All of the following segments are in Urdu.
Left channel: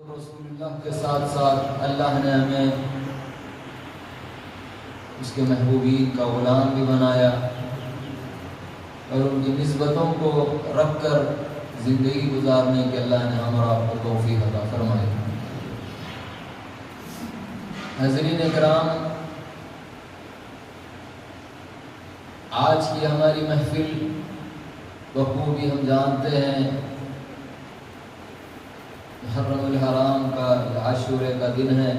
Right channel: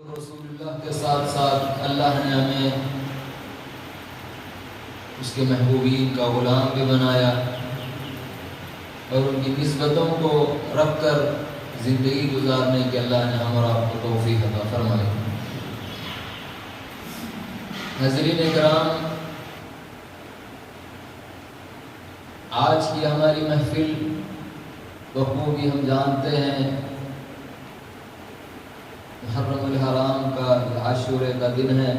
رسول اللہ کے ساتھ ساتھ اللہ نے ہمیں اس کے محبوبین کا غلام بھی بنایا اور ان کی نسبتوں کو رکھ کر زندگی گزارنے کے اللہ نے ہمارا آپ کو توفیق عطا فرمائی۔ حضرین کرام، آج کی ہماری محفل بخوبی ہم جانتے ہیں محرم الحرام کا عاشورے کا دن ہے۔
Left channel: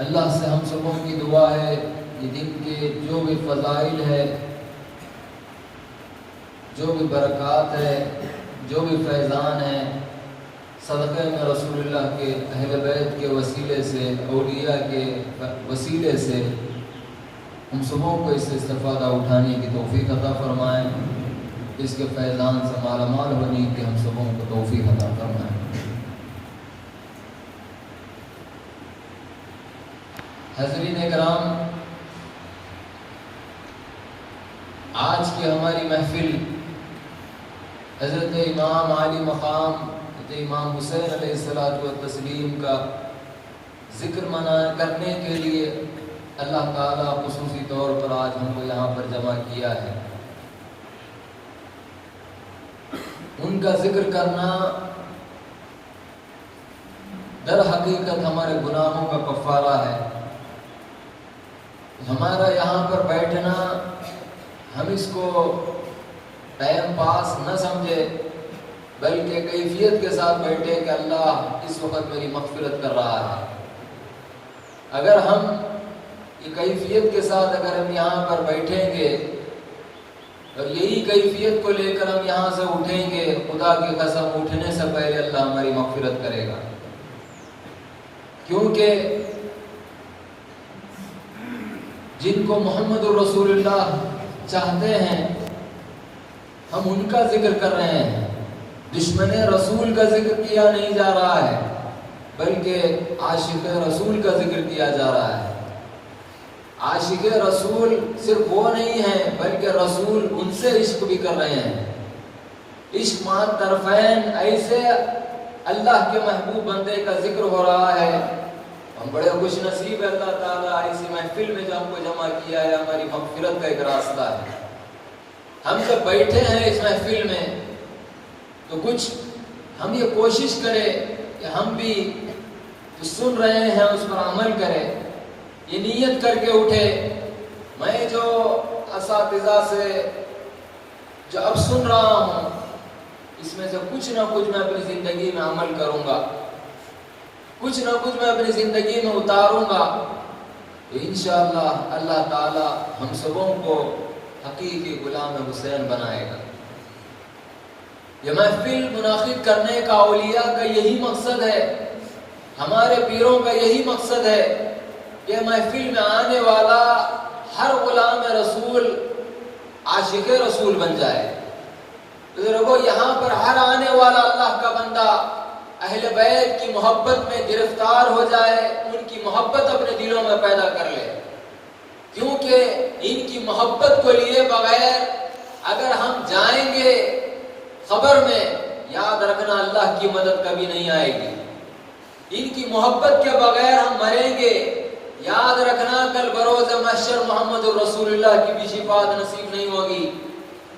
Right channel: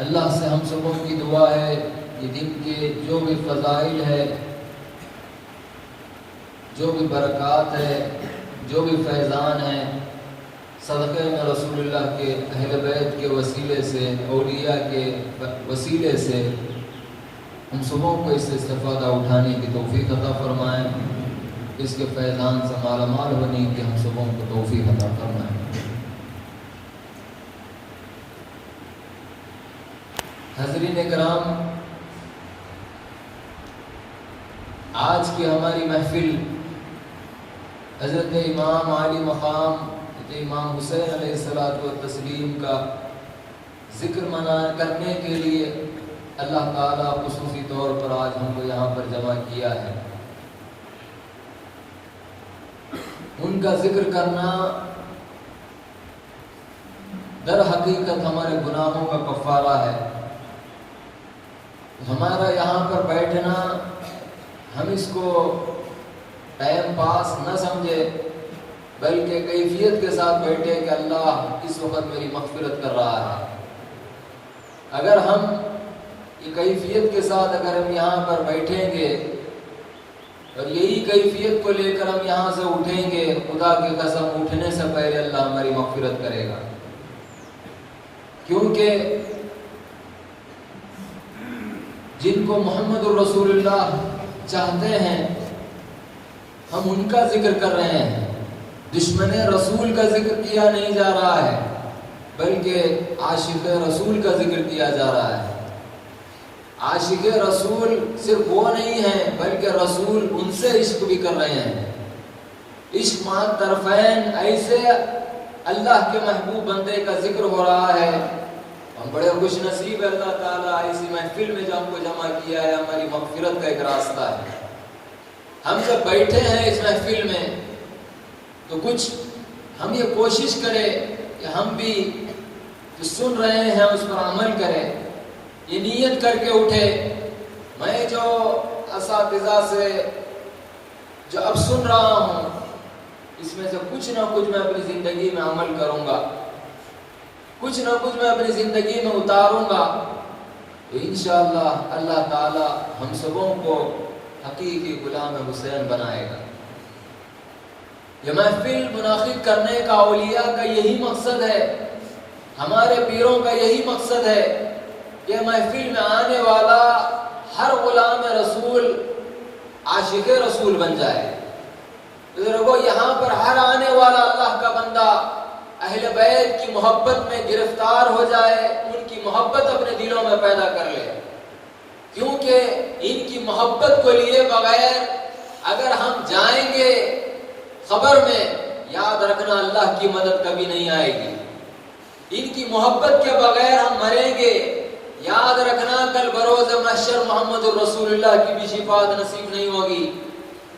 اللہ سے ہم سبوں کی دعا ہے یہ دن کے جو بھی فضائل ہے، جو بھی برکات ہے، جو بھی فیضان ہے، صدقہ میں رسول اللہ کے اہل بیت کے وسیلے سے، اولیاء کے وسیلے سے ہم سبوں کو اس سے استفادہ اٹھانے کی توفیق عطا فرمائیں، اس کے فیضان سے مالا مال ہونے کے ہم سبوں کو توفیق عطا فرمائیں۔ حضرین کرام، آج کی ہماری محفل حضرت امام عالی مقام امام حسین علیہ الصلوۃ والتسلیم کا ذکر کرنے کے لیے اللہ تعالیٰ خصوصی طور پر آج ہم کو یہاں پر جمع کیا ہے۔ ان کا ذکر کرنا در حقیقت ہمارے گناہوں کا کفارہ ہے۔ ہمارا یہاں پر بیٹھنا ہم اس کو ٹائم پاس نہ سمجھے، بلکہ کیفیت کے ساتھ بیٹھے کہ اللہ اس وقت میری مغفرت کر رہا ہے۔ اگر ہم یہ کیفیت کے ساتھ اگر ہم یہاں پر بیٹھیں گے اور یہی کیفیت کو لے کر ہم یہاں سے اٹھیں گے، خدا کی قسم اٹھنے سے پہلے اللہ ہماری مغفرت کرے گا، کیونکہ جن کو محمد رسول اللہ چاہتے ہیں ہم ان کا ذکر کر رہے ہیں، دشمن رسول کا ذکر کیا نہیں جا رہا ہے، بلکہ عاشق رسول کا ذکر کیا جا رہا ہے۔ عاشق رسول صرف وہ نہیں ہے بلکہ رسول ان سے عشق بھی کر رہے ہیں۔ عشق مع طرفین، ایسے اللہ کے محبوب بندے کا ذکر ہو رہا ہے۔ ہم بڑے خوش نصیب اللہ تعالیٰ اسی محفل میں جو ہم کو جمع کیا ہے، ہماری مغفرت کا ایک راستہ ہے۔ ہم جب بیٹھے ہیں اس محفل میں تو کچھ ہم یہ کوشش کریں کہ ہم بھی جو سن رہے ہیں اس پر عمل کریں، یہ نیت کر کے اٹھے میں جو اساتذہ سے جو اب سن رہا ہوں اس میں سے کچھ نہ کچھ میں اپنی زندگی میں عمل کروں گا، کچھ نہ کچھ میں اپنی زندگی میں اتاروں گا، تو انشاءاللہ اللہ تعالی ہم سبوں کو حقیقی غلام حسین بنائے گا۔ یہ محفل منعقد کرنے کا اولیاء کا یہی مقصد ہے، ہمارے پیروں کا یہی مقصد ہے کہ محفل میں آنے والا ہر غلام رسول عاشق رسول بن جائے۔ بزرگوں، یہاں پر ہر آنے والا اللہ کا بندہ اہل بیت کی محبت میں گرفتار ہو جائے، ان کی محبت اپنے دلوں میں پیدا کر لے، کیونکہ ان کی محبت کو لیے بغیر اگر ہم جائیں گے قبر میں، یاد رکھنا اللہ کی مدد کبھی نہیں آئے گی۔ ان کی محبت کے بغیر ہم مریں گے، یاد رکھنا کل بروز محشر محمد رسول اللہ کی بھی شفاعت نصیب نہیں ہوگی۔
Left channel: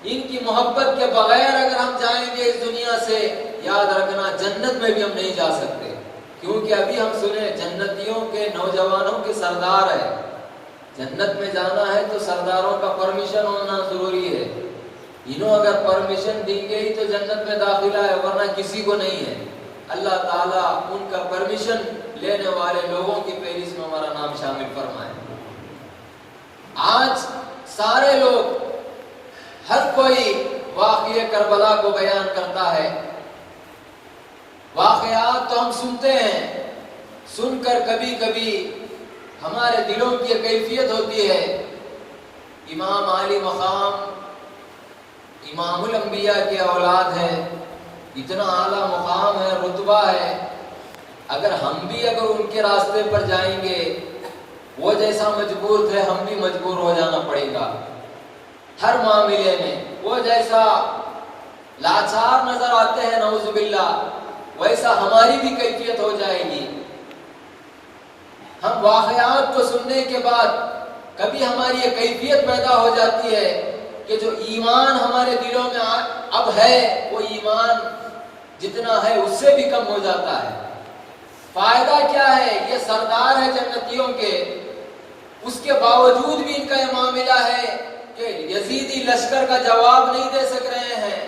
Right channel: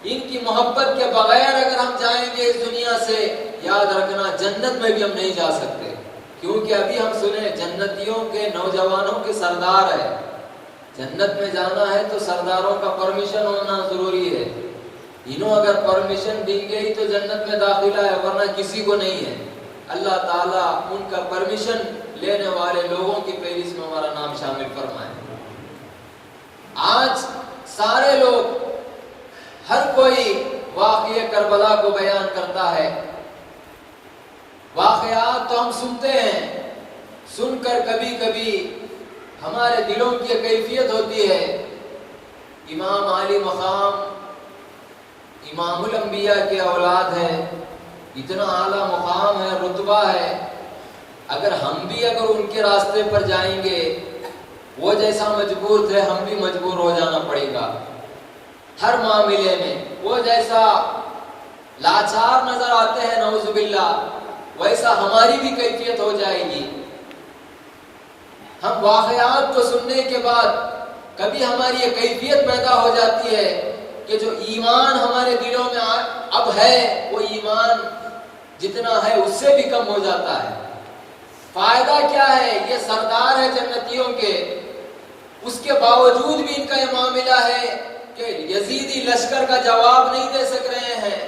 ان کی محبت کے بغیر اگر ہم جائیں گے اس دنیا سے، یاد رکھنا جنت میں بھی ہم نہیں جا سکتے، کیونکہ ابھی ہم سنے جنتیوں کے نوجوانوں کے سردار ہے۔ جنت میں جانا ہے تو سرداروں کا پرمیشن ہونا ضروری ہے، انہوں اگر پرمیشن دی گئی تو جنت میں داخلہ ہے، ورنہ کسی کو نہیں ہے۔ اللہ تعالیٰ ان کا پرمیشن لینے والے لوگوں کی فہرست میں ہمارا نام شامل فرمائے۔ آج سارے لوگ، ہر کوئی واقعہ کربلا کو بیان کرتا ہے، واقعات تو ہم سنتے ہیں، سن کر کبھی کبھی ہمارے دلوں کی کیفیت ہوتی ہے۔ امام عالی مقام امام الانبیاء کے اولاد ہیں، اتنا اعلیٰ مقام ہے، رتبہ ہے، اگر ہم بھی اگر ان کے راستے پر جائیں گے، وہ جیسا مجبور تھے ہم بھی مجبور ہو جانا پڑے گا ہر معاملے میں۔ وہ جیسا لاچار نظر آتے ہیں نعوذ باللہ، ویسا ہماری بھی کیفیت ہو جائے گی۔ ہم واقعات کو سننے کے بعد کبھی ہماری یہ کیفیت پیدا ہو جاتی ہے کہ جو ایمان ہمارے دلوں میں اب ہے وہ ایمان جتنا ہے اس سے بھی کم ہو جاتا ہے۔ فائدہ کیا ہے؟ یہ سردار ہے جنتیوں کے، اس کے باوجود بھی ان کا یہ معاملہ ہے کہ یزیدی لشکر کا جواب نہیں دے سک رہے ہیں۔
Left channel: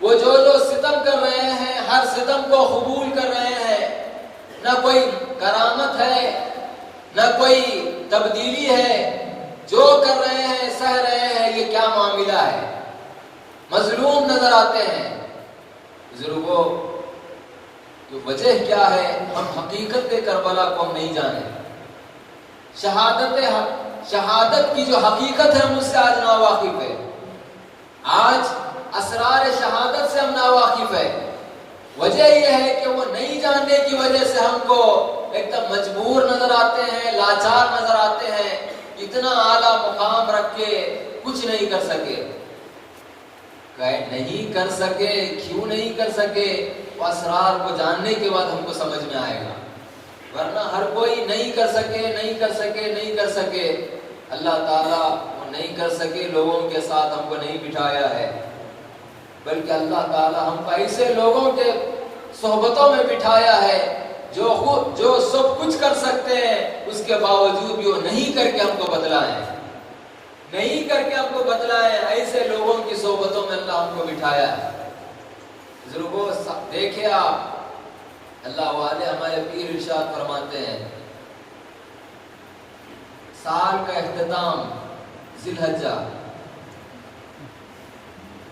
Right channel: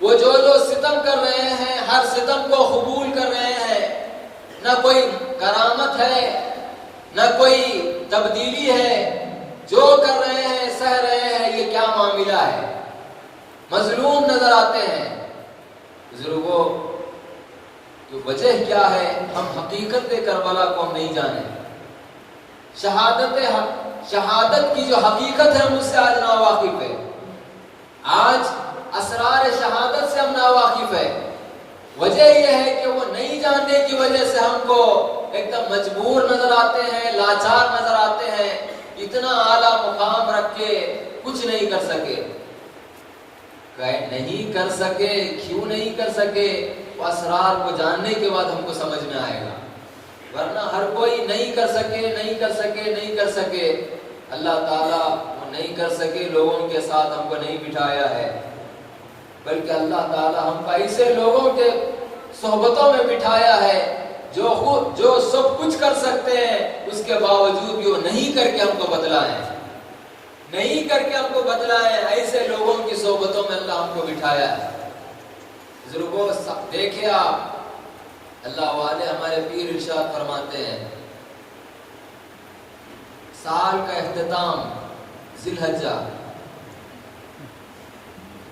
وہ جو ستم کر رہے ہیں ہر ستم کو قبول کر رہے ہیں، نہ کوئی کرامت ہے نہ کوئی تبدیلی ہے، جو کر رہے ہیں سہ رہے ہیں۔ یہ کیا معاملہ ہے؟ مظلوم نظر آتے ہیں۔ بزرگوں تو وجہ کیا ہے؟ ہم حقیقت کربلا کو ہم نہیں جانے۔ شہادت کی جو حقیقت ہے ہم اس سے آج ناواقف ہے۔ آج اسرار شہادت سے ہم ناواقف ہے۔ وجہ یہ ہے کہ وہ نہیں جاننے کی وجہ سے ہم کو ایک دم مجبور نظر آتے ہیں، لاچار نظر آتے ہیں، اتنا اعلیٰ مقام رکھ کے کچھ نہیں کر سکے۔ نہیں کر سکے، کیوں نہیں کر سکے؟ اسرار کو جاننے کے بعد ہم کو سمجھ میں آئے گا، ورنہ ہر کوئی نہیں کر سکے نہیں کر سکے نہیں کر سکے۔ اللہ تعالیٰ وہ نہیں کر سکے لوگوں کے ساتھ ہم کو نہیں بٹھایا ہے، بلکہ اللہ تعالیٰ ہم کو ایسے لوگوں کے صحبتوں میں بٹھایا ہے جو سب کچھ کر سکتے ہیں، اس کے باوجود بھی وہ نہیں کر کے ہم کو بتلائیں، نہیں کر کے ہم کو بتلائیں۔ ایسے لوگوں کی صحبتوں میں اللہ ہم کو بٹھایا ہے۔ بزرگوں دیکھیں آپ، اللہ والے ہمارے پیر ارشاد فرماتے ہیں، سال کا اختتام ذی الحجہ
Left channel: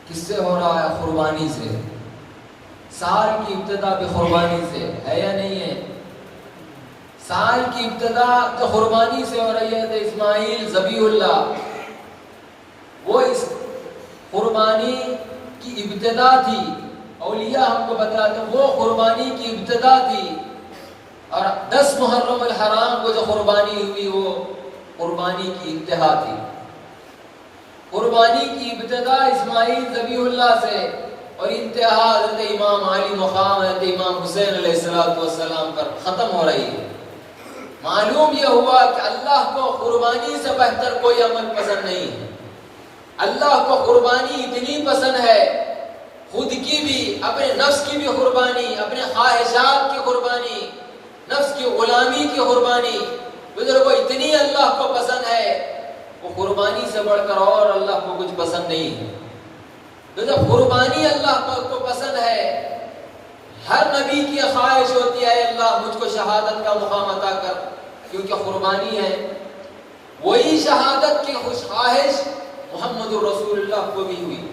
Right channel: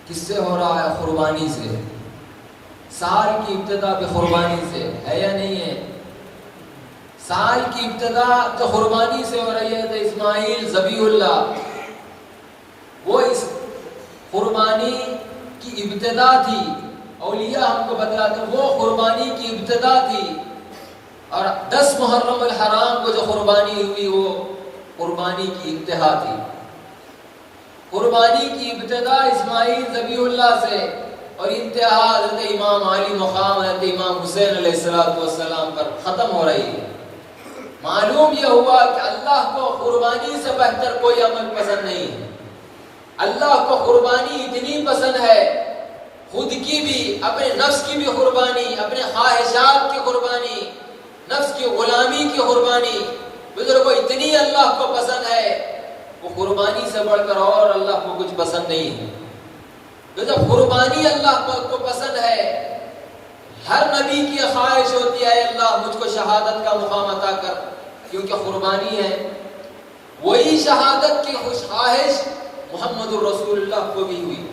کس سے ہو رہا ہے؟ قربانی سے۔ سال کی ابتدا بھی قربانی سے ہے یا نہیں ہے؟ سال کی ابتدا تو قربانی سے ہو رہی ہے۔ تو اسماعیل ذبیح اللہ، وہ اس قربانی کی ابتدا تھی۔ اولیاء ہم کو بتلاتے ہیں وہ قربانی کی ابتدا تھی، اور 10 محرم الحرام کو جو قربانی ہوئی وہ قربانی کی انتہا تھی۔ قربانی کی ابتدا اسماعیل ذبیح اللہ سے اور انتہا حضرت امام علی مقام حضرت امام حسین علیہ السلام پر ختم ہو رہی ہے۔ معلوم یہ ہوا کہ اللہ کو قربانی سے بہتر کوئی عمل پسند نہیں ہے۔ اللہ کو قربانی اتنی پسند ہے، خود کی بھی، اپنے نفس کی بھی قربانی، اپنے خواہشات کی قربانی، نفس کی غلامی کی قربانی، بزرگوں اتنی اللہ کو پسند ہے، وہ قربانی سے بڑھ کر اور اللہ کو کچھ پسند نہیں ہے۔ تو جب قربانی اللہ کو پسند ہے، ہر نبی کی خواہش ہوتی ہے اللہ مجھ کو شہادت کا مقام عطا کر، کیونکہ قربانی ہے۔ وہی شہادت کی خوش خواہش محمد الرسول اللہ کو بھی ہوئی۔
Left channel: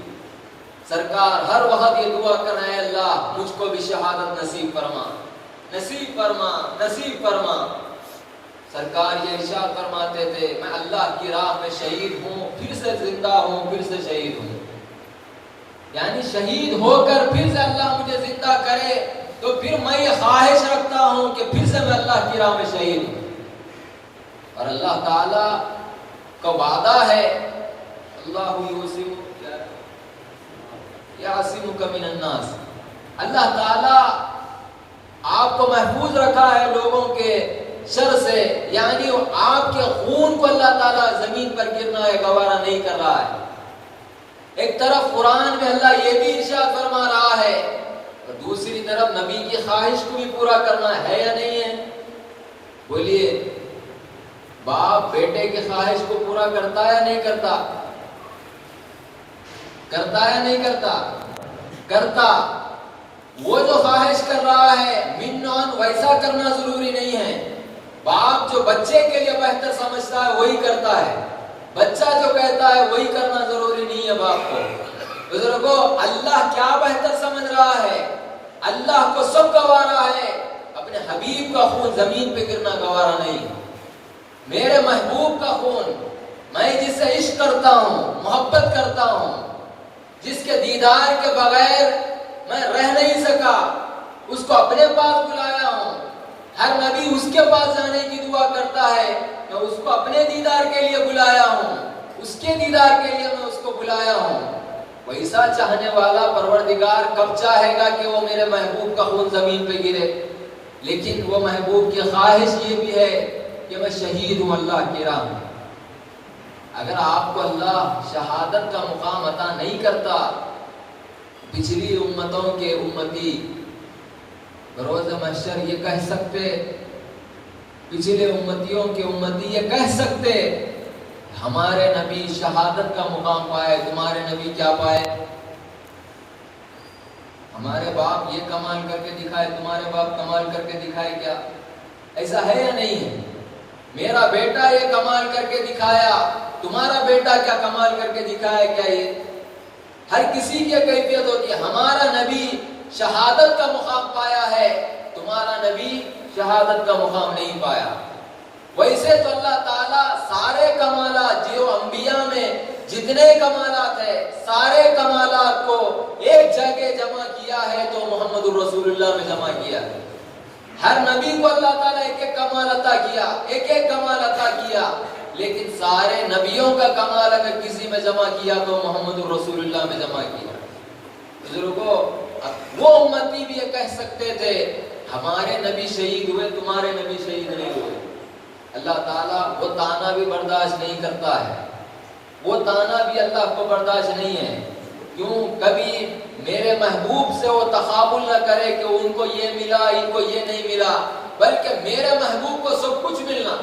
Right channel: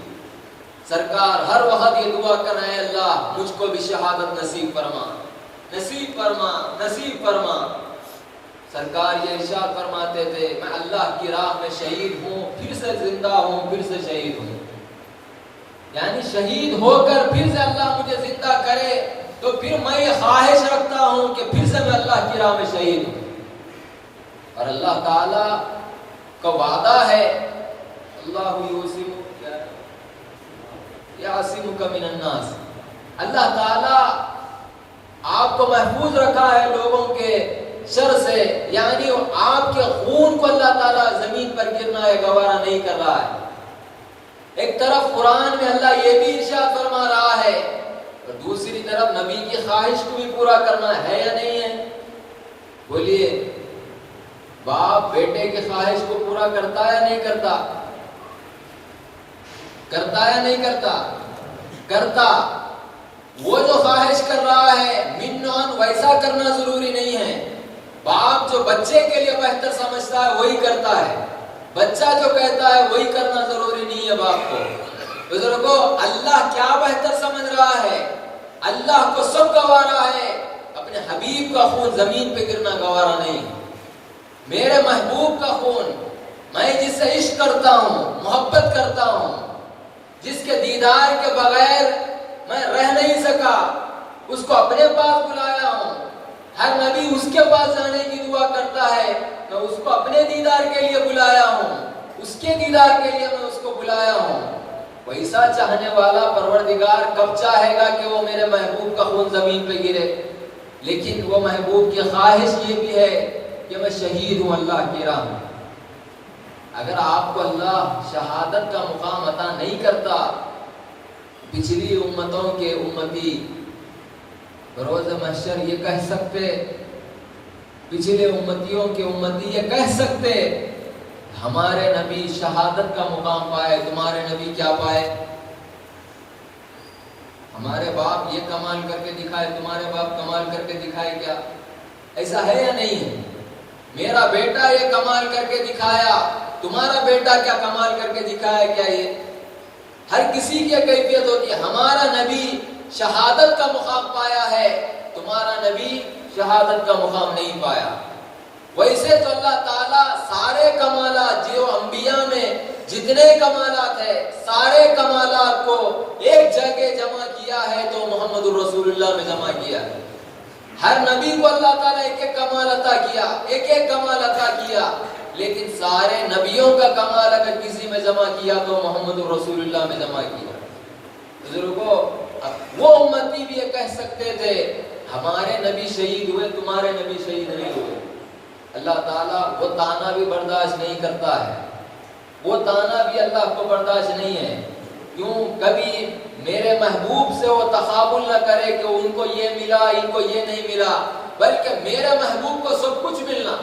سرکار ہر وقت یہ دعا کر رہے ہیں، اللہ مجھ کو بھی شہادت نصیب فرما، نصیب فرما، نصیب فرما۔ سرکار یہ ارشاد فرماتے تھے، میں اللہ کی راہ میں شہید ہوں، پھر سے زندہ ہوں، پھر سے شہید ہوں۔ یعنی شہید ہو کر پھر سے اللہ مجھے زندہ کرے تو پھر میں یہ خواہش رکھتا ہوں کہ پھر سے میں اللہ کی راہ میں شہید ہوں۔ اور اللہ تعالیٰ کا وعدہ ہے، اللہ یعصمک من الناس، اللہ تعالیٰ آپ کو محفوظ رکھا ہے لوگوں کے شر سے، یعنی آپ کے خون کو اللہ تعالیٰ زمین پر گرنا ہے گوارا نہیں کر رہا ہے۔ ایک طرف قرآن میں اللہ یہ بھی ارشاد فرما رہا ہے، اور دوسری طرف نبی کی خواہش کو بھی پورا کرنا ہے یا نہیں ہے؟ بولیے، باپ بیٹے کی خواہش کو پورا کرتا ہے یا نہیں کرتا؟ کرتا ہے یا نہیں کرتا؟ کرتا۔ وہ جو خواہش کر رہا ہے منان ویسا کرنا ضروری نہیں ہے۔ باپ جو بچے کے لیے بہتر سمجھتا ہے وہی کرتا ہے، بچہ جو کہتا ہے وہی کرنا ضروری نہیں ہے باپ کو۔ بزرگوں، اللہ کیا بہتر سمجھ رہا ہے؟ اللہ کو سب گوارا ہے، اپنے حبیب کا خون زمین پہ گرنا گوارا نہیں۔ میرے محبوب کا خون، میں جس سے عشق کرتا ہوں، محبت کرتا ہوں، جس کے دیدار کے بغیر میں رہ نہیں سکا، اس کو اپنے پاس بلایا ہوں۔ ہر نبی اس کے پاس جانے کی دعا کرتا ہے، میں اس کو اپنے دیدار کے لیے بلایا ہوں، اس کے دیدار کے لیے میں اس کو بلایا ہوں۔ ویسا چاہنے والا پروردگار کب چاہے گا کہ وہ میرے محبوب کا خون زمین پہ گرے؟ لیکن وہ محبوب کی خواہش یہ بھی ہے کہ میں شہید ہوں اللہ کی راہ میں۔ اگر آپ کو اللہ شہادت کا مقام عطا نہیں کرتا، پچھلی امتوں کے امتی روز محشر یہ کہہ سکتے، پچھلے امتیوں کے امتی یہ کہہ سکتے ہمارے نبی شہادت کا مقام پائے، تمہارے نبی کیا پائے؟ ہمارے باپ یہ کمال کر کے دکھائے، تمہارے باپ کمال کر کے دکھائے کیا؟ ایسا ہے یا نہیں ہے؟ میرا بیٹا یہ کمال کر کے دکھایا، تمہارا بیٹا کیا کمال کر کے دکھایا کیا؟ یہ ہر کسی کی کیفیت ہوتی ہے۔ ہمارا نبی شہادت کا مقام پایا ہے، تمہارا نبی شہادت کا مقام نہیں پایا۔ ویسے تو اللہ تعالیٰ سارے کمالات جو انبیاء میں جتنے کمالات ہیں سارے کمالات کو ایک جگہ جمع کیا ہے تو محمد الرسول اللہ میں جمع کیا ہے۔ ہر نبی کو اللہ تعالیٰ ایک ایک کمال عطا کیا، ایک ایک کمال عطا کیا، لیکن سارے نبیوں کا کمال اگر کسی میں جمع کیا تو محمد الرسول اللہ میں جمع کیا۔ بزرگوں، وہ امتی بھی یہ کہہ سکتے تھے ہمارے نبی شہید ہوئے، تمہارے نبی شہید نہیں ہوئے۔ اللہ تعالیٰ وہ تانا بھی برداشت نہیں کرتا ہے، وہ تانا بھی اللہ کو برداشت نہیں ہے۔ کیوں؟ کبھی میرے محبوب سے وہ تقابل نہ کرے کہ ان کو یہ ملا، ان کو یہ نہیں ملا، بلکہ میرے محبوب کو سب کچھ ملنا،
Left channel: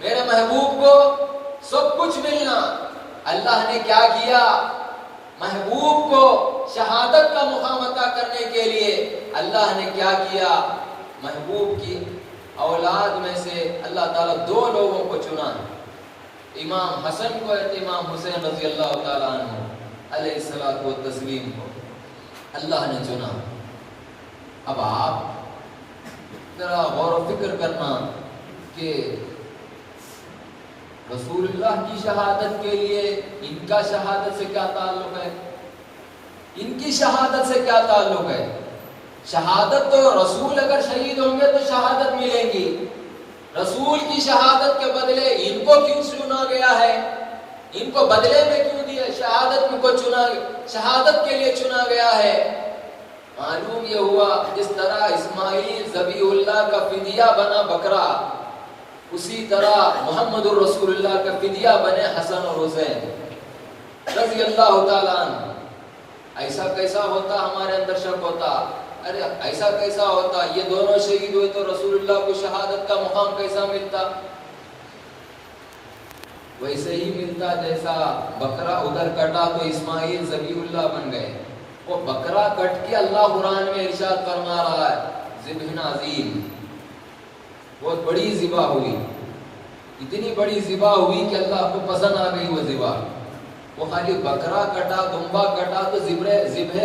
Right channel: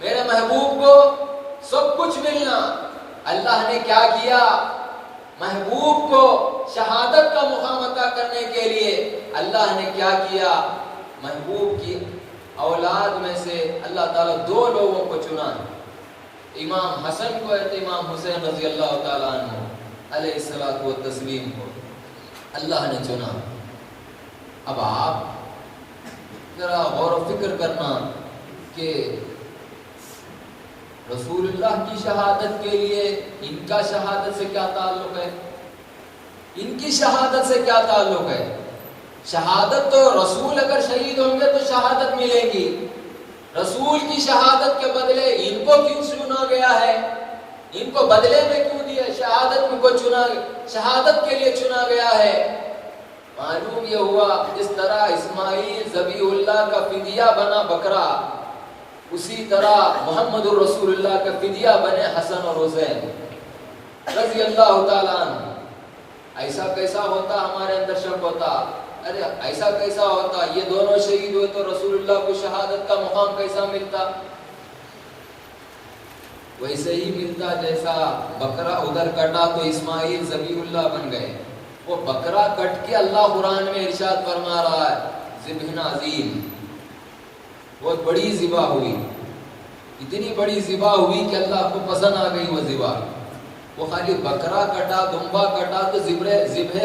میرے محبوب کو سب کچھ ملنا۔ اللہ نے کیا کیا؟ محبوب کو شہادت کا مقام عطا کرنے کے لیے اللہ نے کیا کیا؟ محبوب کی اولاد میں سے اللہ تعالیٰ دو لوگوں کو چنا، امام حسن کو اور امام حسین رضی اللہ تعالیٰ عنہ علیہ الصلوۃ والتسلیم کو اللہ نے چنا۔ اب آپ ذرا غور و فکر کرنا کہ رسول اللہ کی شہادت کے لیے ان کا شہادت سے کیا تعلق ہے؟ ان کی شہادت سے کیا تعلق ہے؟ شہادت تو رسول اگر شہید ہوں گے تو شہادت ملے گی، رسول کی شہادت کے بدلے ان کو کیوں چنا گیا ہے؟ ان کو بدلے میں کیوں دیا؟ شہادت ان کو شہادت کے لیے چنا گیا ہے۔ معلوم یہ ہوا جس طرح اسماعیل ذبیح اللہ کا فدیہ بنا بکرا، اسی طرح محمد الرسول اللہ کا فدیہ بنے حسن اور حسین رضی اللہ تعالیٰ عنہ۔ ایسا کیسا ہوتا؟ ہمارے اندر شک ہوتا، ارے ایسا کیسا ہوتا؟ یہ دونوں شہید ہوئے تو رسول اللہ کو شہادت کا مقام کیسا ملتا؟ ویسے ہی ملتا جیسا بکرا ادھر کٹا تو اسماعیل ذبیح اللہ بن گئے۔ وہ بکرا کٹ کے اللہ قرآن میں ارشاد فرما رہا ہے ذبح عظیم، بہت بڑی ذبح ہوئی، اتنی بڑی ذبح ہوئی کہ اللہ کو پسند آ گئی وہ ذبح۔ وہ خالی بکرا کٹا، دمبا کٹا تو ذبح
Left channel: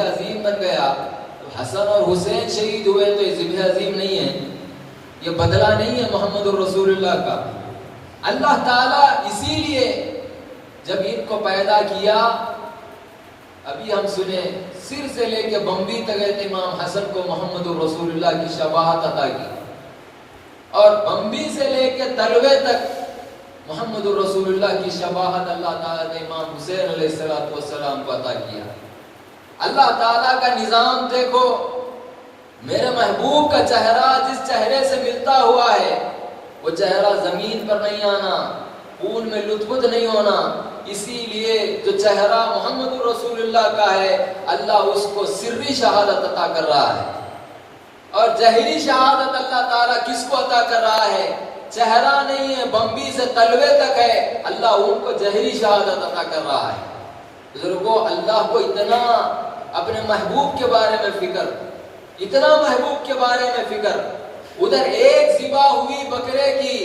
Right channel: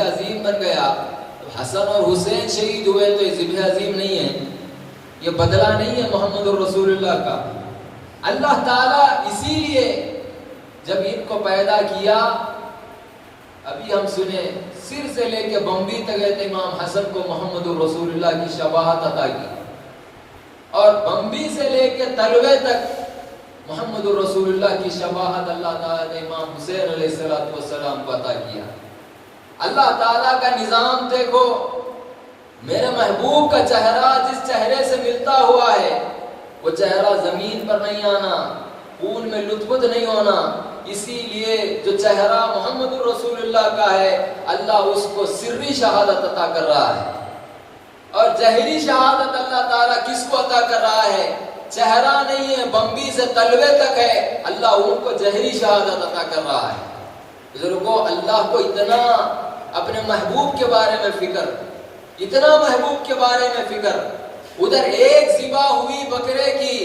عظیم بن گیا۔ حسن اور حسین شہید ہوئے تو یہ ذبح عظیم نہیں ہے، یہ بدلہ نہیں ہے محمد الرسول اللہ کا۔ اللہ تعالیٰ اسی لیے جب ان کو پیدا کیا، ابھی ہم سنیں سر سے لے کے بمبی تک گئے امام حسن کو محمد الرسول اللہ کی شباہت عطا کی، اور بمبی سے لے کے تلوے تک محمد الرسول اللہ کی شباہت اللہ تعالیٰ نے امام حسین علیہ السلام کو عطا کیا۔ اللہ تعالیٰ کا نظام دیکھو، میرے محبوب کا چہرہ جس چہرے سے ملتا ہوا ہے وہ چہرہ زمین پر نہیں آنا، خون میں لطفت نہیں ہونا، اسی لیے جو چہرہ محمد الرسول اللہ کا ہے اللہ اس کو سری شہادت عطا کر رہا ہے، اور جہری شہادت اللہ تعالیٰ کس کو عطا کر رہا ہے؟ چہرہ نہیں ہے، بمبی سے تلوے تک ہے، اللہ ان کو جہری شہادت عطا کر رہا ہے۔ بزرگوں، اللہ کو اتنا اپنے محبوب کے بارے میں فکر، اتنا محبوب کے بارے میں فکر، ادھر ایک ذبح ہوئی بکرے کی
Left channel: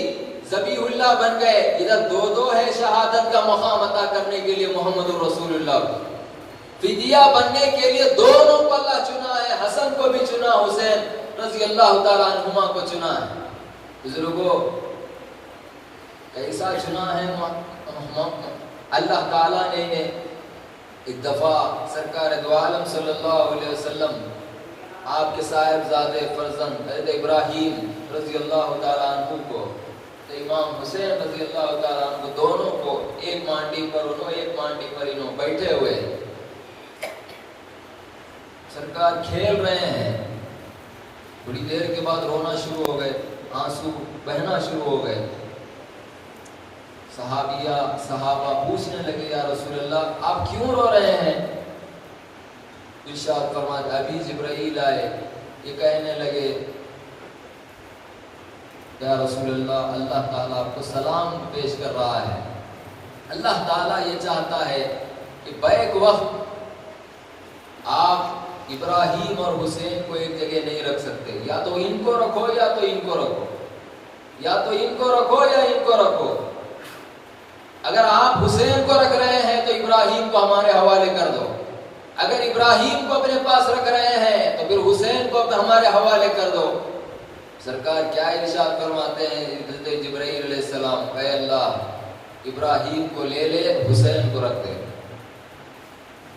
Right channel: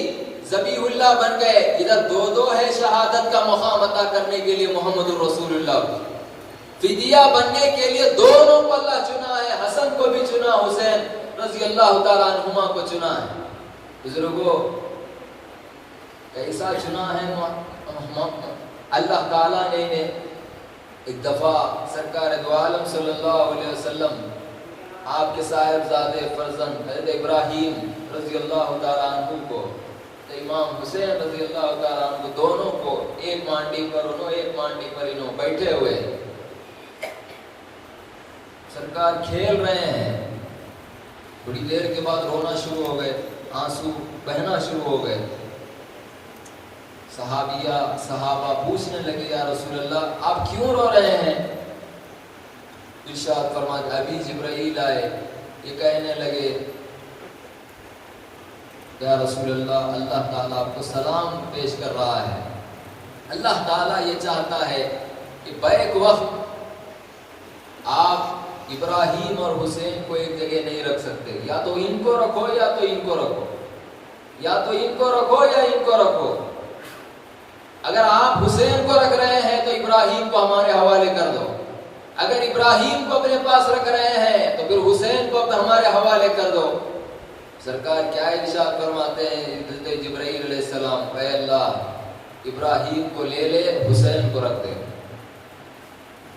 ذبیح اللہ بن گئے، ادھر دو ہے شہادت کا مقام عطا کرنے کے لیے محمد الرسول اللہ کو، فدیہ بننے کے لیے دونوں کو اللہ چنا ہے، حسن کو بھی چنا، حسین رضی اللہ تعالیٰ عنہما کو چنا ہے۔ بزرگوں، ایسا چنا ہے اللہ تعالیٰ نے۔ ایک دفعہ سرکار دو عالم صلی اللہ علیہ وسلم آپ کے صاحبزادے فرزند حضرت ابراہیم رضی اللہ تعالیٰ عنہ کو، امام حسین رضی اللہ تعالیٰ عنہ دونوں کو ایک مانڈی پر انہوں بیٹھے ہوئے، سرکار کھیل رہے ہیں، تھوڑی دیر کے بعد رونا شروع ہو گئے، آنسو بہنا شروع ہو گئے۔ صحابہ پوچھنے لگے یا رسول اللہ آپ کیوں رو رہے ہیں؟ ارشاد فرمایا ابھی جبرائیل آئے، یہ کہنے لگے یا رسول اللہ اللہ تعالیٰ آپ کو سلام پیش کر رہا ہے، اللہ تعالیٰ یہ چاہتا ہے کہ بیک وقت آپ ابراہیم اور حسین کو ایک جگہ نہیں رکھ سکتے، یا تو ان کو رکھو یا تو ان کو رکھو، یا تو ان کو رکھو یا ان کو رکھو۔ اگر آپ حسین کو رکھ رہے ہیں تو ابراہیم کو ہمارے حوالے کر دو، اگر ابراہیم کو اپنے پاس رکھ رہے ہیں تو پھر حسین کو ہمارے حوالے کر دو۔ سرکار کیا ارشاد فرماتے ہیں حضرت جبرائیل علیہ السلام، اے اللہ ابراہیم کو لے لے حسین کو رکھ دے۔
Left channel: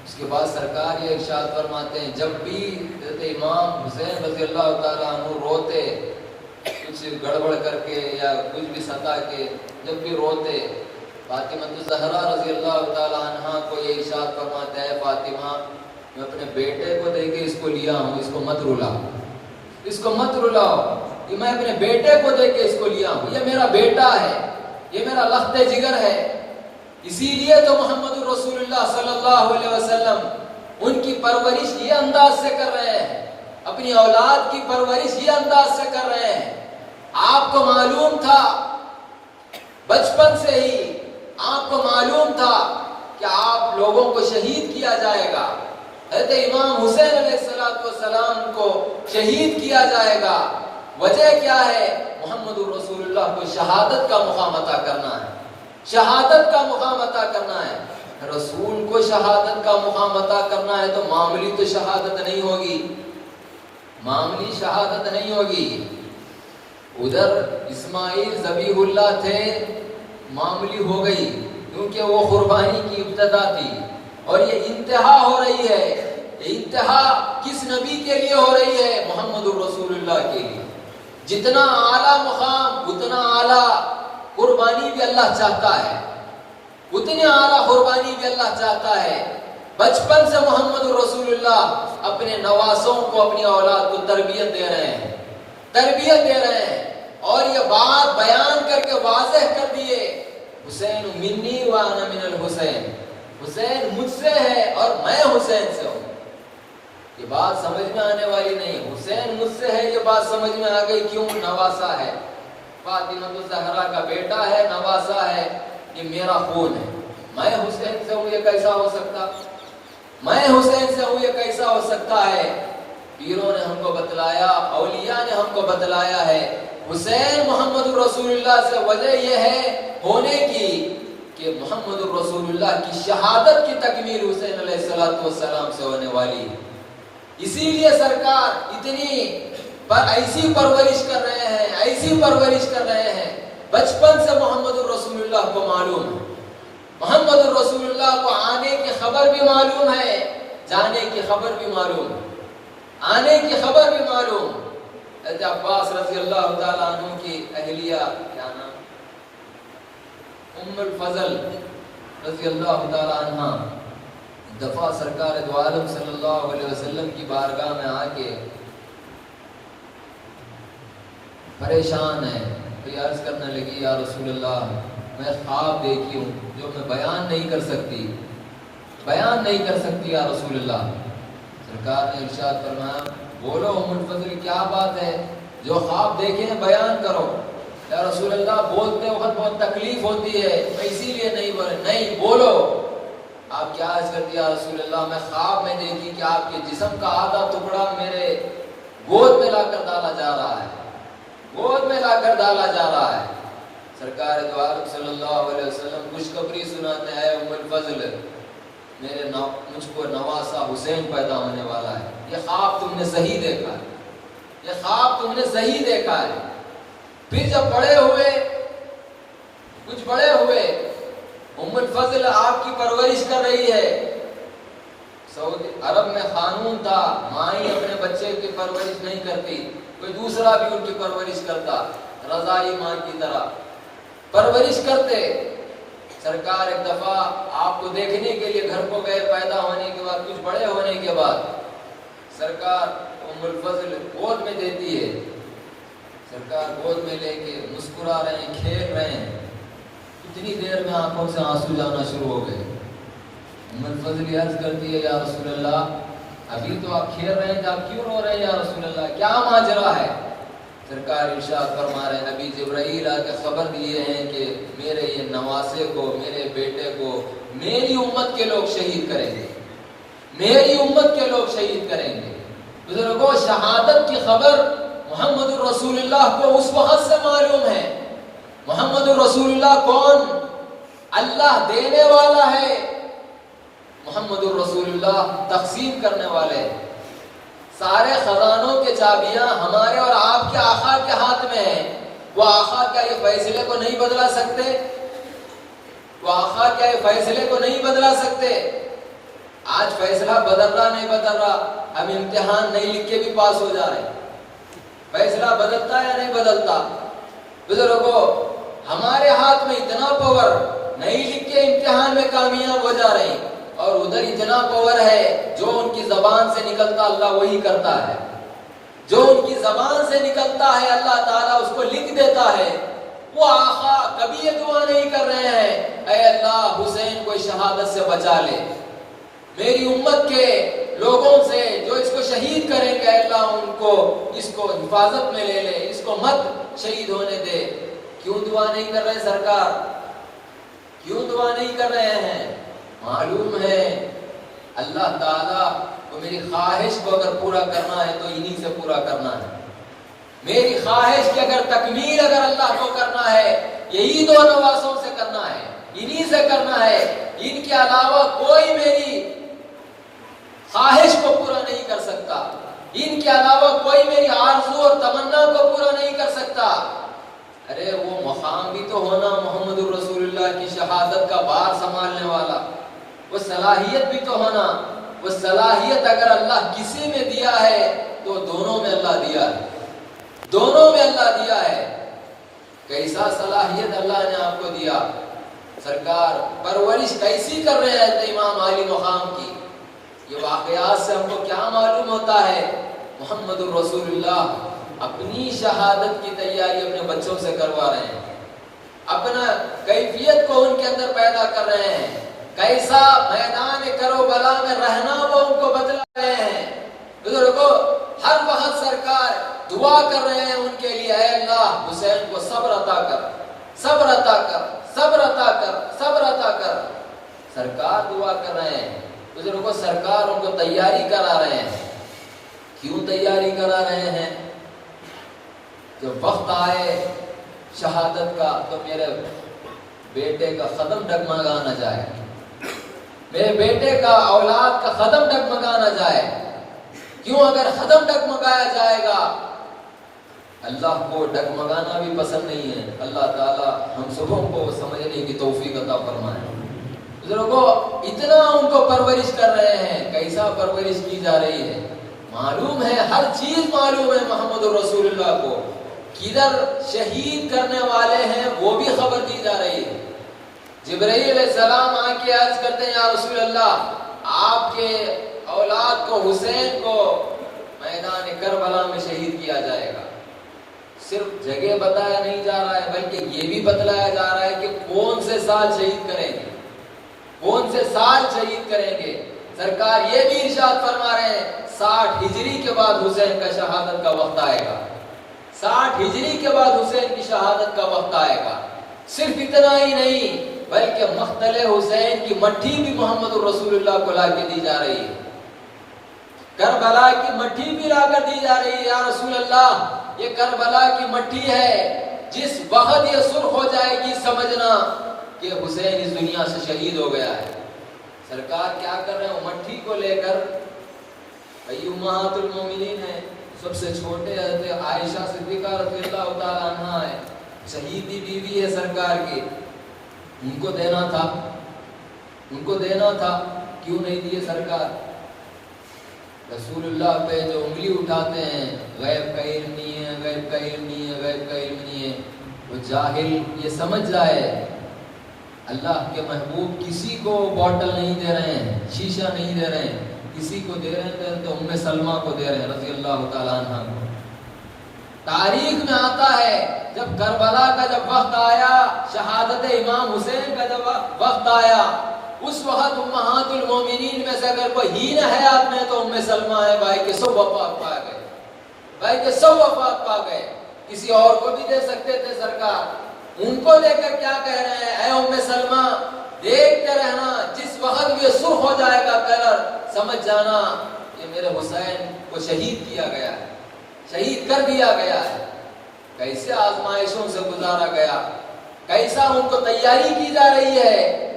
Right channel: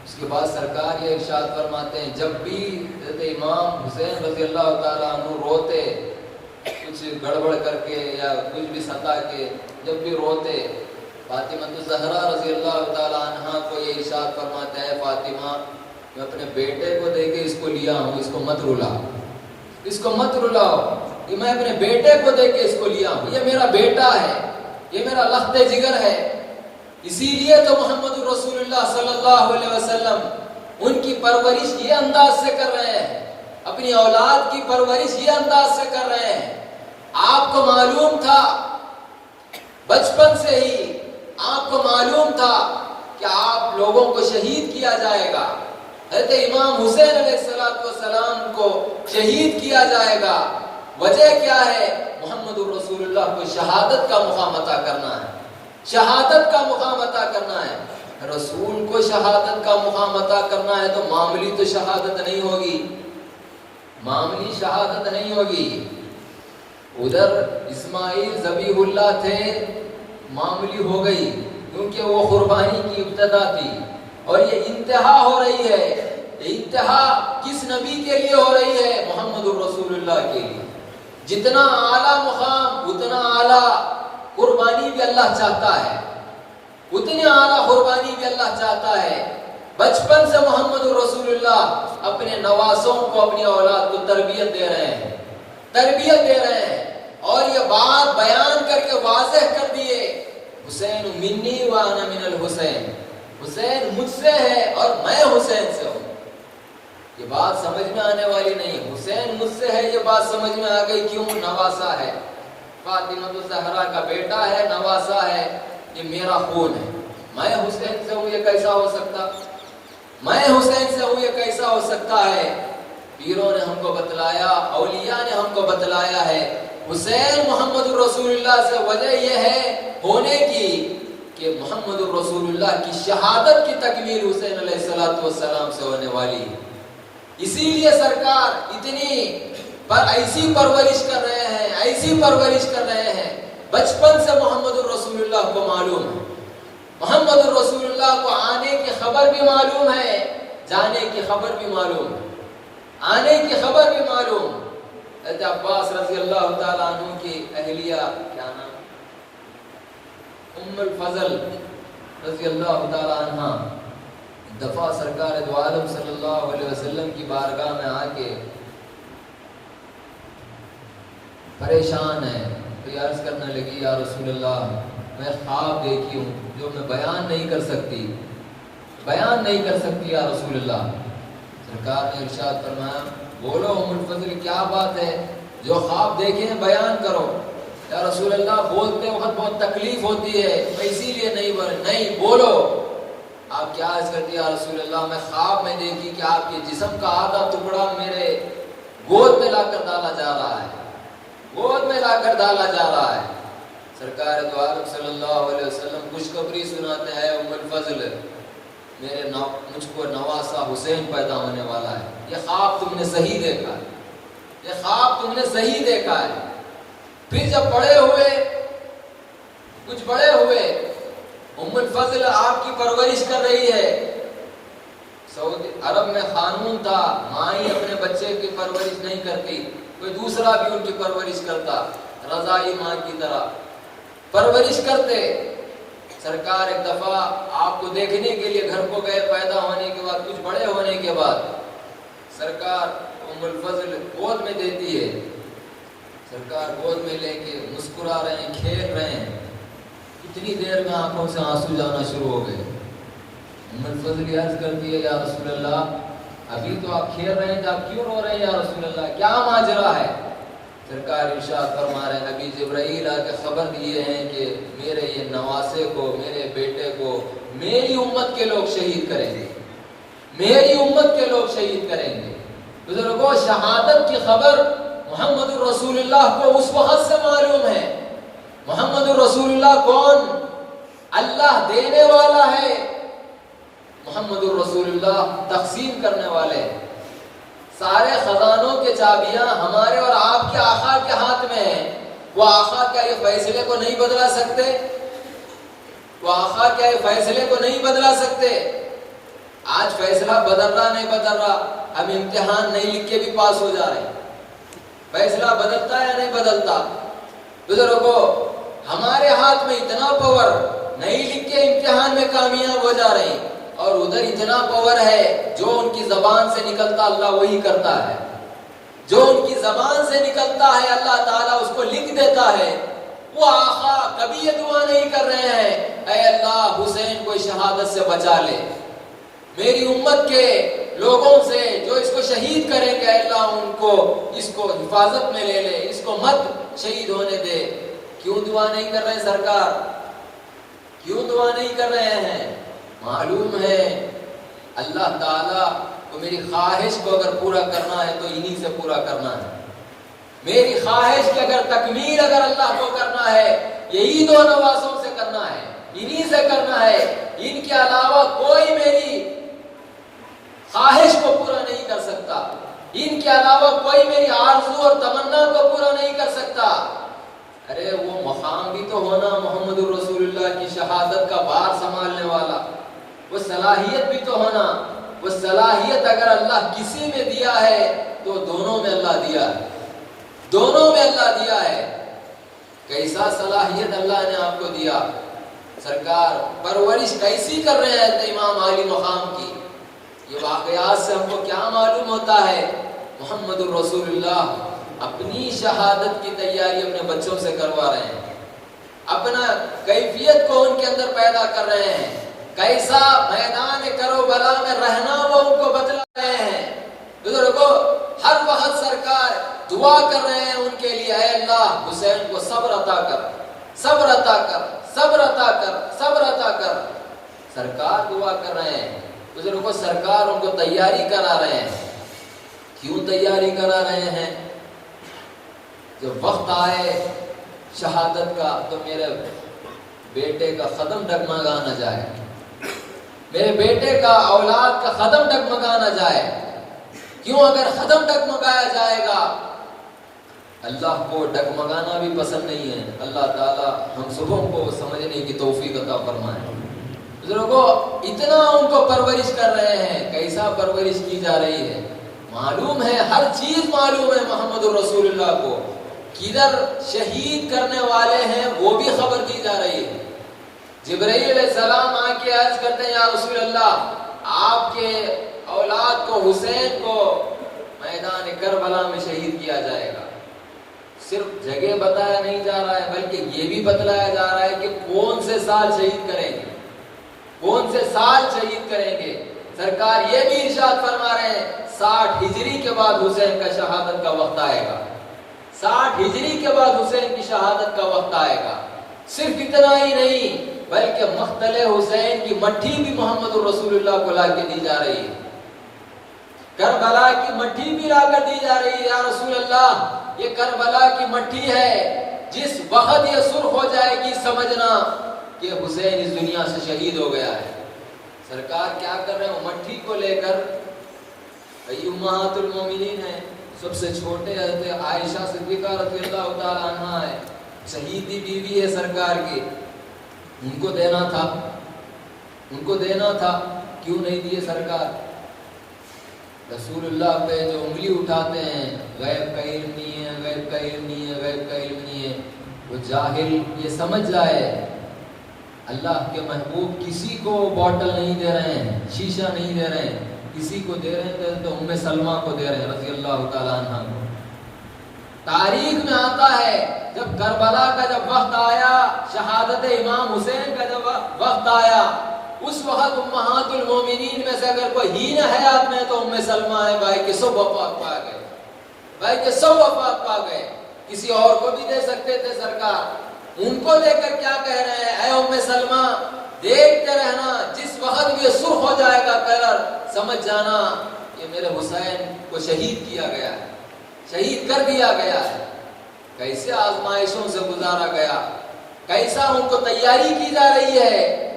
اس کے بعد سرکار یہ ارشاد فرماتے ہیں جب بھی حضرت امام حسین رضی اللہ تعالیٰ عنہ روتے کچھ گڑبڑ کر کے یا کچھ بھی ستا کے، جب بھی روتے فاطمہ الزہرا رضی اللہ تعالیٰ عنہ کو یہ ارشاد فرماتا ہے فاطمہ میں اپنے بیٹے کو دے کے اس کو لیا ہوں، اس کو مت رلاؤ، اس کو مت رلاؤ، یہ میں اپنے بیٹے کو دے کے اس کو لیا ہوں، یہ میرا بیٹا ہے، یہ میرا لخت جگر ہے۔ اسی لیے تو محمد رسول اللہ صلی اللہ علیہ وسلم ان کی پرورش یہ انداز سے کر رہے ہیں، اپنی اولاد کی پرورش یہ انداز سے کر رہے ہیں۔ آپ کو معلوم تھا بچپن سے ہی، آپ کو معلوم تھا کہ آپ لوگوں کو شہید کیا جائے گا، حضرت امام حسین علیہ السلام کو شہید کیا جائے گا۔ وجہ کیا ہے؟ محمد رسول اللہ کو شہادت کا مقام عطا کرنا ہے، شہادت کا مقام عطا کرنا ہے۔ رسول کو شہادت کا مقام عطا کرنا ہے تو معمولی تو شہادت نہیں ہوگی، معمولی شہادت نہیں ہوگی۔ ادھر اسماعیل ذبیح اللہ تھے، معمولی ہو گئی کیونکہ وہ قربانی کی ابتدا تھی، اور یہ انتہا ہو رہی ہے۔ انتہا کس نبی کے لیے ہو رہی ہے؟ محمد رسول اللہ کے لیے۔ جتنا اعلیٰ مقام اتنا اعلیٰ قربانی بھی اللہ چاہتا ہے، اتنی اعلیٰ قربانی بھی اللہ چاہتا ہے۔ بچپن سے محمد رسول اللہ اپنے نواسوں کو، اپنی اولاد کو تربیت دے رہے ہیں، تربیت دے رہے ہیں، اور یہ بات بیان کر کے واضح کر دیے حسین منی وانا من الحسین، حسین مجھ سے ہے اور میں حسین سے ہوں۔ یہ بات سمجھ میں آنے والی نہیں، حسین مجھ سے ہے یہ بات سمجھ میں آ گئی، کیوں؟ نواسا ہے، فاطمہ الزہرا کا بیٹا ہے، نواسا ہے، یہ میرا خون ہے، میں حسین سے ہوں، یہ کیسا ہو سکتا؟ میں حسین سے ہوں، یہ کیسا ہو سکتا ہے؟ پیروں نے ہم کو بتلایا، اولیاء نے ہم کو بتلایا ہے حسین محمد رسول اللہ سے وجہ یہ ہے ہونے کی کہ محمد رسول اللہ کی شہادت کی تکمیل حسین علیہ السلام سے ہونے والی ہے۔ اسی لیے سرکار اتنی ایسی پرورش کر رہے ہیں، ایسی پرورش کر رہے ہیں، بچپن سے محمد رسول اللہ کو معلوم ہے، محمد رسول اللہ کو آنے کی خبر بھی معلوم ہے، جانے کی خبر بھی معلوم ہے، آنے کی خبر بھی معلوم۔ حضرت عباس رضی اللہ تعالیٰ عنہ کی اہلیہ کیا نام؟ ام الفضل رضی اللہ تعالیٰ عنہ دفعہ سرکار دو عالم صلی اللہ علیہ وسلم کی بارگاہ میں آ کے پریشان ہے، عرض کرنے لگی یا رسول اللہ میں خواب دیکھی ہوں جو میں بیان نہیں کر سکتی، بیان نہیں کر سکتی یا رسول اللہ۔ سرکار نے ارشاد فرمایا بولو ام الفضل کیا بات ہے، جو خواب دیکھیں بیان کرو۔ یا رسول اللہ بولتے وقت بہت تکلیف ہوتی ہے اسی لیے نہیں بولے، نہیں بولو۔ آپ کیا عرض کر دیا رسول اللہ میں خواب میں دیکھی کہ آپ کے جسم کا آدھا ٹکڑا میرے گود میں لا کر ڈالا جا رہا ہے، گود میں لا کر ڈالا جا رہا ہے۔ سرکار دو عالم صلی اللہ علیہ وسلم خوشخبری سناتے ہیں ام الفضل مجھ کو نواسا حسین پیدا ہونے والا ہے، یہ خواب تم نے صحیح دیکھا ہے، یہ خواب تم نے صحیح دیکھا ہے۔ پھر جب بڑے ہوئے، کچھ بڑے ہوئے، ام الفضل آپ کی پرورش کر رہی ہے۔ سعودی عرب میں قانون تھا ماں ہی اپنے بچے کی پرورش نہیں کرتی، کوئی دوسرا بھی ان کی پرورش کرتا، رضائی ماں کی طرح پرورش کرتے۔ سرکار ایک دفعہ آپ کو دیکھنے کے لیے گھر کو گئے، پیدا ہونے کے بعد، کچھ بڑے ہونے کے بعد سرکار ام الفضل گود میں دیتی ہے، سرکار گود میں لے کے مسکرا رہے ہیں، کھیل رہے ہیں، اتنی دیر میں آنکھوں سے آنسو جانا شروع ہو گئے۔ ام الفضل عرض کرتی ہے یا رسول اللہ ابھی تو آپ کھیل رہے ہیں تو آپ کیوں رو رہے ہیں یا رسول اللہ، کیا ماجرا ہے؟ سرکار ارشاد فرما رہے ہیں نبی جبرائیل آ کے خبر دیے ہیں کہ میرے یہ نواسے کو، میرے بیٹے کو میری امت کے لوگ شہید کریں گے، میری امت کے لوگ شہید کریں گے۔ بزرگوں شہادت کی خبر محمد رسول اللہ کو اس وقت سے معلوم ہے۔ محمد رسول اللہ کون؟ اللہ دینے والا ہے، محمد رسول اللہ تقسیم کرنے والے ہیں۔ سارے خزانوں کے چابیاں ہمارے اور آپ کے آقا کے ہاتھ میں ہیں۔ وہ آقا کیا یہ فیصلے کو نہیں بدلا سکتے؟ وہ آقا کیا یہ فیصلے کو نہیں بدلا سکتے؟ آج فیصلہ بدل رہا نہیں بدل رہا، ہم امتحان نہیں لکھ کے بھی پاس ہو جا رہے ہیں، فیصلہ بدلتا ہے یا نہیں بدلتا؟ بزرگوں ہمارے ہاتھ میں اتنا پاور، نہیں لکھ کے امتحان میں کامیاب ہو جا رہے ہیں، اور ادھر اتنا پاور ہے جو ان کی زبان سے نکلتا اللہ وہی کرتا ہے، جو ان کی زبان سے نکلتا ہے اللہ تعالیٰ اس کو لکھ دیتا ہے۔ وہ آقا کبھی یہ دعا نہیں کر رہے ہیں اے اللہ حسین کو شہادت سے بچا لے، میری امت کے لوگوں سے جو اس کو شہید کریں گے اے اللہ ان کو اس کو حفاظت میں لے لے، اس کو مت شہید ہونے دے۔ کیوں دعا نہیں کر رہے سرکار؟ کیوں دعا نہیں کر رہے ہیں؟ معلوم ہے اللہ تعالیٰ کو میری خواہش کو اگر پورا کرنا ہے تو انہی سے پورا کرنا ہے، میری خواہش کی اگر تکمیل اگر اللہ کو کرنا ہے یہی دو نوازوں سے کرنا ہے، انہی سے کرنا ہے، ان کے علاوہ کوئی میری خواہش کو پورا نہیں کر سکتا، ان کے علاوہ کوئی میری آرزو اور تمنا کو پورا نہیں کر سکتا۔ ارے وہ مقام بھی تو ہونا محمد رسول اللہ کی شہادت کا بار سنبھالنے والا، وہ صلاحیت بھی تو ہونا، وہ صلاحیت اگر اللہ کسی میں دیا ہے تو دونوں میں اللہ دیا ہے، دونوں میں اللہ دیا ہے۔ کیسا صلاحیت اللہ نے آپ کو دیا؟ سرکار پرورش کیسی کر رہے ہیں امام علی مقام کی؟ یہ واقعات سے ہم کو کیا معلوم ہوتا ہے؟ محمد رسول اللہ اپنی شہادت کی تیاری اپنے بچوں سے کروا رہے ہیں، اپنا کیفیت کو ان کے اندر پیدا کر رہے ہیں، کیسا میدان کربلا میں رہنا وہ ان کو بتلا رہے ہیں۔ بزرگوں ہر وقت سرکار دعا کر رہے ہیں ان کے لیے اے اللہ حسین کو صبر عطا کر، صبر عطا کر، صبر عطا کر، صبر عطا کر۔ سرکار دعا کر رہے ہیں، بزرگوں سرکار ان کو تیاری کرا رہے ہیں۔ کیوں تیاری کرا رہے ہیں؟ جب وقت آئے شہادت کا تو میرے بیٹے کا قدم ڈگمگا نہ جائے، میرے بیٹے کا اولاد کا قدم ڈگمگا نہ جائے۔ کیوں؟ اگر قدم ڈگمگایا جائے گا اللہ کو ڈگمگانا بھی پسند نہیں ہے۔ اللہ تعالیٰ ہم سبوں کو سمجھنے کی توفیق عطا فرمائے۔ بزرگوں اتنا ان کو پرورش کر رہے ہیں، کیسا پرورش کی جا رہی ہے معلوم ہے، ہر چیز معلوم ہے محمد رسول اللہ کو، کدھر شہید کرنے والے ہیں وہ بھی خبر دی جا رہی ہے۔ جبرائیل علیہ السلام آ کے عرض کرتے ہیں یا رسول اللہ آپ کے اولاد کو حسین کو میدان کربلا میں شہید کیا جائے گا۔ صرف جگہ بتایا نہیں جا رہا ہے بلکہ یہ بھی بتلایا جا رہا ہے کہ کون سے سال شہید کریں گے، کون سے سال شہید کریں گے۔ سرکار یہ بھی ارشاد فرما رہے ہیں 60 ہجری کے بعد حسین کا شہادت کا وقت آئے گا، 60 ہجری کے بعد حسین کی شہادت کا وقت آئے گا۔ صرف اتنا ہی نہیں بلکہ مقتل حسین کی مٹھی بھی محمد رسول اللہ کو لا کے دی جا رہی ہے، کربلا کی مٹھی بھی لا کر دی جا رہی ہے۔ یا رسول اللہ یہ کربلا کی مٹھی ہے، جس وقت یہ سرخ ہو جائے گی سمجھنا کہ حسین اس دنیا سے شہید ہو گیا ہے۔ سرکار کیا کر رہے ہیں؟ مٹھی کو لے کر امہات المومنین ہے، سب سے چھوٹے حضرت عائشہ صدیقہ رضی اللہ تعالیٰ عنہا ہے، شہیدی بیوی ہے سرکار کی، ان کو دینا تھا، ان کو دینا تھا، کیوں نہیں دیے سرکار؟ رسول اللہ پہ جو انگلی اٹھاتے ہیں غیب کا علم نہیں ہے، غیب کا علم نہیں ہے، غیب کا علم نہیں ہے، وہ جاہل یہ سمجھ جائے اللہ کے محبوب کسی کو بوٹل نہیں دے رہے ہیں، شیشہ نہیں دے رہے ہیں، کسی کو دے رہے ہیں تو ام سلمہ کو دے رہے ہیں رضی اللہ تعالیٰ عنہ کو۔ تاریخ میں آتا ہے جب کربلا کا جب وقت آیا، شہادت امام حسین کا جب وقت آیا، اس وقت امہات المومنین میں سے اگر کوئی ہین حیات میں تو ام سلمہ ہے، بھائی کے سب وفات پا گئے، بھائی کے سب وفات پا گئے۔ کسی اور کو بھی دے سکتے تھے سرکار، ان کو دے کر کیا کہہ رہے ہیں، اے ام سلمہ دیکھتے رہنا، جس وقت بھی یہ سرخ ہو جائے گا کلر، سمجھ جانا کہ میرے حسین کو شہید کیا گیا ہے، شہید کر دیا گیا ہے۔ کیسے آزمائشوں سے گزارا گیا، کیسا ان کو تیاری کی جا رہی ہے،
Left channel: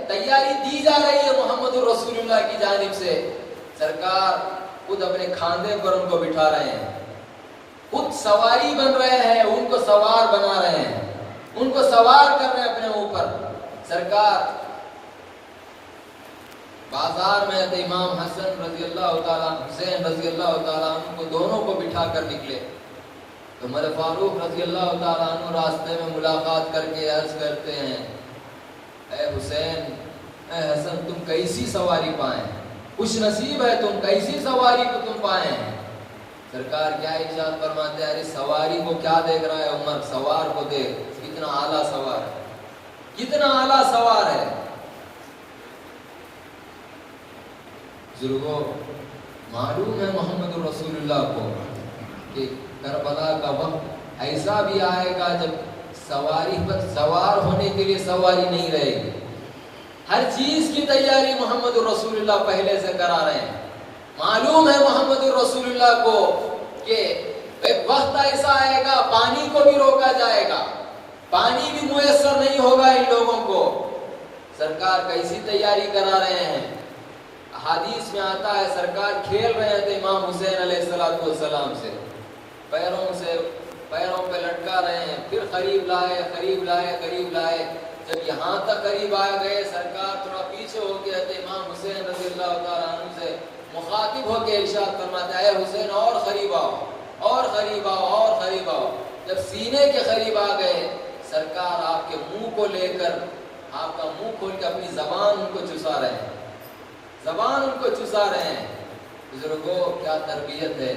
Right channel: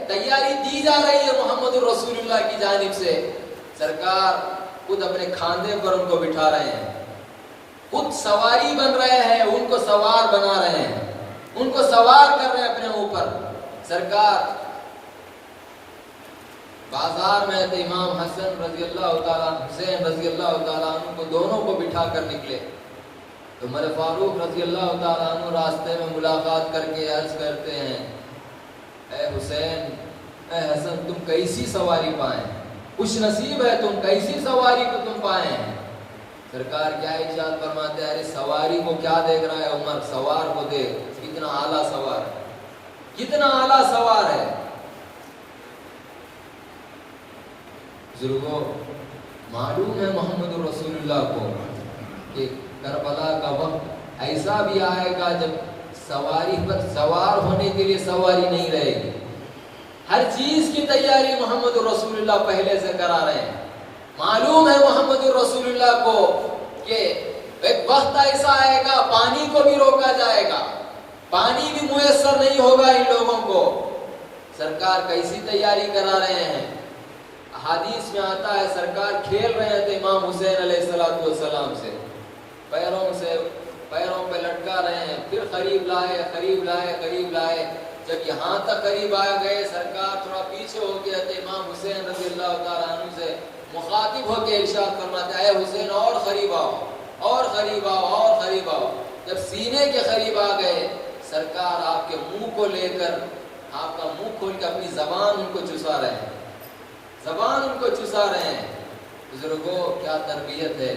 تیاری دی جا رہی ہے محمد رسول اللہ کی جانب سے۔ سرکار خود اپنے کھاندے پر ان کو بٹھا رہے ہیں، خود سواری بن رہے ہیں، ان کو سوار بنا رہے ہیں، ان کو سوار کر رہے ہیں اپنے اوپر۔ سرکار بازار میں آتے امام حسن رضی اللہ تعالیٰ، حسین رضی اللہ تعالیٰ عنہ کو دونوں کو بٹھا کر نکلے تو عمر فاروق رضی اللہ تعالیٰ عنہ راستے میں ملاقات کر کے عرض کرتے ہیں، اے حسین، اے حسن، تم کیسی سواری پائیں، خوش نصیب ہے تم، کیسی سواری کو تم پائیں۔ سرکار کیا ارشاد فرماتے ہیں، ارے سواری کو کیا دیکھ رہا ہے عمر، سوار کو دیکھ، کتنا اعلیٰ سوار ہے، کتنا اعلیٰ سوار ہے۔ بزرگوں، معلوم ہے محمد رسول اللہ کو کہ کربلا کا وقت ایسا بھی آئے گا جب سواری پر سوار ہونے کے لیے سواری نہیں رہے گی، ہر چیز کی تیاری محمد رسول اللہ پہلے سے کرا رہے ہیں۔ معلوم ہے محمد رسول اللہ کو کہ ایک وقت ایسا آئے گا پانی کو بھی روکا جائے گا، پانی بھی میسر نہیں ہوگا ان لوگوں کو۔ سرکار کیسی تیاری کرا رہے ہیں، حدیث میں آتا ہے سرکار کھیل رہے تھے امام حسین علیہ السلام سے، پیروں پہ لٹکا رہے ہیں، پھر قریب لائے، قریب لائے، جب یہاں تک قریب آ گئے سرکار تھوڑا پیچھے ہو گیا تو امام حسین رضی اللہ تعالیٰ عنہ سے مخاطب ہو کے ارشاد فرماتا ہے، اے حسین اور قریب آؤ، اور قریب آؤ، اور قریب آؤ۔ جب سینے کے قریب آ گئے سرکار آپ کے منہ کو لے کر، آپ کا منہ کھول کے اپنی زبان ان کو چسا رہے ہیں، زبان ان کو چسا رہے ہیں۔ بزرگوں کیا تربیت ہے،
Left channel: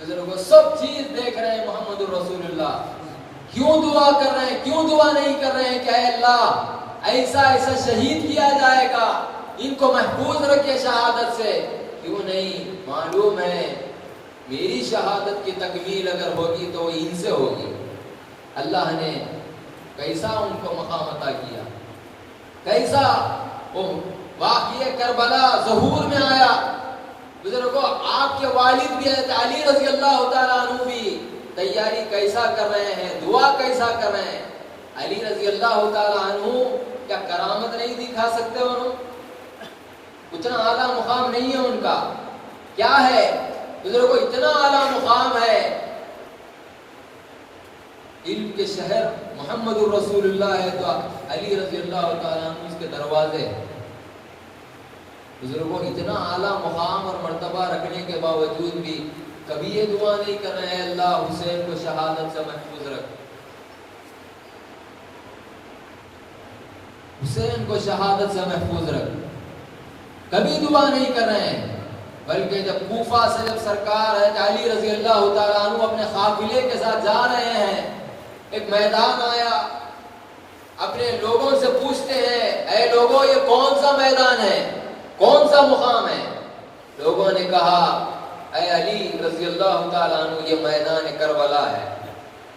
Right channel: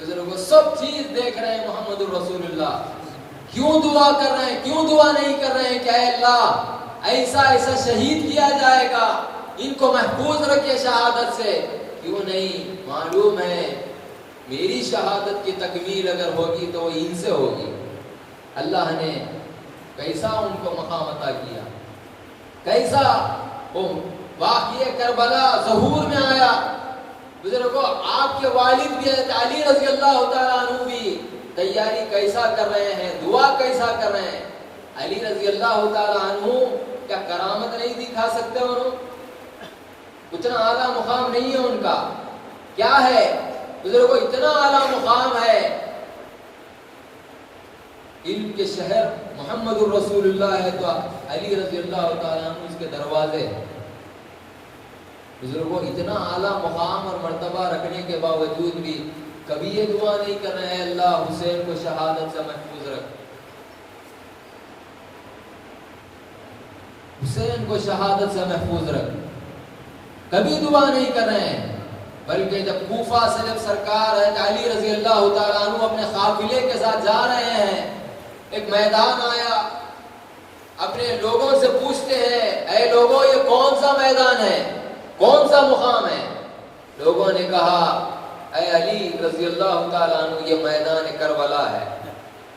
بزرگوں سب چیز دیکھ رہے ہیں محمد رسول اللہ، کیوں دعا کر رہے ہیں، کیوں دعا نہیں کر رہے ہیں کہ اے اللہ ایسا شہید کیا جائے گا، ان کو محفوظ رکھے شہادت سے، کیوں نہیں؟ معلوم ہے میری شہادت کی تکمیل اگر ہوگی تو ان سے ہوگی۔ اللہ نے کیسا ان کو مقام عطا کیا، کیسا وہ واقعہ کربلا ظہور میں آیا۔ بزرگوں آپ کے والد بھی علی رضی اللہ تعالیٰ عنہ بھی تیاری کیسا کر رہے ہیں، دعا کیسا کر رہے ہیں۔ علی رضی اللہ تعالیٰ عنہ کیا کرامت نہیں دکھا سکتے انہوں؟ اتنا اعلیٰ مقام نہیں ہے ان کا، کیا ہے بزرگوں؟ اتنا اعلیٰ مقام ہے، علم کے شہر محمد رسول اللہ ہے تو علی رضی اللہ تعالیٰ عنہ اس کے دروازے ہیں۔ بزرگوں اتنا اعلیٰ مقام اور مرتبہ رکھنے کے باوجود بھی کبھی یہ دعا نہیں کر رہے ہیں اللہ حسین کو شہادت سے محفوظ رکھ، حسین کو شہادت سے محفوظ رکھ، کبھی دعا نہیں کر رہے ہیں۔ بلکہ جب کوفہ سے جب سرکار ہے علی رضی اللہ تعالیٰ عنہ اپنے قافلے کے ساتھ جا رہے ہیں، ایک میدان آیا، اپنے لوگوں سے پوچھتے ہیں، اے لوگوں یہ کون سا میدان ہے، کون سا مقام ہے؟ لوگوں نے کہا اے علی رضی اللہ تعالیٰ عنہ یہ میدان کربلا ہے،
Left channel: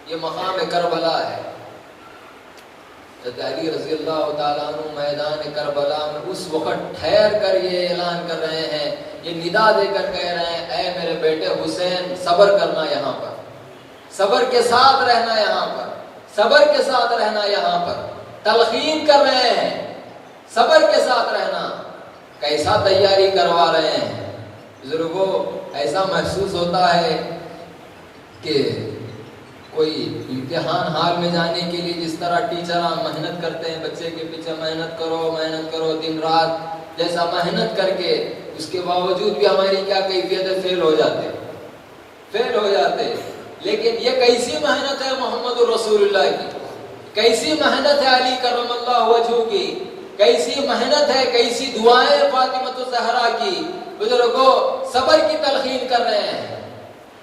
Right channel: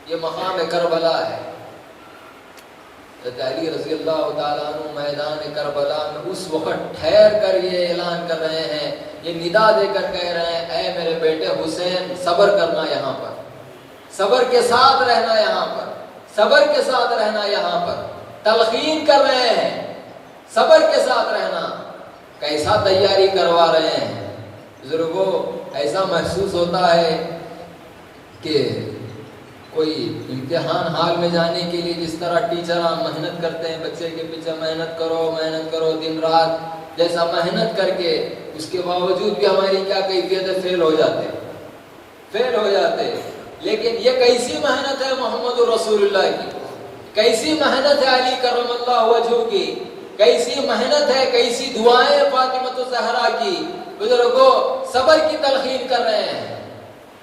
یہ مقام کربلا ہے۔ علی رضی اللہ تعالیٰ عنہ میدان کربلا میں اس وقت ٹھہر کر یہ اعلان کر رہے ہیں، یہ ندا دے کر کہہ رہے ہیں، اے میرے بیٹے حسین صبر کرنا یہاں پر، صبر کے ساتھ رہنا یہاں پر، صبر کے ساتھ رہنا یہاں پر، تلقین کر رہے ہیں صبر کے ساتھ رہنا۔ کیسا تیاری کروا رہے ہیں بزرگوں، ایسا محسوس ہوتا ہے کہ کوئی امتحان ہال میں جانے کے لیے جس طرح ٹیچر محنت کرتے ہیں بچے کے پیچھے، محنت کرو دن رات، جیسا محنت کر کے اس کے باوجود بھی ہماری کیا کیفیت ہے، فیل ہو جاتے۔ لیکن یہ کیسی محنت ہے محمد رسول اللہ کی، کیسی محنت ہے علی کرم اللہ وجہہ کی، کیسی محنت ہے، کیسی دعائیں فاطمہ الزہرا کی، بزرگوں صبر کی تلقین کر رہے ہیں،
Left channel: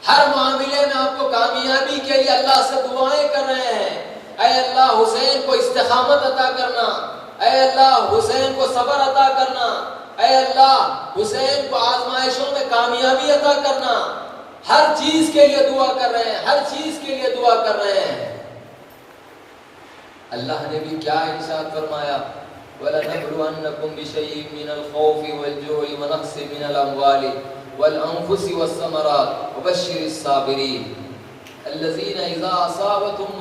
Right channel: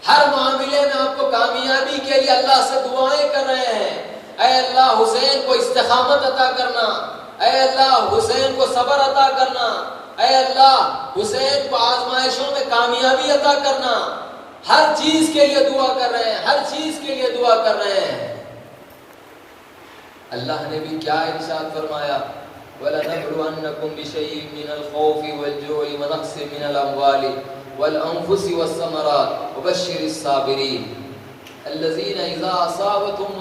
ہر معاملے میں آپ کو کامیابی کے لیے اللہ سے دعائیں کر رہے ہیں، اے اللہ حسین کو استقامت عطا کرنا، اے اللہ حسین کو صبر عطا کرنا، اے اللہ حسین کو آزمائشوں میں کامیابی عطا کرنا، ہر چیز کے لیے دعا کر رہے ہیں، ہر چیز کے لیے دعا کر رہے ہیں۔ اللہ نے بھی کیا ارشاد فرمایا، وَلَنَبْلُوَنَّكُمْ بِشَيْءٍ مِّنَ الْخَوْفِ وَالْجُوعِ وَنَقْصٍ مِّنَ الْأَمْوَالِ وَالْأَنفُسِ وَالثَّمَرَاتِ وَبَشِّرِ الصَّابِرِينَ الَّذِينَ إِذَا أَصَابَتْهُمْ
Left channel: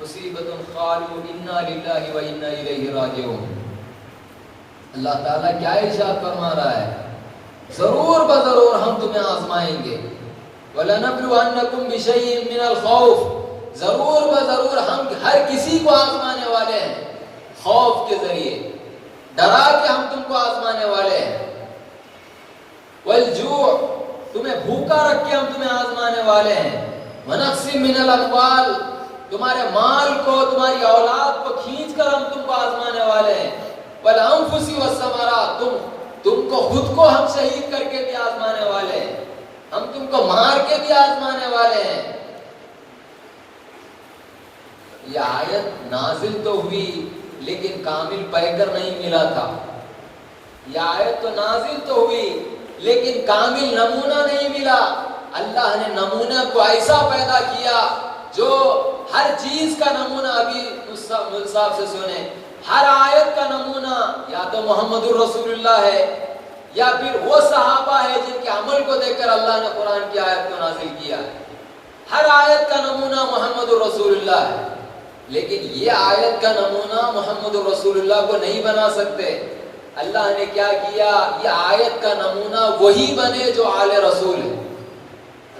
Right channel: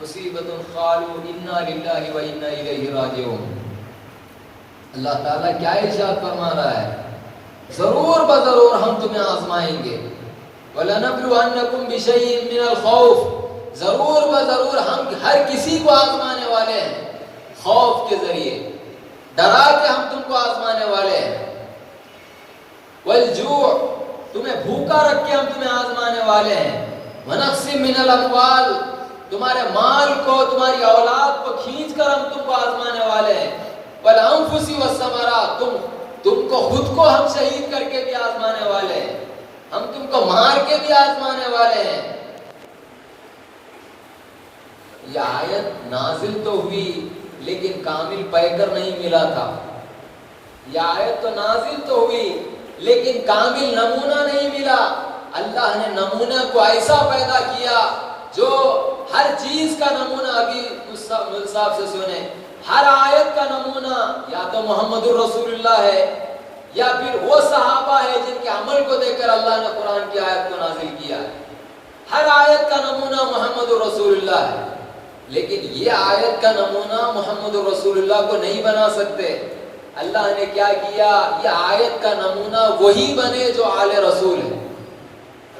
مُصِيبَةٌ قَالُوا إِنَّا لِلَّهِ وَإِنَّا إِلَيْهِ رَاجِعُونَ۔ اللہ تعالیٰ کیا ارشاد فرما رہا ہے، ضرور بضرور ہم تمہیں آزمائیں گے، وَلَنَبْلُوَنَّكُمْ بِشَيْءٍ مِّنَ الْخَوْفِ، ضرور بضرور ہم ہر کسی کو آزمانے والے ہیں، خوف کے ذریعے ڈرا کے ہم تم کو آزمانے والے ہیں، والجوع، تمہیں بھوکا رکھ کے ہم تمہیں آزمانے والے ہیں، ونقص من الاموال، تمہارے مال کو تمہاری اولاد کو کھینچ کر ہم تم کو آزمانے والے ہیں، والانفس والثمرات، تم کو خود کو ہم شہید کر کے بھی آزمانے والے ہیں، ہم تم کو مار کے بھی آزمانے والے ہیں۔ یہ آیت نازل تو ہوئی لیکن کامل پیکر نہیں ملا تھا، یہ آیت تو نازل تو ہوئی لیکن کامل نمونہ نہیں ملا۔ اللہ نے نمونہ کو ایسا پیدا کیا جو ہر چیز کا نمونہ، ابھی اس صاحب سے سنیں، ہر آیت کا نمونہ یا تو محمد الرسول اللہ ہے یا پھر وہ صحابہ ہے جن کے عمل کو دیکھ کر اللہ نے قرآن کی آیت کو نازل کیا ہے۔ ہر آیت کا نمونہ محمد الرسول اللہ ہے، لیکن یہ آیت کا نمونہ محمد رسول اللہ کو نہیں بنا سکتے۔ اللہ نے کیا کیا، یہ آیت کا نمونہ وہی بنے جو آل رسول ہے،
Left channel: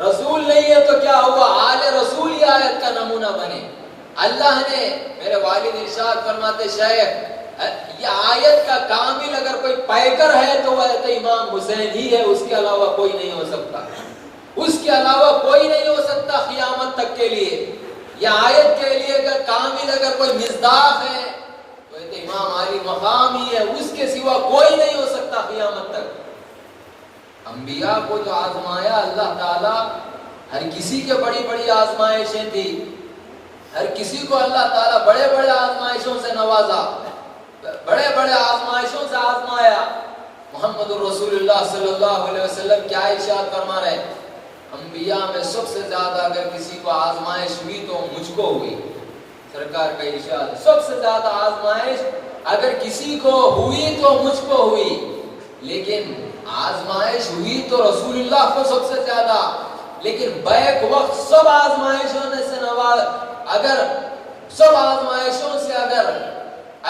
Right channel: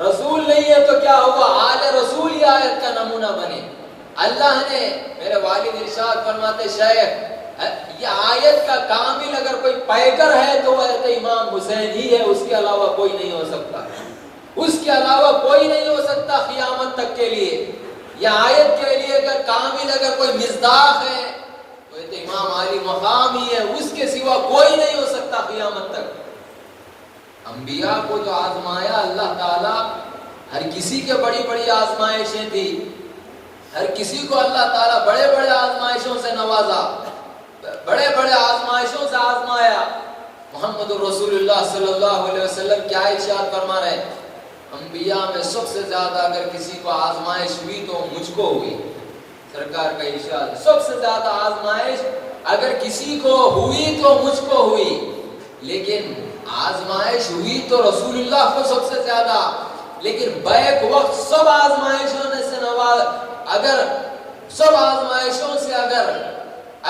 رسول نہیں ہے تو کیا ہوا، آل رسول یہ آیت کا نمونہ بنے۔ اللہ نے، میرے والد ارشاد فرماتے شیخ، یہ آیت کا کامل اگر کوئی پیکر ہے تو وہ امام حسین ہی ہے، اس کے علاوہ کوئی نہیں ہو سکتا، اس کے علاوہ کوئی نہیں ہو سکتا قیامت تک کے لیے۔ یہ آیت کے لیے اگر کامل اگر کوئی مصداق ہے تو یہ امام علی مقام ہی ہے، اس کے سوا کوئی نہیں ہو سکتا قیامت تک۔ انبیاء کو جو آزمایا اللہ تعالیٰ، ہر کسی کے بڑی بڑی آزمائشیں تھی، ہر کسی کو اللہ تعالیٰ بڑے بڑے آزمائشوں سے نوازا، بڑے بڑے آزمائشوں سے آزمایا۔ محمد الرسول اللہ صلی اللہ علیہ وسلم کیا ارشاد فرما رہے، انبیاء میں سب سے زیادہ اگر کسی کو آزمائش ہوئی تو مجھ کو ہوئی، سرکار کا ارشاد، سب سے زیادہ آزمائش اگر کسی کو ہوئی تو مجھ کو ہوئی، لیکن آزمائش ہوئی تو رسول اللہ کو سب سے زیادہ، لیکن بیک وقت سب آزمائشوں سے نواز، اگر سب آزمائشوں سے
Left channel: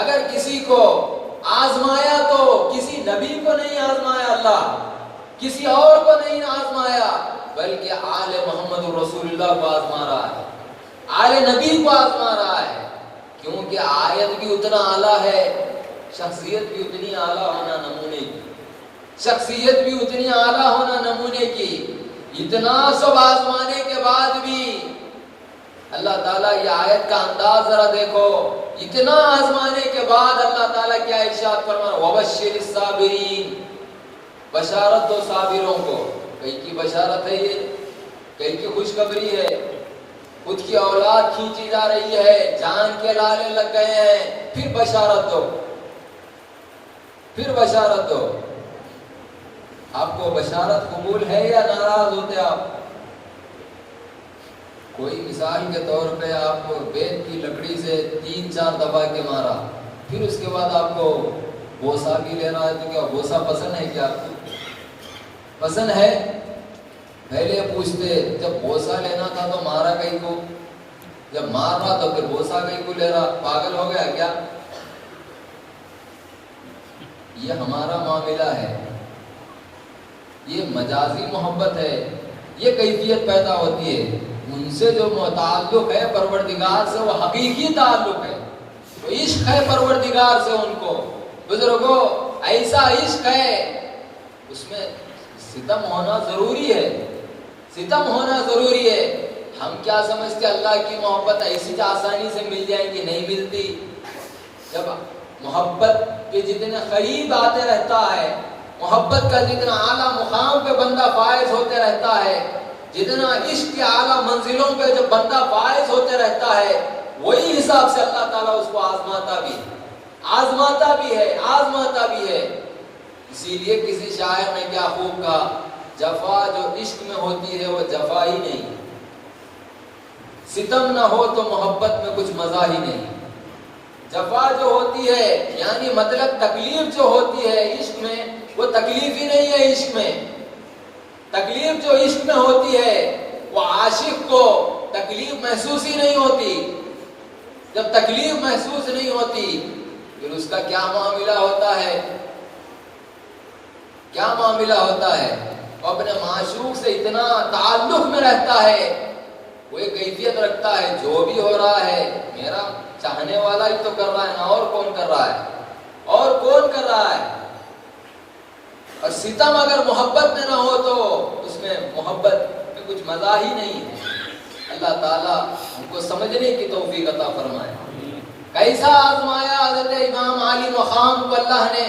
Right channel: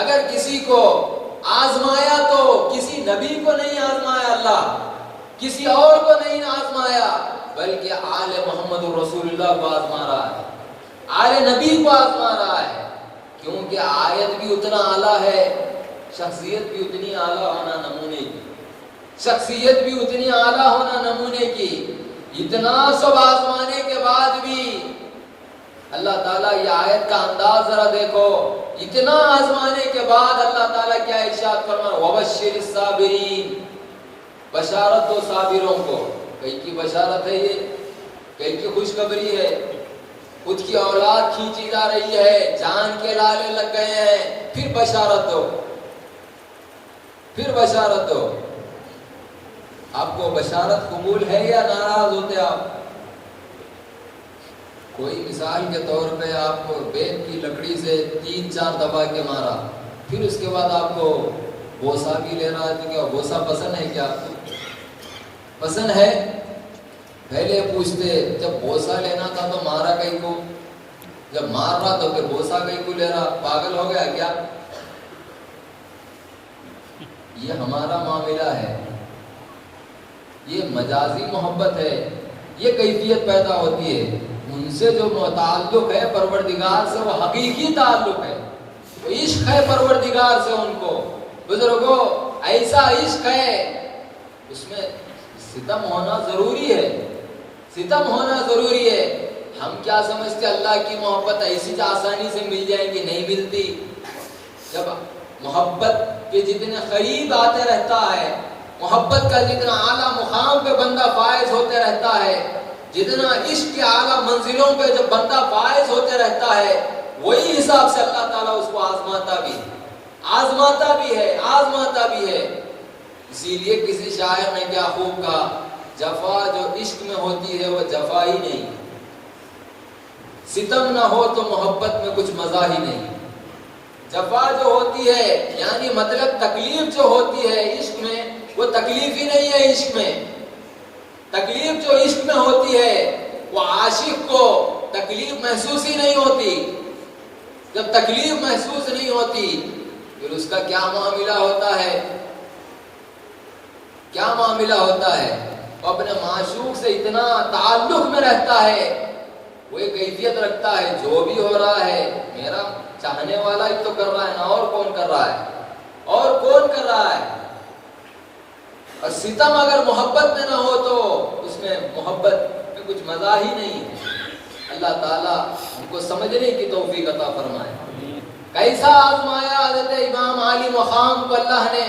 اگر کسی کو آزمایا تو کسی نبی کو نہیں آزمایا اللہ، کسی اور کو نہیں آزمایا، بلکہ آل محمد رسول اللہ کو آزما رہا ہے، آل نبی کو آزما رہا ہے، کیونکہ آیت بھی اتنا اعلیٰ ہے، شخصیت بھی اتنی اعلیٰ ہونا نمونے کی، شخصیت بھی اتنی اعلیٰ ہونا نمونے کی، اتنا سب آزمانے کے بعد بھی اللہ تعالیٰ یہ آیت کا انداز ذرا دیکھو، اتنا آزمانے کے بعد اللہ تعالیٰ کیا ارشاد فرما رہا ہے، وَبَشِّرِ الصَّابِرِينَ، بشارت دو صابروں کو۔ کئی کی بشارت ہے یہ، کئی کی خوشخبری ہے، خود کی اولاد کھینچی جا رہی ہے، جان کے لالے لگ گئے ہیں، پھر بشارت دو، پھر بشارت دو۔ آپ کو بشارت قبول ہے یا ناراض ہوتے آپ؟ کوئی مثال کے طور پہ آپ کو بیت کی لکڑی سے 3-4 دبا کے مارا، پھر اس کے بعد آپ کو بوسا بھی لے رہا ہے، تو کیا بوسا پسند ہے کیا؟ پسند ہے؟ پہلے پوچھتے جب بوسا لینا تھا تو مارا کہیں کو، جب مار رہا تو پھر بوسا کہیں کو لے رہا، پاگل ہو گیا کیا؟ یہ ہمارا معاملہ ہے، یہ مجازی محبت ہے، یہ کیفیت پیدا ہوتی ہے، ان سے جو تعلق ہے پروردگار سے وہ حقیقی تعلق ہے، عشق ہے پروردگار سے ان کو۔ بزرگوں ایسا عشق ہے، اس میں ستم ہونا ضروری ہے، ستم ہونا ضروری ہے۔ ہم کیا سمجھتے اللہ کی محبت ایسی آسانی سے مل جائے گی؟ نہیں ملتی۔ جب محبت کے جتنے قریب آتے رہتا ہے محبت کا جتنا اعلیٰ مقام پہ بندہ فائز ہوتے رہتا ہے، جتنا عشق کے اعلیٰ منزلوں پہ جب بندہ فائز ہوتے رہتا ہے، وہی حساب سے اللہ تعالیٰ اس کو آزماتا بھی ہے۔ اسی لیے کسی شاعر نے کیا خوب کہا، جفا جو عشق میں ہوتی ہے وہ جفا ہی نہیں، ستم نہ ہو تو محبت میں کچھ مزہ ہی نہیں۔ جفا جو ہوتی ہے یعنی مطلب تکلیف جو ہوتی ہے عشق میں، وہ تکلیف ہی نہیں ہے عشق میں۔ تکلیف جو عشق میں ہوتی ہے وہ عاشق کو تکلیف محسوس ہی نہیں ہوتی۔ جب تکلیف محسوس نہیں ہوتی پھر اس کا کیا معاملہ ہوتا ہے؟ وہ اپنے معشوق سے اتنا تعلق میں رہتا ہے، وہ ایک کیفیت رکھتا ہے، جو بھی ہو رہا ہے میرا چاہنے والا ہی تو کر رہا ہے نا، اور کون کر رہا ہے؟ اور ستم اگر محبت میں نہ ہو تو اس میں محبت میں کچھ مزہ ہی نہیں ہے۔ اللہ تعالیٰ ہم کو سمجھنے کی توفیق عطا فرمائے۔ کیسا آزمایا حضرت امام علی مقام کو اللہ نے،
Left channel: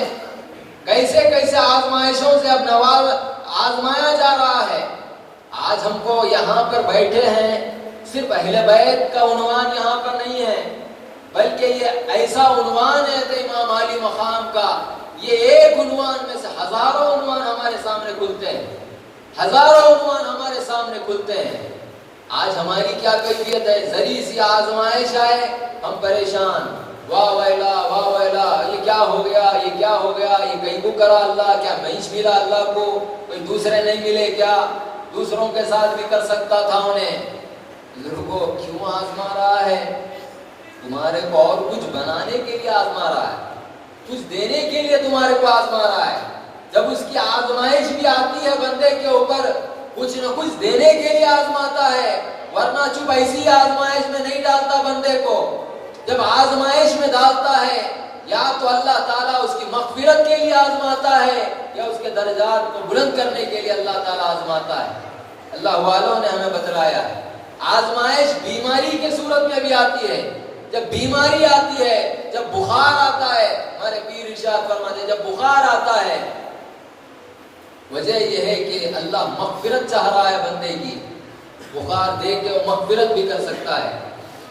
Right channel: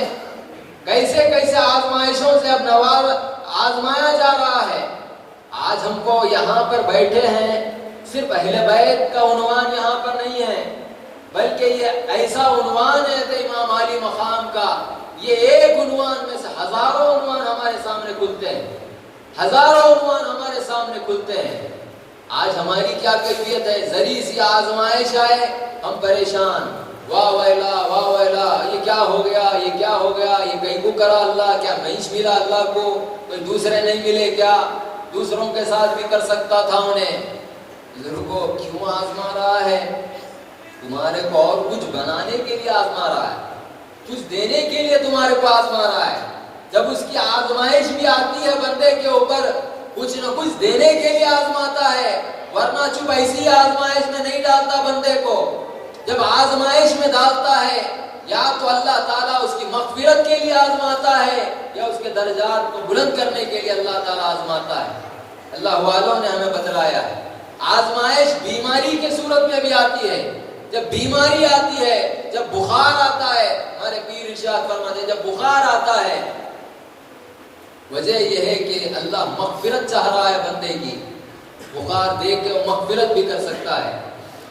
کیسے آزمائشوں سے اب آزمایا جا رہا ہے۔ آج ہم کو یہاں پر بیٹھے ہیں، صرف اہل بیت کا عنوان یہاں پر نہیں ہے، بلکہ یہ ایسا عنوان ہے کہ امام علی مقام کا، یہ ایک عنوان میں سے ہزاروں عنوان ہمارے سامنے کھلتے ہیں۔ آج ہماری کیا کیفیت ہے؟ ذری سی آزمائش ہے، ہم پریشان، واہ ویلا، یہ کیا ہو گیا، یہ کہیں کو کرا اللہ، کیا نہیں ملا اللہ کو، کوئی دوسرے نہیں ملے کیا؟ دوسروں کے ساتھ بھی کر سکتا تھا انہیں۔ کو کیوں آزما رہا ہے؟ تمہارے کو اور کچھ بنانے کے لیے آزما رہا ہے، کچھ دینے کے لیے تمہارے کو آزما رہا ہے۔ جب اس کی آزمائش بھی آتی ہے بندے کے اوپر، کچھ نہ کچھ دینے کے لیے آزماتا ہے، ورنہ چپ ایسی آزمائش میں نہیں ڈالتا بندے کو۔ جب آزمائش میں ڈالتا ہے یا تو اللہ تعالیٰ اس کی مغفرت کے لیے آزماتا ہے یا اس کے درجات کو بلند کرنے کے لیے اللہ تعالیٰ آزماتا ہے۔ اللہ والوں نے ہمیں بتلایا ہے آزمائش بیماری کے صورت میں بھی آتی ہے۔ جب بیماری آتی ہے، جب بخار آتا ہے، ہمارے پیر ارشاد فرماتے ہیں جب بخار آتا ہے، وجہ یہ ہے کہ اللہ مغفرت چاہ رہا ہے بندے کی۔ بخار دیکھ کے وہ مغفرت بھی کر سکتا ہے،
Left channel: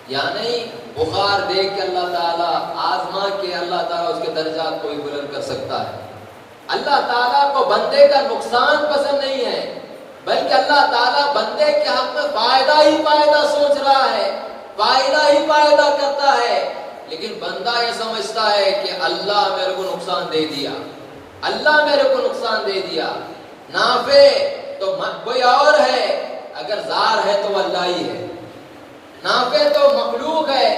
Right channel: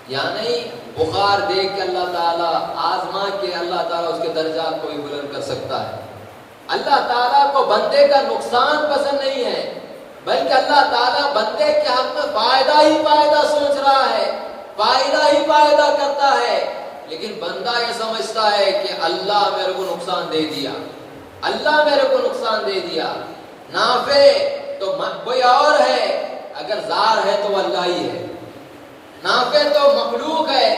یا نہیں بخار دیکھ کے اللہ تعالیٰ آزما کے اللہ تعالیٰ اس کے درجات کو بھی بلند کر سکتا ہے۔ اللہ تعالیٰ کو بندے کا نقصان پسند نہیں ہے، بلکہ اللہ تعالیٰ بندے کے حق میں فائدہ ہی فائدہ سوچ رہا ہے، فائدہ ہی فائدہ کرتا ہے۔ لیکن بندہ یہ سمجھتا ہے کہ اللہ میرے کو نقصان دے دیا، نافع تو کوئی اور ہے، اگر زار ہے تو اللہ ہی ہے، نافع تو مخلوق ہے،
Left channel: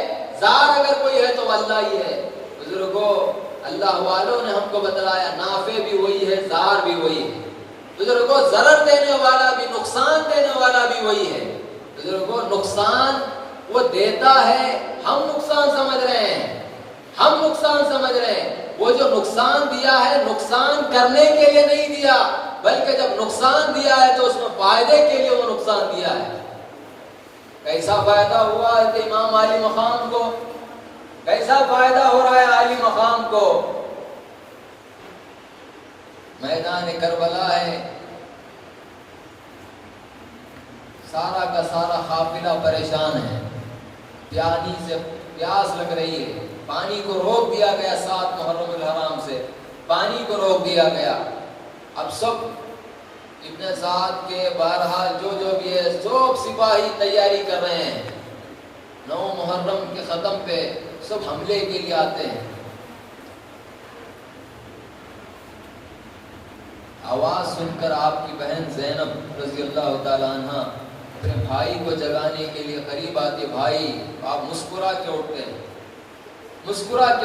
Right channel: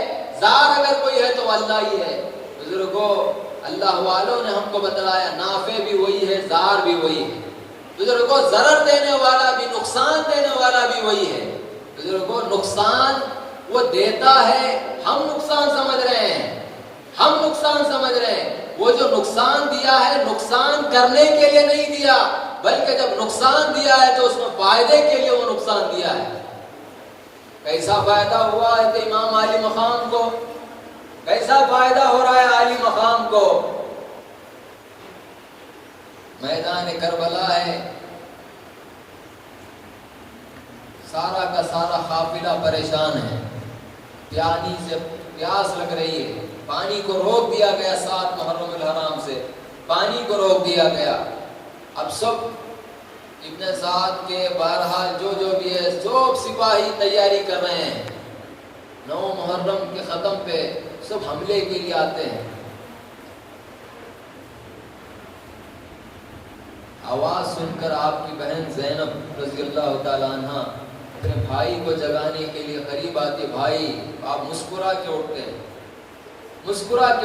زار اگر کوئی ہے تو اللہ ہی ہے۔ بزرگوں، اللہ والوں نے ہم کو بتلایا نافع بھی وہی ہے، زار بھی وہی ہے۔ بزرگوں، ضرر دینے والا بھی، نقصان دینے والا بھی وہی ہے۔ بزرگوں، نقصان وہ دیتا ہے، ہم نقصان سمجھ رہے ہیں، وہ جو نقصان دیا ہے نقصان کرنے کے لیے نہیں دیا، بلکہ جب نقصان دیا ہے تو اس میں فائدے کے لیے وہ نقصان دیا ہے۔ کیسا فائدہ ہوا ہے کہ امام علی مقام کو، کیسا فائدہ ہو رہا ہے علی مقام کو؟ میدان کربلا ہے، سارا کا سارا قافلہ پریشان ہے، پیانی سے پیاس لگ رہی ہے، پانی کو روک دیا گیا، 7 محرم الحرام سے پانی کو روک دیا گیا۔ اب سب ابن سعد کے بہرحال جو بھی ہے سب سپاہی تیاری کر رہے ہیں، 9 محرم کے ختم پہ سب حملے کے لیے آتے ہیں۔ آواز سن کر آپ کی بہن زینب رضی اللہ تعالیٰ عنہ اپنے بھائی کو جگانے کے لیے قریب آتی، بھائی آپ مسکرا کے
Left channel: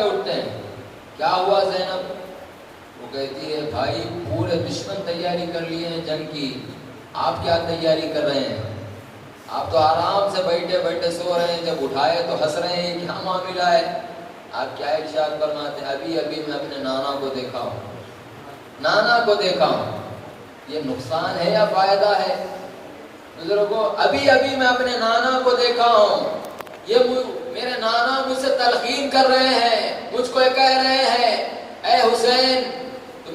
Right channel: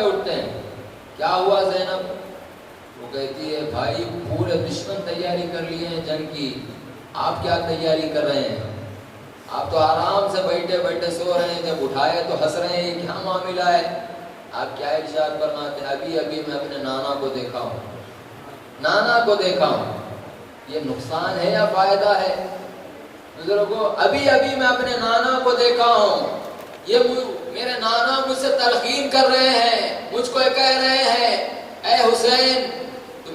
اٹھتے ہیں، کیا ہوا زینب؟ وہ کہتی ہے بھائی پورے دشمن تیاری کر لیے ہیں جنگ کی، آپ کیا تیاری کر رہے ہیں؟ آپ تو آرام سے بیٹھے سو رہے ہیں، جب اٹھائے تو ہنس رہے ہیں، کیا معاملہ ہے؟ آپ کیا ارشاد فرماتے ہیں؟ ابھی میں اپنے نانا کو دیکھا ہوں، یہ نقصان ہے یا فائدہ ہے؟ بزرگوں، ابھی میں اپنے نانا کو دیکھا ہوں، یہ میرے نانا مجھ سے تلقین کر رہے ہیں، مجھ کو کہہ رہے ہیں اے حسین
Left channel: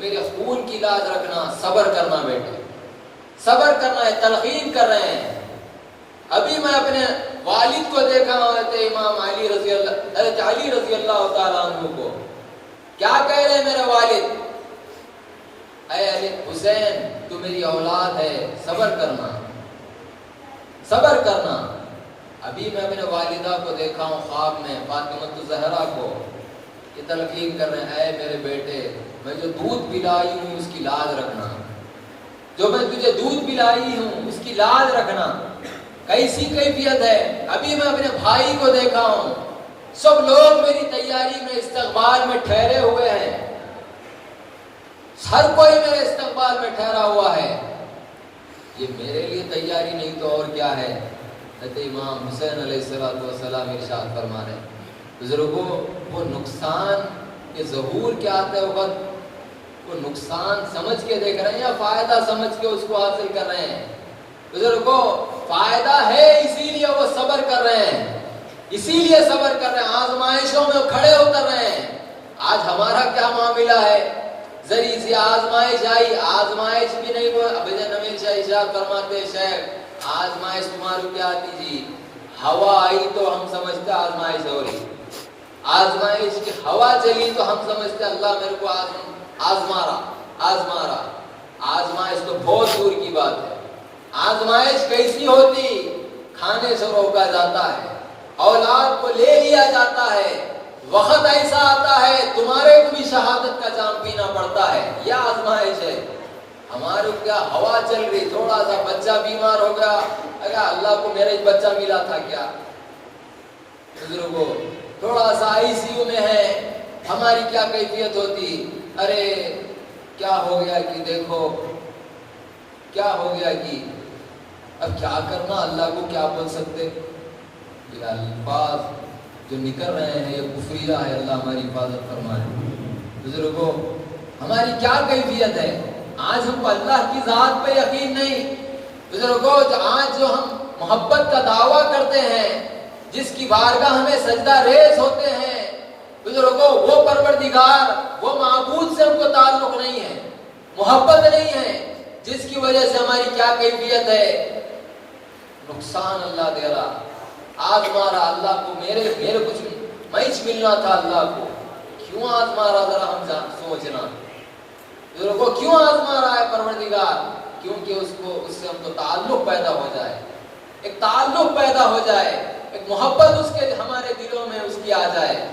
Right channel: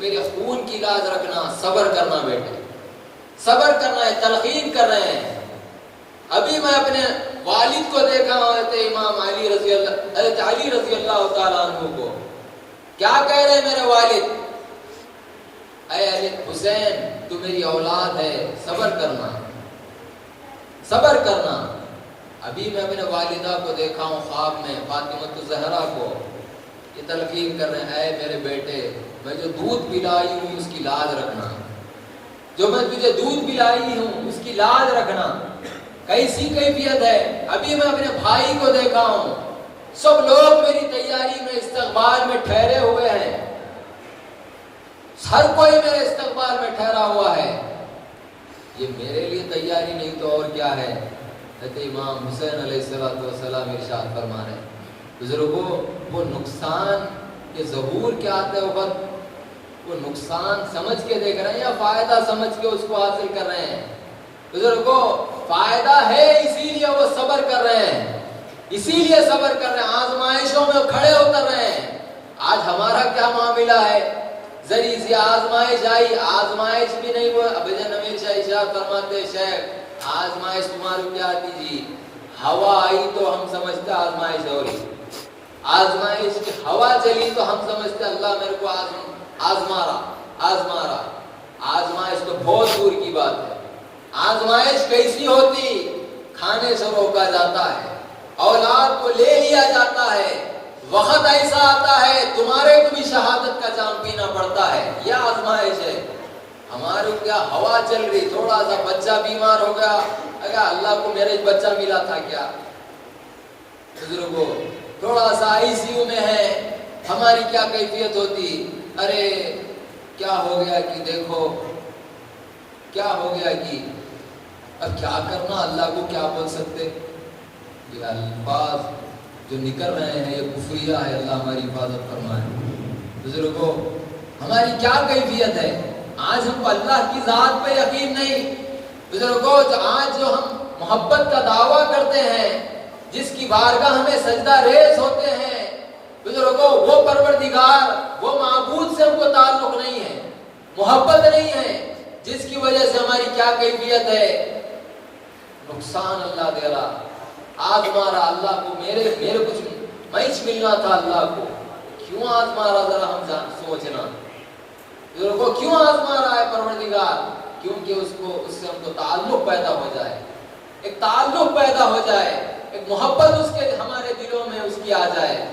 میرے خون کی لاج رکھنا، صبر کرنا بیٹا، صبر کرنا ہے، تلقین کر رہے ہیں۔ ابھی میں اپنے والد کو دیکھا حضرت امام علی رضی اللہ، حضرت علی رضی اللہ تعالیٰ عنہ کو کیا کہہ رہے ہیں میرے والد، اے علی حسین تو میری اولاد ہے، صبر کرنا، صبر کرنا۔ ابھی میں اپنے والدہ کو دیکھا ہوں خواب میں، فاطمہ الزہرا کو، یہ تلقین کر رہے ہیں، اے میرے بیٹے میں جو دودھ پلائی ہوں اس کی لاج رکھنا، جو میں تجھے دودھ پلائی ہوں اس کی لاج رکھنا۔ کیسی کیفیت ہے؟ ابھی میں اپنے بھائی کو دیکھا ہوں، سب لوگ میری تیاری میں استقبال میں ٹھہرے ہوئے ہیں، ہر کوئی میرے استقبال میں ٹھہرا ہوا ہے، یہ میرے لیے تیاری نہیں تو اور کیا ہے؟ حضرت امام حسین علیہ السلام ارشاد فرما رہے ہیں بزرگوں، وہ نقصان کے ظہور کے آتے وقت وہ نقصان سمجھ کے دیکھ رہے ہیں یا فائدہ سمجھ کے اس کو حاصل کر رہے ہیں؟ بزرگوں فائدہ ہے اسی لیے وہ صبر کر رہے ہیں، اسی لیے صبر کر رہے ہیں، آزمائشوں میں کھڑے اتر رہے ہیں۔ آج ہمارا کیا معاملہ ہے؟ ذریعے سے آزمائش آئی، آزمائش بھی نہیں وہ ابھی نویر شاہ ارشاد فرماتے شیخ آزمائش تمہاری کیا آتی جی، ہوا آئی تو ہم سمجھتے آزمائش ہو رہی، آزمائش کی ہوا چلی تو ہم سمجھتے اللہ میرے کو آزما رہا۔ آزمائش تو بہت دور کی بات ہے۔ آزمائش کیسی ہوتی؟ کھانے سے روکا جاتا ہے، اولاد کو لے لیا جاتا ہے، وقت ایسا آتا ہے تمہارے کو بھی شہادت کا جام پینا پڑتا ہے، یہ آزمائش ہے۔ ہماری کیا ہوا چل رہی، تھوڑا سا بچہ بیمار ہو گیا، اگر اللہ کو میرا بچہ ملا تھا کیا؟ بزرگوں تھوڑا سا آئی سی یو میں ہے، ہماری کیا کیفیت ہوتی؟ ارے کیا ہو گیا کہ دیکھو کیا ہو گیا کہ اب کیا کرنا، اللہ کو کیا بول سکتے؟ یہ الفاظ جو نکل رہے ہیں یہ کفریہ ہے، اللہ ہماری حفاظت فرمائے۔ بزرگوں ہماری کیا کیفیت ہے؟ آج ہم کو اللہ کی ذات پہ یقین نہیں۔ بزرگوں آج جو ہم محبت کا دعویٰ کرتے ہیں، جس کی بارگاہ ہمیں سجدہ ریز ہوتے ہیں، بزرگوں وہ پروردگار، وہ معبود سے ہم کو تعلق نہیں ہے، محبت نہیں ہے، جس کی وجہ سے ہماری کیا کیفیت ہے؟ نقصان اللہ دے رہا، آزما رہا اللہ کو، میرے کچھ معیش ملنا تھا اللہ کو، کیوں آزما رہا؟ ذرا ہم سوچنا بزرگوں، کیوں آزما رہا ہے پروردگار؟ کیونکہ اس سے ہم کو تعلق پیدا ہو جائے، ایک تعلق پیدا ہو جائے، ایک محبت اس کے ہمارے دلوں میں اس کی آ جائے۔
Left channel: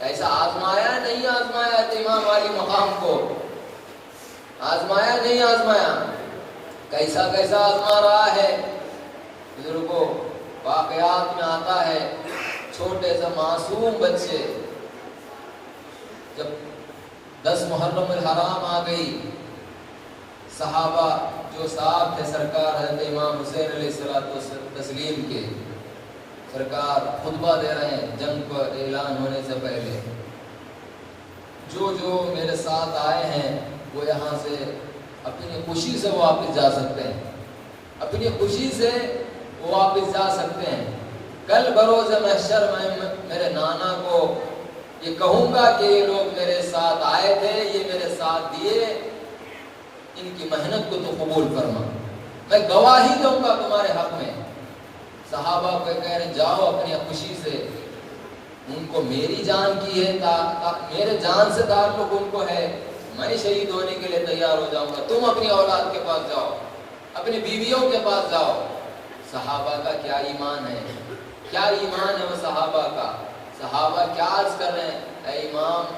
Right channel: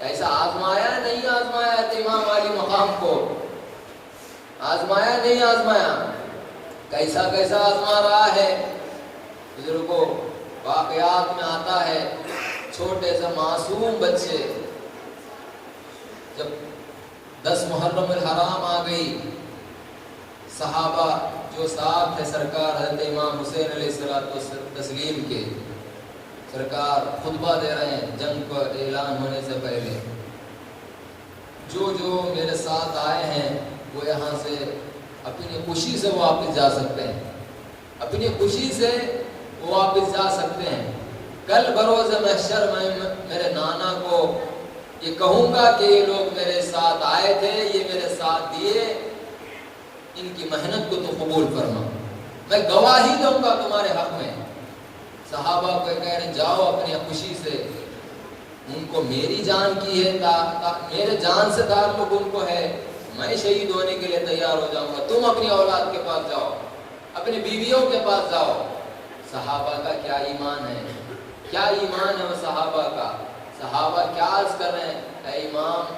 ایسا آزمایا نہیں آزمایا امام والی مقام کو، آزمایا نہیں آزمایا، کیسا آزما رہا ہے؟ بزرگوں واقعات میں آتا ہے چھوٹے سے معصوم بچے، جب 10 محرم الحرام آ گئی، صحابہ جو ساتھ تھے سرکار حضرت امام حسین علیہ السلام کے، سرکار خطبہ دے رہے ہیں جنگ پر اعلان ہونے سے پہلے، جو میرے ساتھ آئے ہیں وہ یہاں سے اپنی خوشی سے واپس جا سکتے ہیں، اپنی خوشی سے واپس جا سکتے ہیں۔ کل بروز محشر میں میرے نانا کو یہ کہوں گا کہ یہ لوگ میرے ساتھ آئے تھے، یہ میرے ساتھ دیے، ان کی محنت کو تو قبول فرما، میں گواہی دوں گا تمہارے حق میں۔ صحابہ کو کہہ رہے جاؤ اپنی خوشی سے، ان کو میری جان کی ہے، میرے جان سے تعلق ان کو ہے، میں شہید ہونے کے لیے تیار ہو جاؤں گا، تم اپنی اولاد کے پاس جاؤ، اپنی بیویوں کے پاس جاؤ۔ صحابہ کا کیا ایمان ہے، کیا ایمان ہے وہ صحابہ کا۔ صحابہ کیا عرض کر رہے ہیں، اے امام،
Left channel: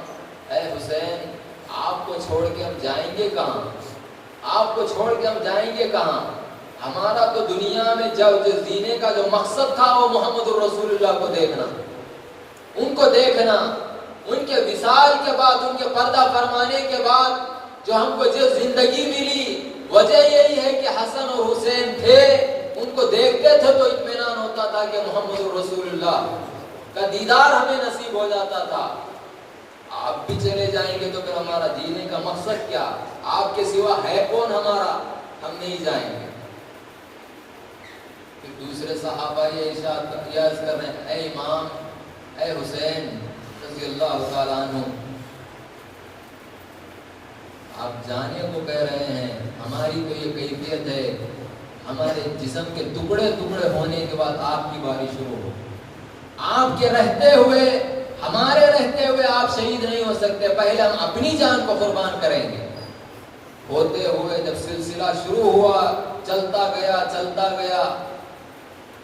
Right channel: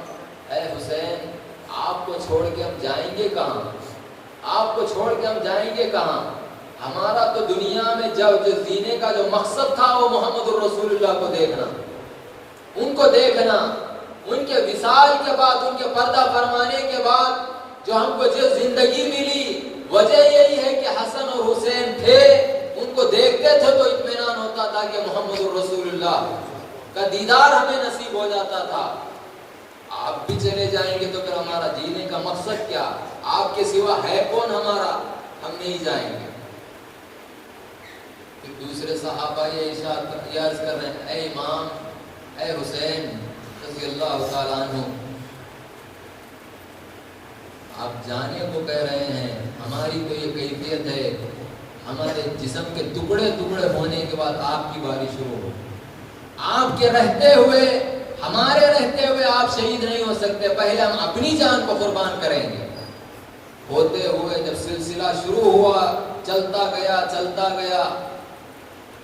اے حسین، آپ کو چھوڑ کے ہم جائیں گے کہاں؟ آپ کو چھوڑ کے ہم جائیں گے کہاں؟ ہمارا تو دنیا میں جس جینے کا جو مقصد تھا وہ محمد الرسول اللہ کو دیکھنا، ان کو دیکھنا، ان کے وصال کے بعد، ان کے پردہ فرمانے کے بعد جو ہم کو جو زندگی ملی، وجہ یہی ہے کہ حسن اور حسین تھے، ان کو دیکھتے تھے تو اطمینان ہوتا تھا کہ محمد الرسول اللہ کا دیدار ہمیں نصیب ہو جاتا تھا۔ آپ بھی چلے جائیں گے تو پھر ہمارا جینے کا مقصد کیا؟ آپ کے سوا ہے کون ہمارا؟ ہم نہیں جائیں گے۔ دوسرے صحابہ یہ ارشاد عرض کر رہے ہیں، اے امام، اے حسین رضی اللہ تعالیٰ عنہ، آپ جانے کو کہہ رہے ہیں، ہماری تو یہ کیفیت ہے، ہمارے جسم کے ٹکڑے ٹکڑے ہونے کے بعد آپ کی باری شروع ہو، آپ کے رہتے ہوئے، ہمارے رہتے ہوئے آپ شہید نہیں ہو سکتے، پہلے ہم اپنی جان کو قربان کریں گے۔ ہوتے ہوئے جب سلسلہ شروع ہوا، چلتا گیا،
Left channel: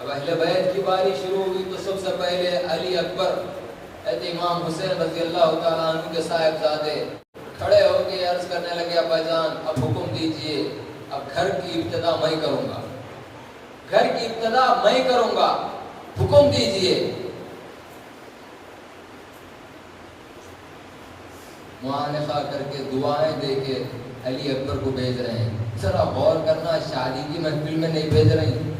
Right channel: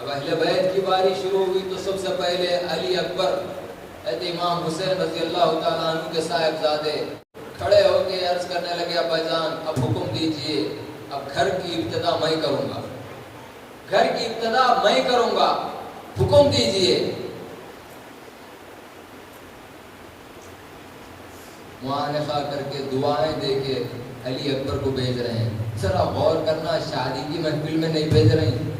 اب اہل بیت کی باری شروع ہوئی تو سب سے پہلے علی اکبر امام حسین رضی اللہ تعالیٰ عنہ کے صاحبزادے کھڑے ہو کے عرض کرنے لگے، ابا جان اب حکم دیجئے، اب گھر کی ابتدا میں کروں گا، گھر کی ابتدا میں کروں گا، حکم دیجئے۔ معانقہ کر کے دعائیں دے کے علی اکبر کو بھیج رہے ہیں۔ ذرا غور کرنا، شادی کی محفل میں نہیں بھیج رہے ہیں،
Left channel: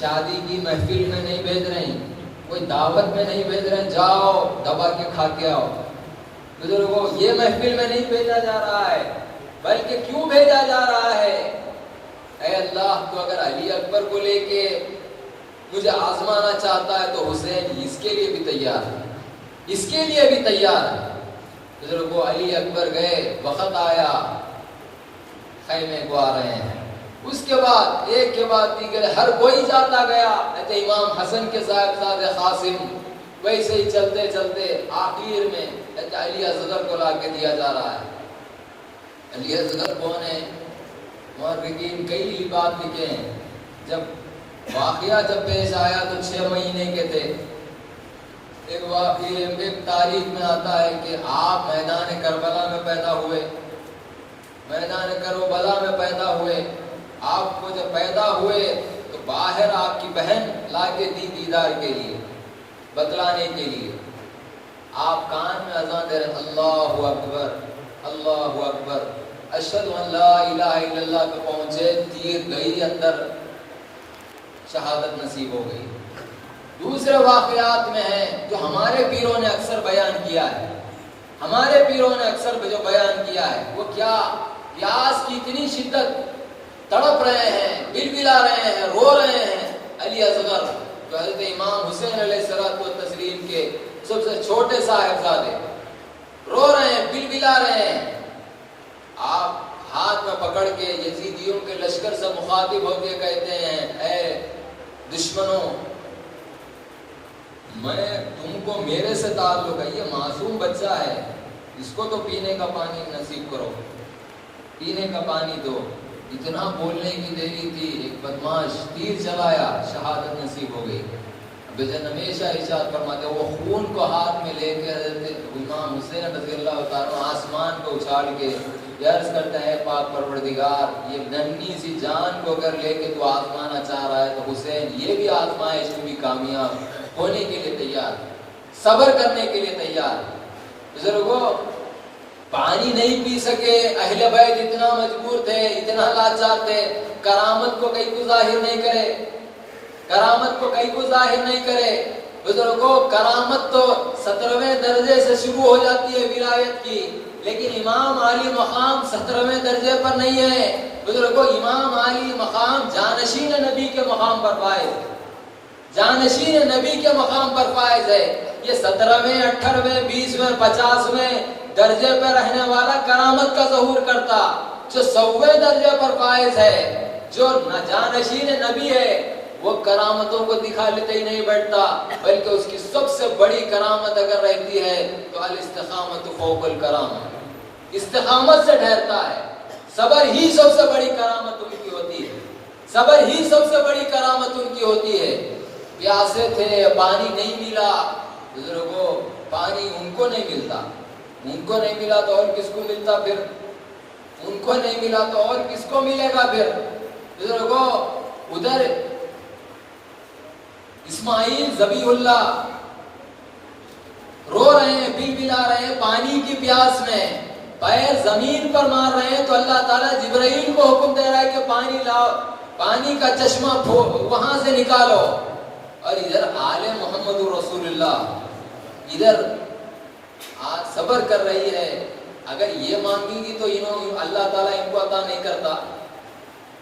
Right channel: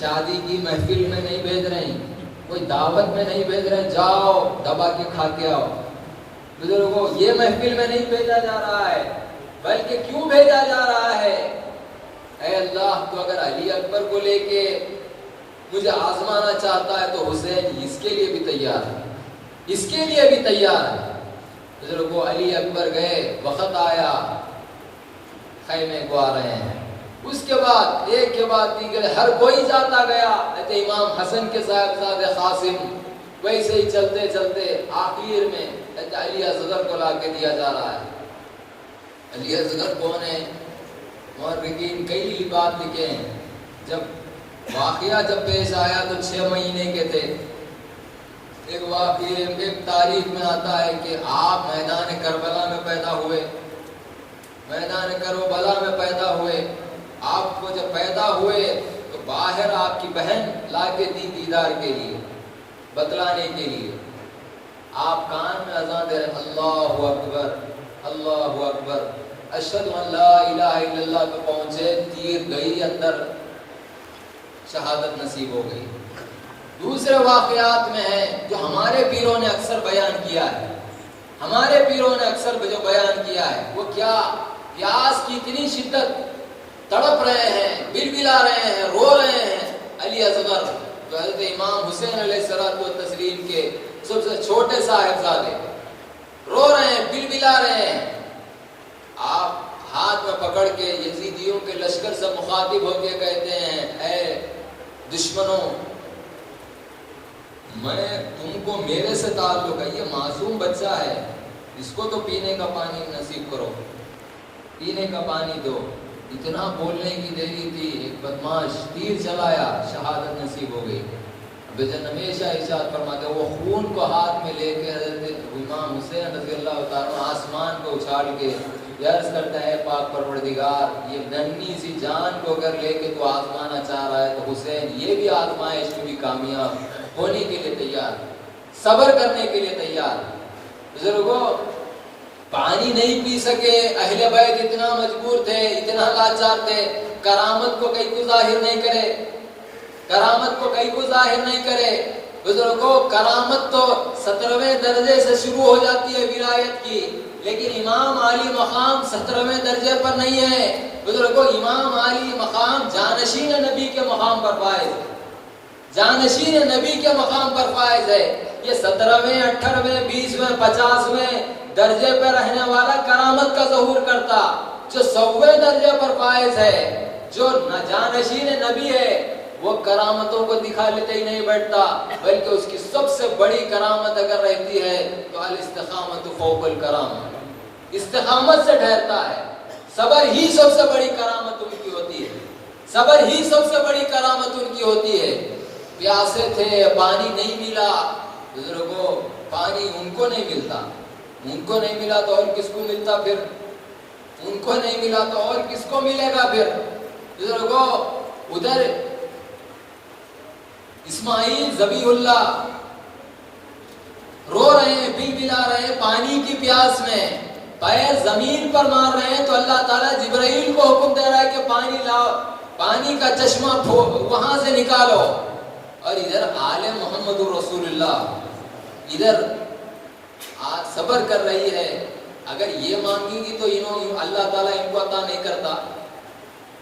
شادی کی محفل میں نہیں بھیج رہے ہیں، کوئی دعوت میں نہیں بھیج رہے ہیں جاؤ دبا کے کھا کے آؤ۔ بزرگوں، یہ محفل میں نہیں بھیجا جا رہا ہے، بلکہ کیوں بھیجا جا رہا ہے؟ اے اللہ، تو اگر علی اکبر کو لے کے مجھے آزمانا چاہتا ہے تو حسین اس کے لیے بھی تیار ہے، اس کے لیے بھی تیار ہے۔ بزرگوں، علی اکبر گئے، وقت آیا، خیمے کو آ رہے ہیں، اس کے بعد ایک کے بعد دیگر ہر کوئی جاتا گیا۔ امام حسن کے صاحبزادے قاسم ویسے ہی چلتے چلتے آخر میں علی اصغر کو لا کے دیا جا رہا ہے۔ علی اصغر کون ہے؟ مورخین کئی بات لکھے ہیں۔ جب واقعہ پیش آیا تو 6 مہینے کے تھے۔ ایک واقعہ ایک تاریخ میں آتا ہے کہ آپ میدان کربلا میں پیدا ہوئے، میدان کربلا میں پیدا ہوئے۔ آپ کو جب پیدا ہوئے تو باہر آپ کی بہن لا کے دی دیدار کے لیے، بتلانے کے لیے۔ آپ کان میں اذان دے رہے، اللہ اکبر اللہ اکبر اشہد ان لا الہ الا اللہ کو پہنچے، تیر گئی اندر، شہادت نصیب ہو گئی۔ دوسرے واقعات میں ہے جو ہمارے پیروں نے اکثر بیان کیا ہے، ہمارے پیروں نے اکثر جو بیان کیا ہے وہ کیا؟ پیاس کی اتنی شدت، تڑپ رہے ہیں، بلبلا رہے ہیں، رو رہے ہیں۔ علی اصغر جو حضرت امام حسین علیہ السلام و تسلیم کے سب سے چھوٹے صاحبزادے، رو رہے ہیں، بلبلا رہے ہیں۔ آپ ہاتھ میں پکڑ کے یزیدیوں کے لشکر سے مخاطب ہو کے کہتے ہیں، اے دشمنوں، میں تم کو میرے سے تعلق ہے، یہ معصوم بچہ ہے، اس کو تو پینے کا پانی نصیب کرو، پینے کا پانی دو۔ اتنا بولنے کی دیری تھی، ایک بدماش تیر چلایا، شہادت نصیب ہو گئی۔ بجن ہمیشہ ارشاد فرماتے وہ خون کو ہاتھ میں لے کے حضرت امام حسین رضی اللہ تعالیٰ آسمان کو اچھاڑ کے عرض کرتا ہے، پاک پروردگار، یہ ننھی سی جان کو اگر لے کے تو آسمانا چاہ رہا ہے تو حسین یہ بھی آزمائش میں بھی کامیاب ہونے کے لیے تیار، صبر کرنے کے لیے تیار۔ بزرگوں، پانی نہیں پی سکے، اہل بیت اتنا مجبور تھے، اتنا لاچار تھے، کرامت کو کہیں کو ظاہر نہیں کرے، کرامت کو کہیں کو ظاہر نہیں کرے۔ بزرگوں، کرامت تو 17ویں درجے سے شروع ہو جاتی ہے ولایت کی، لیکن امام عالی مقام 17ویں درجے پر نہیں ہے۔ بزرگوں، امام عالی مقام جانشین نبی کے مقام پر فائز ہے، جانشین نبی کے مقام پر فائز ہے۔ یہ 17ویں 18ویں 20ویں 50ویں درجے پر رہنے والا کرامت کا ظہور کرتا، جو 100ویں درجے پر فائز ہے، جو جانشین نبی ہے، وہ کرامتوں کو دکھا لیتے ہی نہیں بیٹھتا، بلکہ اس کی سب سے بڑی کرامت اگر رہتی ہے تو الاستقامت فوق الکرامہ، استقامت سے ڈھرتا ہے۔ صبر ہی سب سے بڑی کرامت ان کی ہوتی ہے، صبر ہی سب سے بڑی کرامت ان کی ہوتی ہے۔ پیاسے تھے، پانی نہیں ملا، بزرگوں پانی ان کو نہیں ملتا، ان کو نہیں ملا تو اور کس کو ملتا پھر؟ ان کو نہیں ملا تو اور کس کو ملے گا پھر؟ بزرگوں، ادھر اسماعیل ذبیح اللہ رو رہے ہیں، بلبلا رہے ہیں پانی کی پیاس میں، پیر زمین پر مار رہے ہیں تو اللہ تعالیٰ جبرائیل کو حکم دے رہا ہے کہ پانی لاؤ، پانی کا چشمہ وہاں سے نکالو۔ اور ادھر آل محمد رسول اللہ ادھر صبر کر رہی ہے۔ اگر یہ مانگی گی تو اللہ تعالیٰ ان کو عطا نہیں کرتا،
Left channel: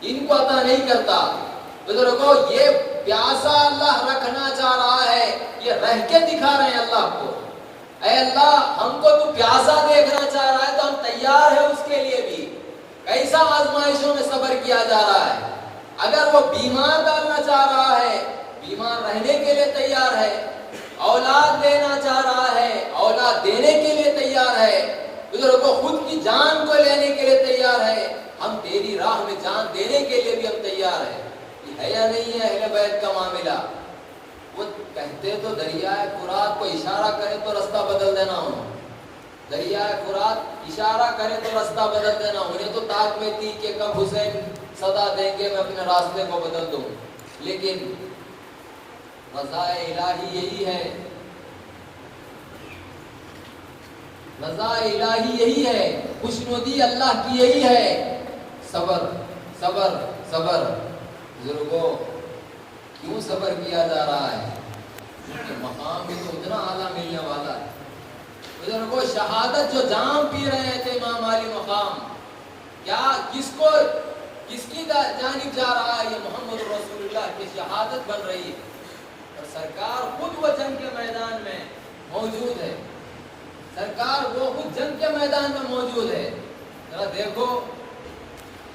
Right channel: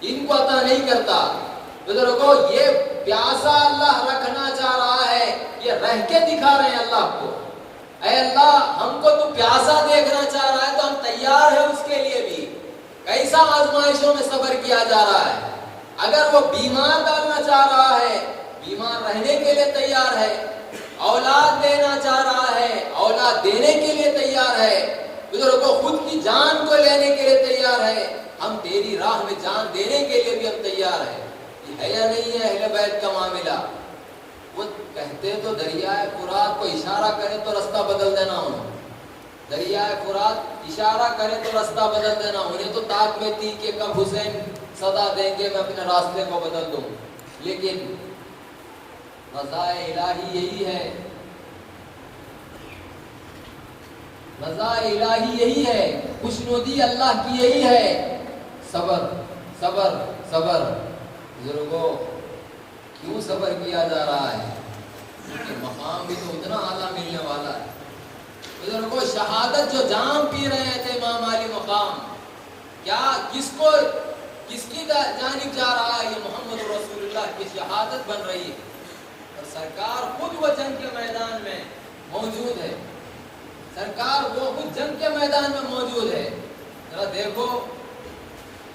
ان کو عطا نہیں کرتا۔ بزرگوں، یہ پیاسا اللہ رکھنا چاہ رہا ہے، یہ رہ کے دکھا رہے ہیں اللہ کو۔ اے اللہ ہم کو تو پیاسا دیکھنا چاہ رہا ہے تو ہم تیار ہیں اس کے لیے بھی. کیسا آزمائشوں میں صبر کیا جا رہا ہے. اگر وہ بیمار ڈالنا چاہ رہا ہے بیمار رہنے کے لیے تیار ہے. اولاد دینا چاہ رہا ہے اولاد دینے کے لیے تیار ہے. بزرگوں خود کی جان کو لینے کے لیے تیار ہے. ہم تیری راہ میں جان دینے کے لیے بھی ہم تیار ہیں. ہے یا نہیں ہے اہل بیت کا معاملہ؟ وہ کہتے تو دریائے فرات کو اشارہ کرے تو رستہ بدل دینا ہو. دریائے فرات اشارہ کرے تو رستہ بدل دینا. انہیں تو طاق میں تھی کہ کب حسین صدا دیں گے میں اپنے راستے کو بدل دوں. لیکن رضا الہی یہی ہے. رضا الہی یہی ہے. خوشنودی اللہ کی یہی ہے. صبر صبر صبر. بزرگوں کیوں صبر کیا جا رہا ہے؟ کہ مقام بھی تو اتنا اعلیٰ ملنے والا ہے. بزرگوں شہادت جو جام پی رہے تھے امام علی مقام, کیا کس کی جانب جا رہا ہے؟ یہ محمد رسول اللہ کی شہادت بن رہی ہے. اور سرکار خود وہ جنگ کے میدان میں موجود ہے. سرکار وہ خود جنگ کے میدان میں موجود ہے. ذرا دیکھو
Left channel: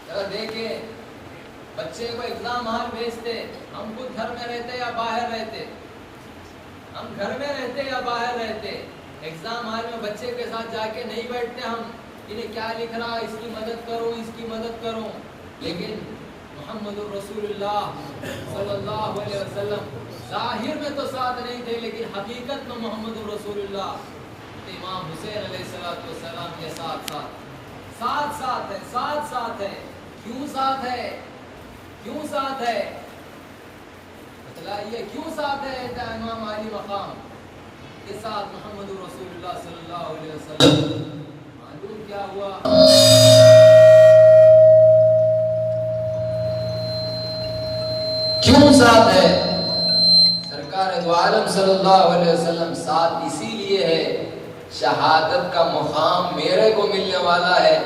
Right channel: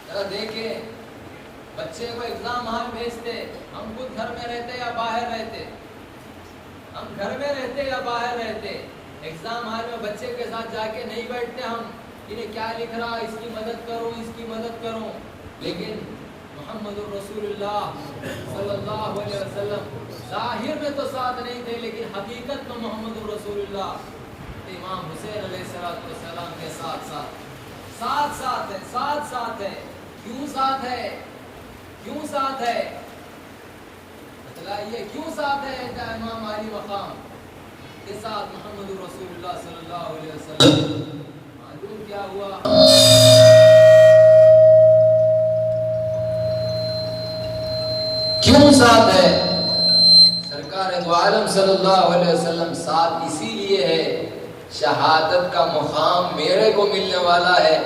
ذرا دیکھیں بچے کو ایگزام ہال بھیجتے, ہم خود گھر میں رہتے یا باہر رہتے؟ ہم گھر میں رہتے یا باہر رہتے؟ ایگزام ہال میں بچے کے ساتھ جا کے نہیں بیٹھتے ہم, انہیں کیا لکھ رہا اس کی مدد کرو اس کی مدد کرو. لیکن محمد رسول اللہ صلی اللہ علیہ وسلم ظاہر میں تو ساتھ نہیں تھے لیکن حقیقت میں محمد رسول اللہ امام حسین علیہ السلام کے ساتھ ساتھ ہے. کیوں ساتھ ہے؟ کیوں ساتھ ہے؟ بتلائیے کیوں ساتھ ہے امام علی مقام کے ساتھ محمد رسول اللہ صلی اللہ علیہ وسلم؟ معلوم کیا ہوا؟ کیوں ساتھ ہے سرکار دو عالم صلی اللہ علیہ وسلم؟ ساتھ اسی لیے ہے شہادت کا مقام میرے کو ملنے والا ہے.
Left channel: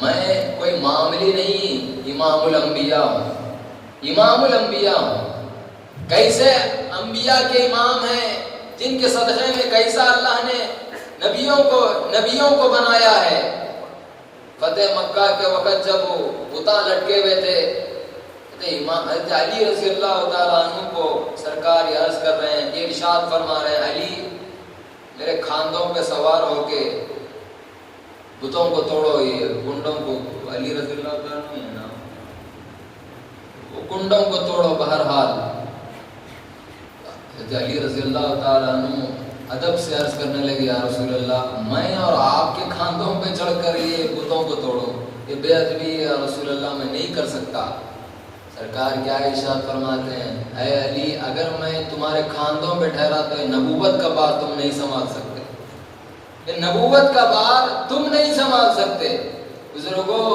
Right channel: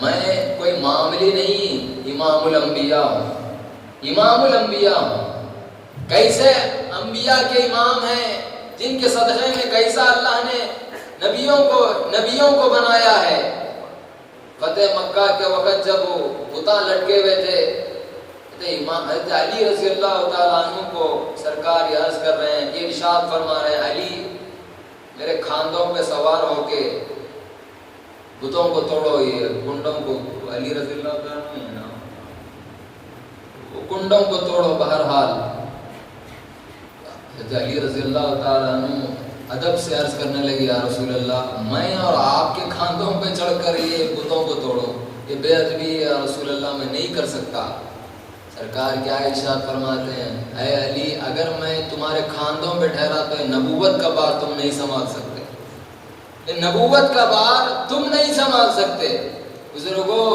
میں کوئی معاملی نہیں, امام الانبیاء ہوں. امام الانبیاء کیسے انبیاء کے امام ہیں جن کے صدقے میں کیسا اللہ نے نبیوں کو بنایا ہے. فتح مکہ کے وقت جب وہ بتا لٹکے ہوئے تھے امام حضرت علی رضی اللہ تعالیٰ عنہ کو سرکار یہ عرض کر رہے ہیں, یہ ارشاد فرما رہے ہیں, علی میرے کھاندوں پہ سوار ہو کے بتوں کو توڑو, یہ کنڈوں کو. علی رضی اللہ تعالیٰ عنہ ہے نا, وہ کنڈوں کو توڑو. بہرحال علی رضی اللہ تعالیٰ عنہ ادب سے عرض کرنے لگے یا رسول اللہ میں اور آپ کے کھاندوں پہ چڑھ کر یہ بتوں کو توڑو, یہ بے ادبی ہے رسول اللہ, میں نہیں کر سکتا. سرکار کیا ارشاد فرماتے ہیں, اے علی اگر میں تمہارے کھاندوں پہ ٹھہراتے نبوت کا بار تم نہیں سنبھال سکتے. نبوت کا بار تم نہیں سنبھال سکتے. بزرگوں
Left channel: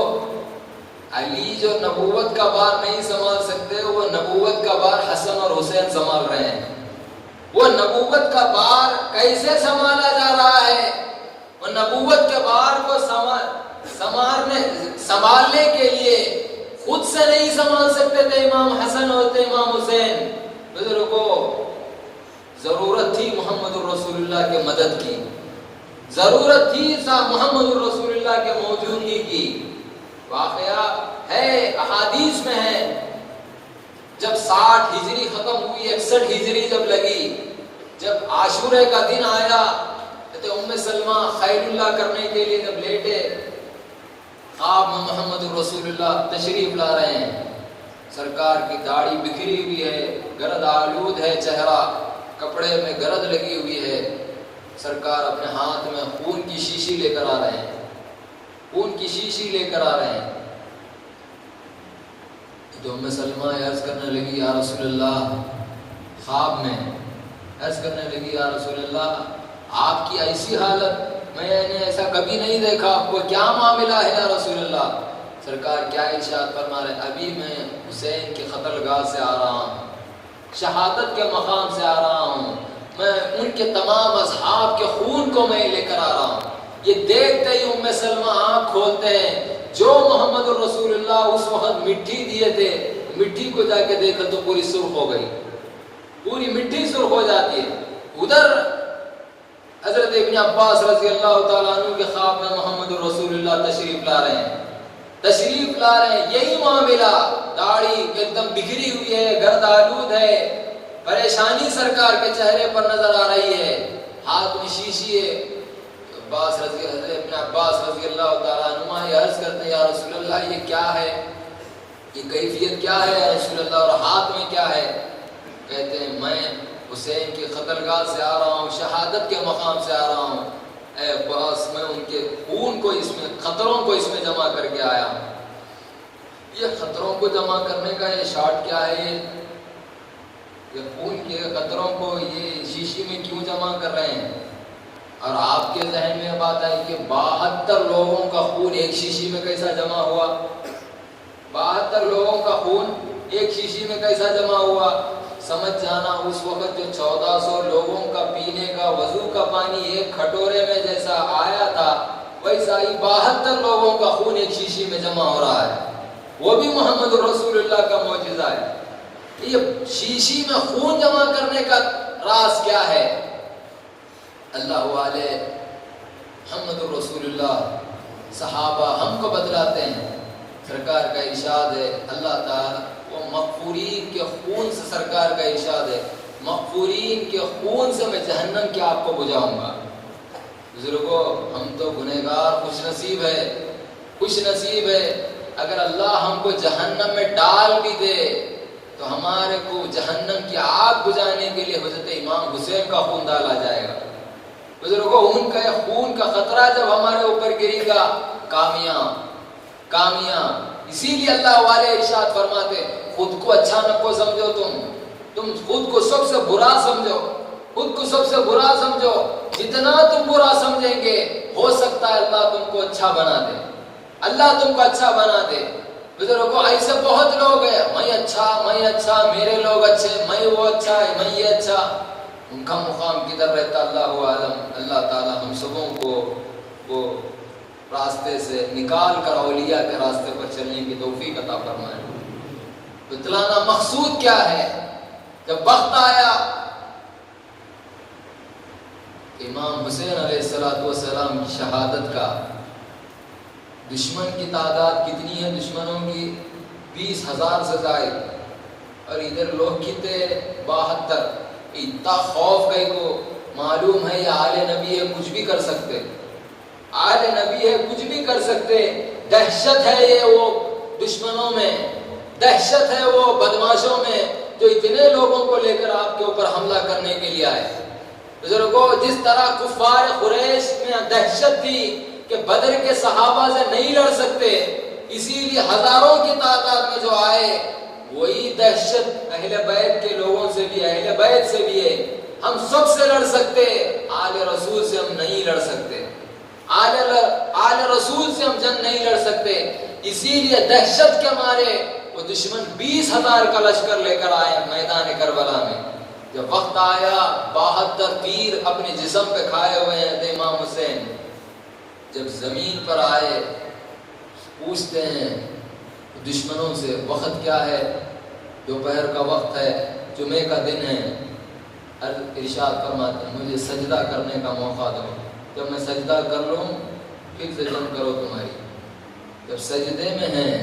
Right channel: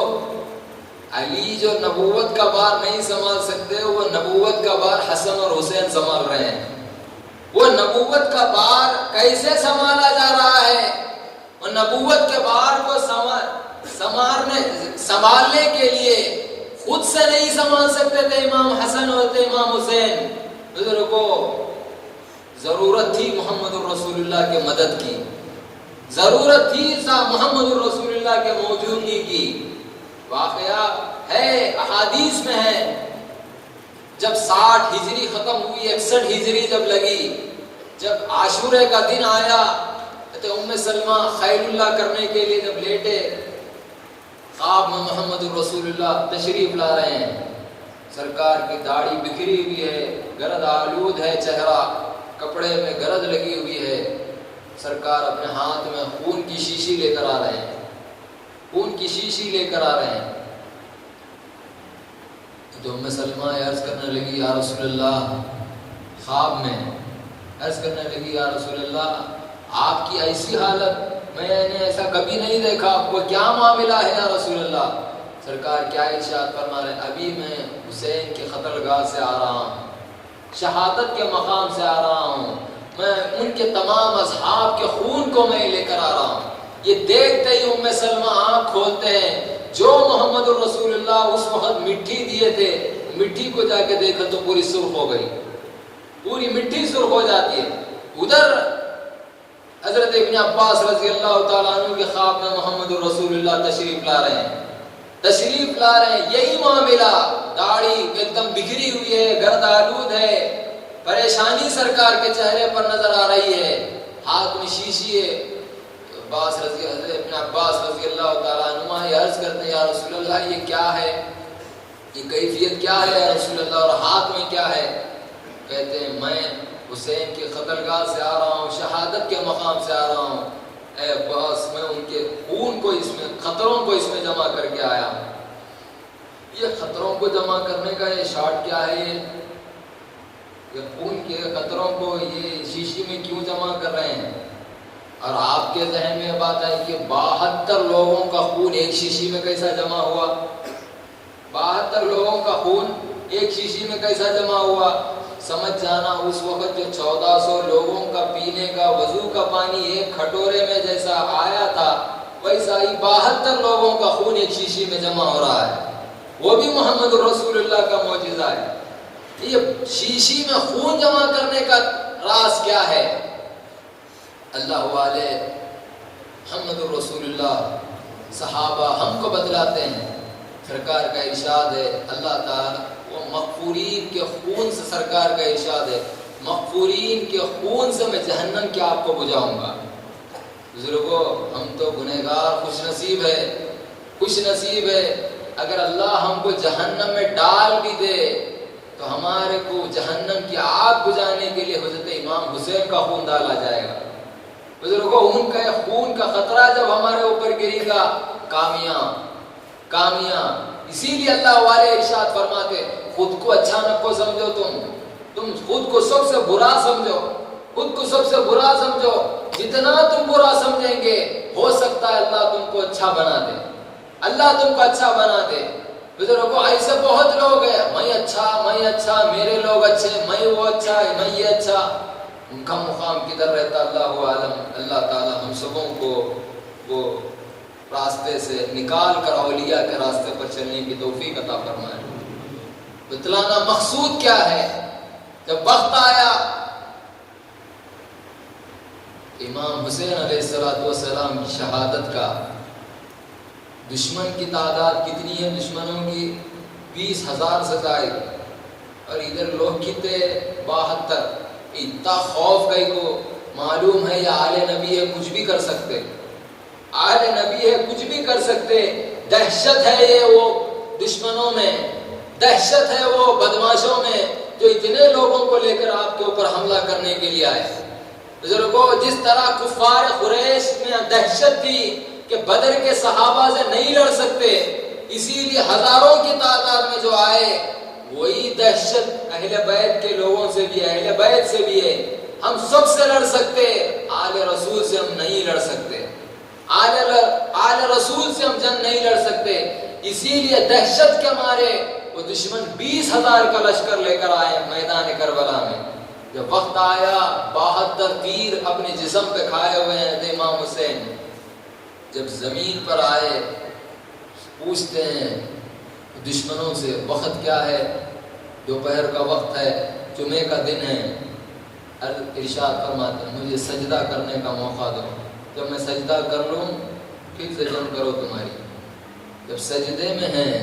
علی جو نبوت کا بار نہیں سنبھال سکتے, وہ نبوت کا بار حسن اور حسین سنبھال رہے ہیں. وہ نبوت کا بار کیسے سنبھالا جا رہا ہے؟ وہ نبوت کے بار کو سنبھالنے کے لیے خود سے نہیں سنبھال سکتے تھے امام حسن ہوتے امام حسین. بزرگوں ضرورت تھی محمد رسول اللہ کے مدد کی, ضرورت تھی محمد رسول اللہ کے موجودگی کی. واقعہ ہے احادیث میں ہے, جب 60 ہجری ختم ہوئی 61 ہجری جب لگی, جب عاشورے کا دن آیا تو ام سلمہ خیر اللہ کرنے کے لیے جب لیٹے, خواب میں محمد رسول اللہ تشریف لا رہے ہیں. سرکار کی داڑھی بکھری ہوئی ہے, گرد آلود ہے چہرہ, کپڑے میں گرد لگی ہوئی ہے. سرکار اپنے ہاتھ میں خون کی شیشی لے کر آ رہے ہیں, خون کی شیشی لے کر آ رہے ہیں. تو ام سلمہ عرض کرنے لگی یا رسول اللہ, خواب میں عرض کرنے لگی یا رسول اللہ آپ کی ایسی حالت میں نے ایسا کبھی نہیں دیکھا, آپ کو کیا معاملہ ہے یا رسول اللہ؟ سرکار کیا ارشاد فرما رہے, ابھی میں حسین کے قتل گاہ سے آ رہا ہوں, شہادت کے مقام سے آ رہا ہوں, میں ان کے تمام اصحاب کے خون کو میں لے کر آ رہا ہوں. یہ دیکھتے ہی ام سلمہ آنکھ کھولتے ہیں, جو محمد رسول اللہ اس وقت مٹی دیے تھے, مٹی کو جا کے دیکھا تو پوری سرخ ہو گئی, پوری مٹی سرخ ہو جاتی ہے. ادھر حضرت حضرت ابن عباس رضی اللہ تعالیٰ عنہ کے خواب میں محمد رسول اللہ تشریف لا رہے ہیں، تشریف لا رہے ہیں، یہی معاملہ، داڑھی ایک دم بکھری ہوئی ہے، گرد آلود ہے، پریشانی سرکار کے چہرے پر نظر آ رہی ہے، ہاتھ میں شیشی ہے۔ حضرت ابن عباس رضی اللہ تعالیٰ عنہ یہ عرض کرتے ہیں یا رسول اللہ یہ کیا ہے، یہ کیفیت کیا ہے یا رسول اللہ، اور ہاتھ میں کیا ہے؟ کہتے ہیں میں حسین کے قتلگاہ سے آ رہا ہوں، شہادت کے مقام سے آ رہا ہوں، اے باس میں ان کے خون کو اس میں، خطروں کو اس میں جمع کر کے آیا ہوں۔ یہ خطروں کو جمع کرنے کا یہ شارٹ کیا ہے؟ یہ خون کے خطروں کو یہ شیشی میں کیوں جمع کر رہے ہیں؟ اور آپ کے ذہن میں بات ہے کہ 72 لوگوں کا خون ایک شیشی میں کیسا جمع ہوا؟ 72 لوگوں کا خون ایک شیشی میں کیسا جمع ہوا؟ سمجھ جانا اس وقت جو 1400 لوگوں کا پینے کا وضو کا پانی ایک کھٹورے میں جیسا آیا تھا، ویسا ہی 72 لوگوں کا خون ایک شیشی میں جمع ہو رہا ہے۔ وہ بھی محمد رسول اللہ کا معجزہ ہے۔ یہ شیشی میں خون جمع کرنے کا راز کیا ہے؟ اللہ والے محمد رسول اللہ صحابہ ہم کو بتلاتے ہیں، سرکار کا ارشاد ہے، اللہ تعالیٰ وہ مغفورین کے خون سے، سرکار کا ارشاد ہے مغفورین کے خون سے میں جہنم کے آگ کو بجھاؤں گا۔ بزرگوں ہم تو گنہگار، خوش نصیب ہے، خوش نصیب ہے اگر اللہ ہم کو جہنم میں ڈال بھی دے تو ہمارے کو جہنم کی آگ بجھانے کے لیے حضرت امام حسین کا خون ڈالا جائے گا۔ بزرگوں ان کے خون کا خطرہ جب ہمارے اوپر گرے گا، کامیاب۔ اسی لیے اللہ والے ارشاد فرماتے خود کو اچھا نہ کو سمجھو، تم خود کو سب سے برا سمجھو، خود کو سب سے برا سمجھو، جتنا تم برا سمجھیں گے ہو سکتا ہے اللہ تم کو اچھا بنا دے، اللہ تم کو اچھا بنا دے۔ بزرگوں ایسے بہت لوگ ہیں، میں اچھا، میرے لوگ اچھے، میں وہ اچھا ہے، میں یہ اچھا، ان کا مقام کدھر رہتا اللہ عالم۔ اللہ تعالیٰ ہم سبوں کو وہ راستے سے نکال کر اولیاء کے راستے پر چلنے کی توفیق عطا فرمائے۔ بتلانا مقصود کیا ہے؟ جب وقت آیا امام حسین علیہ السلام کی شہادت کا، دشمن کی تعداد کتنی ہے؟ دشمنوں کی 20,000 سے زائد، اور ادھر لوگ کتنے 72۔ اتنا خوف گئی کو معلوم ہے یہ آل نبی ہے، کچھ بھی کر سکتے، آل نبی ہے کچھ بھی کر سکتے۔ دہشت ہے یہ وہ دشمنوں میں، دہشت ہے وہ بدماشوں میں جو اتنے لوگوں کو لے کر آپ کے اوپر حملہ کرنے کے لیے آئے۔ بزرگوں جس طرح کفار قریش میں دہشت تھی کہ بدر کے صحابہ سے نہیں لڑ سکتے، اسی لیے ہزاروں کی تعداد میں جو آئے، وہی دہشت اہل بیت کے لوگوں سے بھی، اہل بیت سے بھی ہے۔ ہم سب سے لڑ سکتے، آل رسول سے ہم نہیں لڑ سکتے، آل رسول سے ہم جنگ نہیں لڑ سکتے۔ اسی لیے دہشت کے مارے وہ دشمن 20,000 کا لشکر لے کر آئے میدان کربلا میں۔ جب وقت آیا 72 تیر اپنے جسم پہ کھائے ہوئے ہیں امام حسین، جب زمین پر آئے پوچھتے ہیں دشمنوں سے وقت کیا ہے؟ دوپہر کا وقت ہے، جمعے کا دن ہے۔ ارشاد فرماتے ہیں مجھے سجدہ کرنے کا موقع دو، جب میں سجدہ کر لوں پھر سے جنگ کرو تمہاری۔ جب سجدے میں ہیں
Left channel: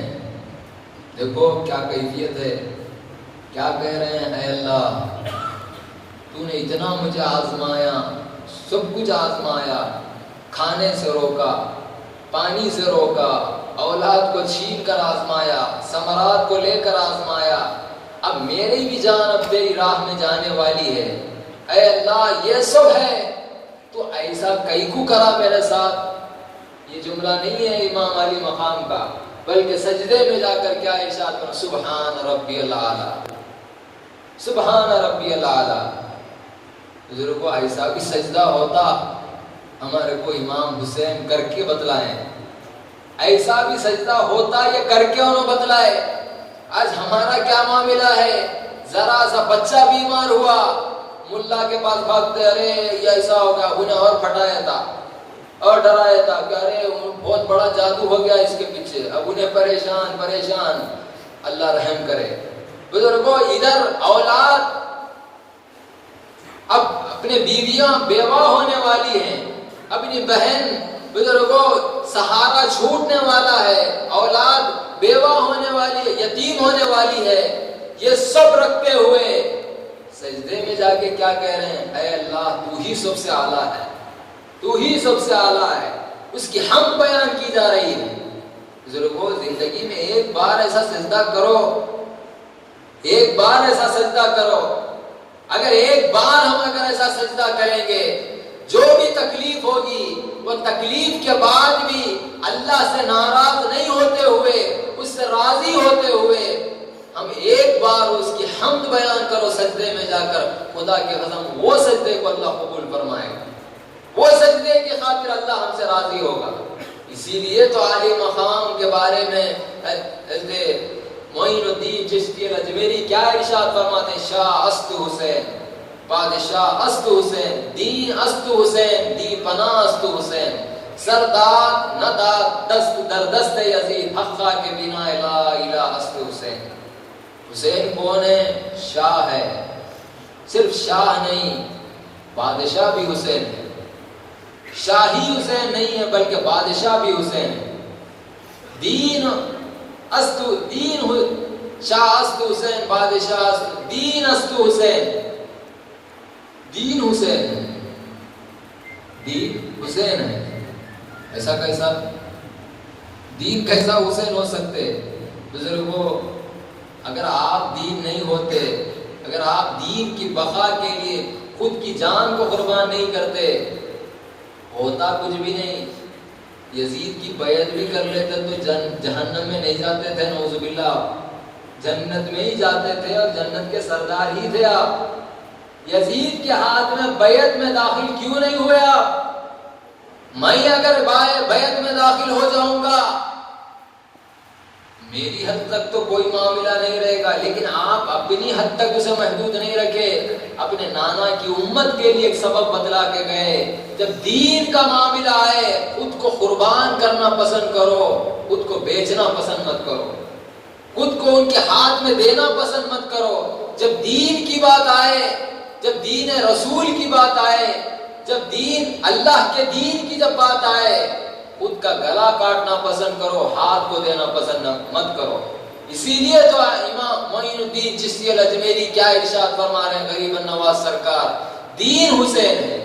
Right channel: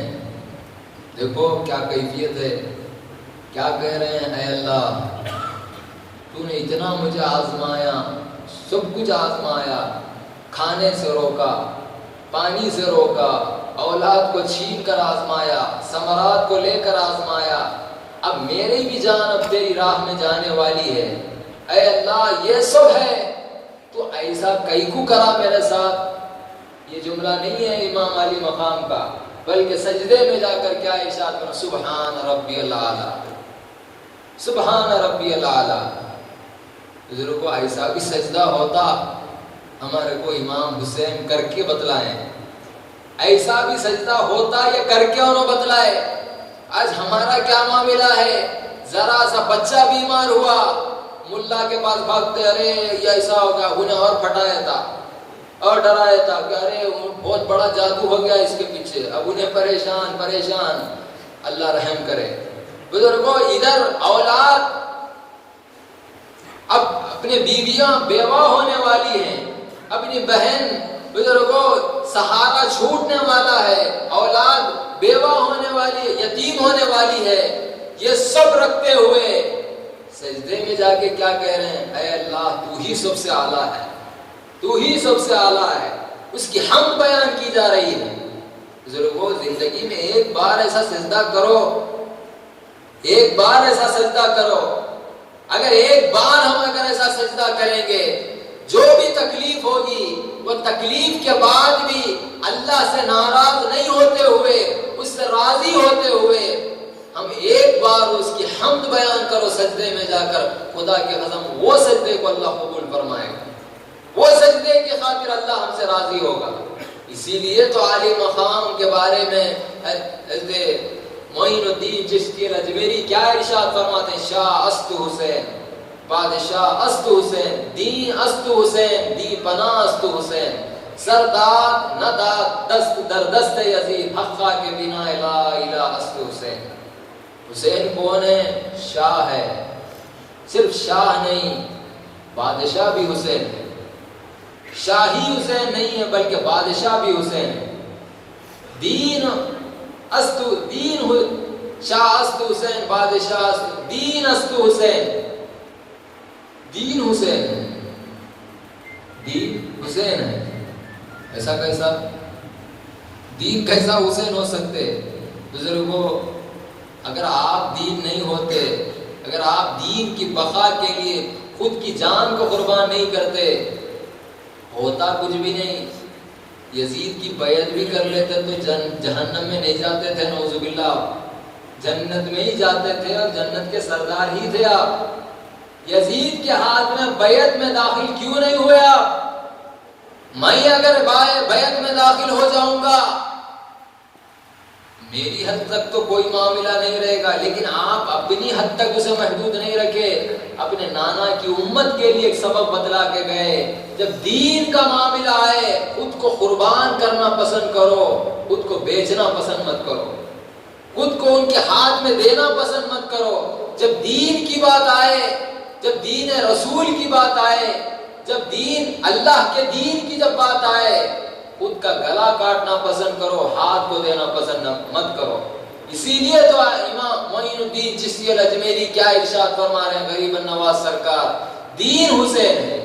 دیکھو کیا کیفیت ہے، کیا کہہ رہے ہیں، اے اللہ تو نے اتنا مجھے آزمایا، سب کچھ آزمایا، کھانے سے روکا، پانی سے روکا، اولاد کو چھین کر آزمایا، ثمرات کو لے کر آزمایا، اب میری بھی جان اب تیری راہ میں جانے والی ہے، اے اللہ یہ سب ہے تو ایسا کئی کو کرا میرے ساتھ۔ یہ جملہ نہیں ہے امام علی مقام کا، بلکہ سجدے میں جا کر کیا ارشاد کرنا، سبحان ربی الاعلی، سبحان ربی الاعلی۔ بزرگوں ایسا بھی سجدہ ہوتا ہمارے کو امام حسین کر کے بتلائیں، ایسا بھی سجدہ ہوتا یہ کر کے انہوں بتلائے۔ آج ہمارا کیا معاملہ ہے، ذرا سا بچہ بیمار ہوا ملا کے پاس بھاگتے، ارے یہ ایسا ہوگا، انہیں اور پھٹایا تھا اور ڈرایا تھا کہ ارے بہت بڑا جادو ہو گیا اس کے پیچھے، اب انہیں پریشان۔ اللہ رحم کرے۔ بزرگوں ادھر اولاد اب اپنے بیویاں بیوہ ہونے والی ہیں، اپنی بہن بزرگوں سہارا چھوٹنے والا ہے، اولاد بیوہ ہونے والی ہے، یتیم ہونے والی ہے، یہ سب رکھتے ہوئے سجدے میں جا کے کیا کہہ رہے ہیں؟ اے اللہ تو ہی سب سے اعلیٰ ہے، تو ہی سب سے اعلیٰ ہے، اس کی حمد بیان کی جا رہی ہے۔ بزرگوں زندگی میں ایک بار ایسا سجدہ کرو، ایک بار ایسا سجدہ کرو۔ اگر ایک بار ہم اگر ایسا سجدہ کریں گے، جو بھی تکلیف ہوگی وہ تکلیف کے بعد بھی اللہ سے ناراض نہیں ہوتے ہوئے، اس سے راضی ہوتے ہوئے ہم ایک بار اس کی حمد بیان کرو سجدے میں جا کر، خدا کے قسم وہ سجدے کو اللہ قبول فرمائے گا، وہ سجدے کی خاطر اللہ ہم سے راضی ہوگا۔ اسی لیے تو عالی مقام کے بارے میں معین الدین چشتی الاجمیری کیا ارشاد فرماتے ہیں؟ شاہ است حسین، بادشاہ است حسین، دین است حسین، دین پناہ است حسین، سردار نداد دست در دست یزید، حقا کے بنا لا الہ است حسین۔ حسین کون ہے؟ شاہ ہے، صرف شاہ نہیں بادشاہ بھی حسین ہے، شاہی حسین نہیں ہے بلکہ بادشاہ بھی حسین ہے۔ دین است دین شاہ است حسین، بادشاہ است، دین است حسین، دین حسین ہے، دین حسین ہے۔ ایسا کیسا دین کیسا حسین ہو سکتے؟ بزرگوں اگر آپ دین نہیں ہوتے، اگر آپ دین کی بقا کے لیے خود کی جان کو قربان نہیں کرتے، ہوتا کچھ بھی نہیں۔ یزید کی بیعت بھی کر لیتے تو جہنم میں نہیں جاتے تھے، نعوذ باللہ، جنت میں ہی جاتے تھے، اور جنت کے سردار ہی تھے آپ۔ یزید کے ہاتھ میں بیعت میں داخل کیوں نہیں ہوئے آپ؟ میں اگر بیعت میں داخل ہو جاؤں گا میری حد تک تو کوئی معاملہ نہیں رہے گا، لیکن آپ اپنی حد تک اسے محدود نہیں رکھے، اپنے نانا کی امت کے لیے ایک سبب بتلا کے گئے۔ جب دین کا معاملہ آئے خود کو قربان کرنا پسند کرو، خود کو بیچنا پسند مت کرو، خود کو ان کے ہاتھ میں دینا پسند مت کرو۔ جب دین کی بات آئے، جب دین رسول کی بات آئے، جب دین اللہ کے دین کی جب بات آئے، خود کا گلا کاٹنا پسند کرو، ہاتھ کو دینا پسند مت کرو۔ اسی لیے تو امام معین الدین چشتی الاجمیری کیا ارشاد فرما رہے ہیں غریب النواز سرکار؟ دین حسین ہے،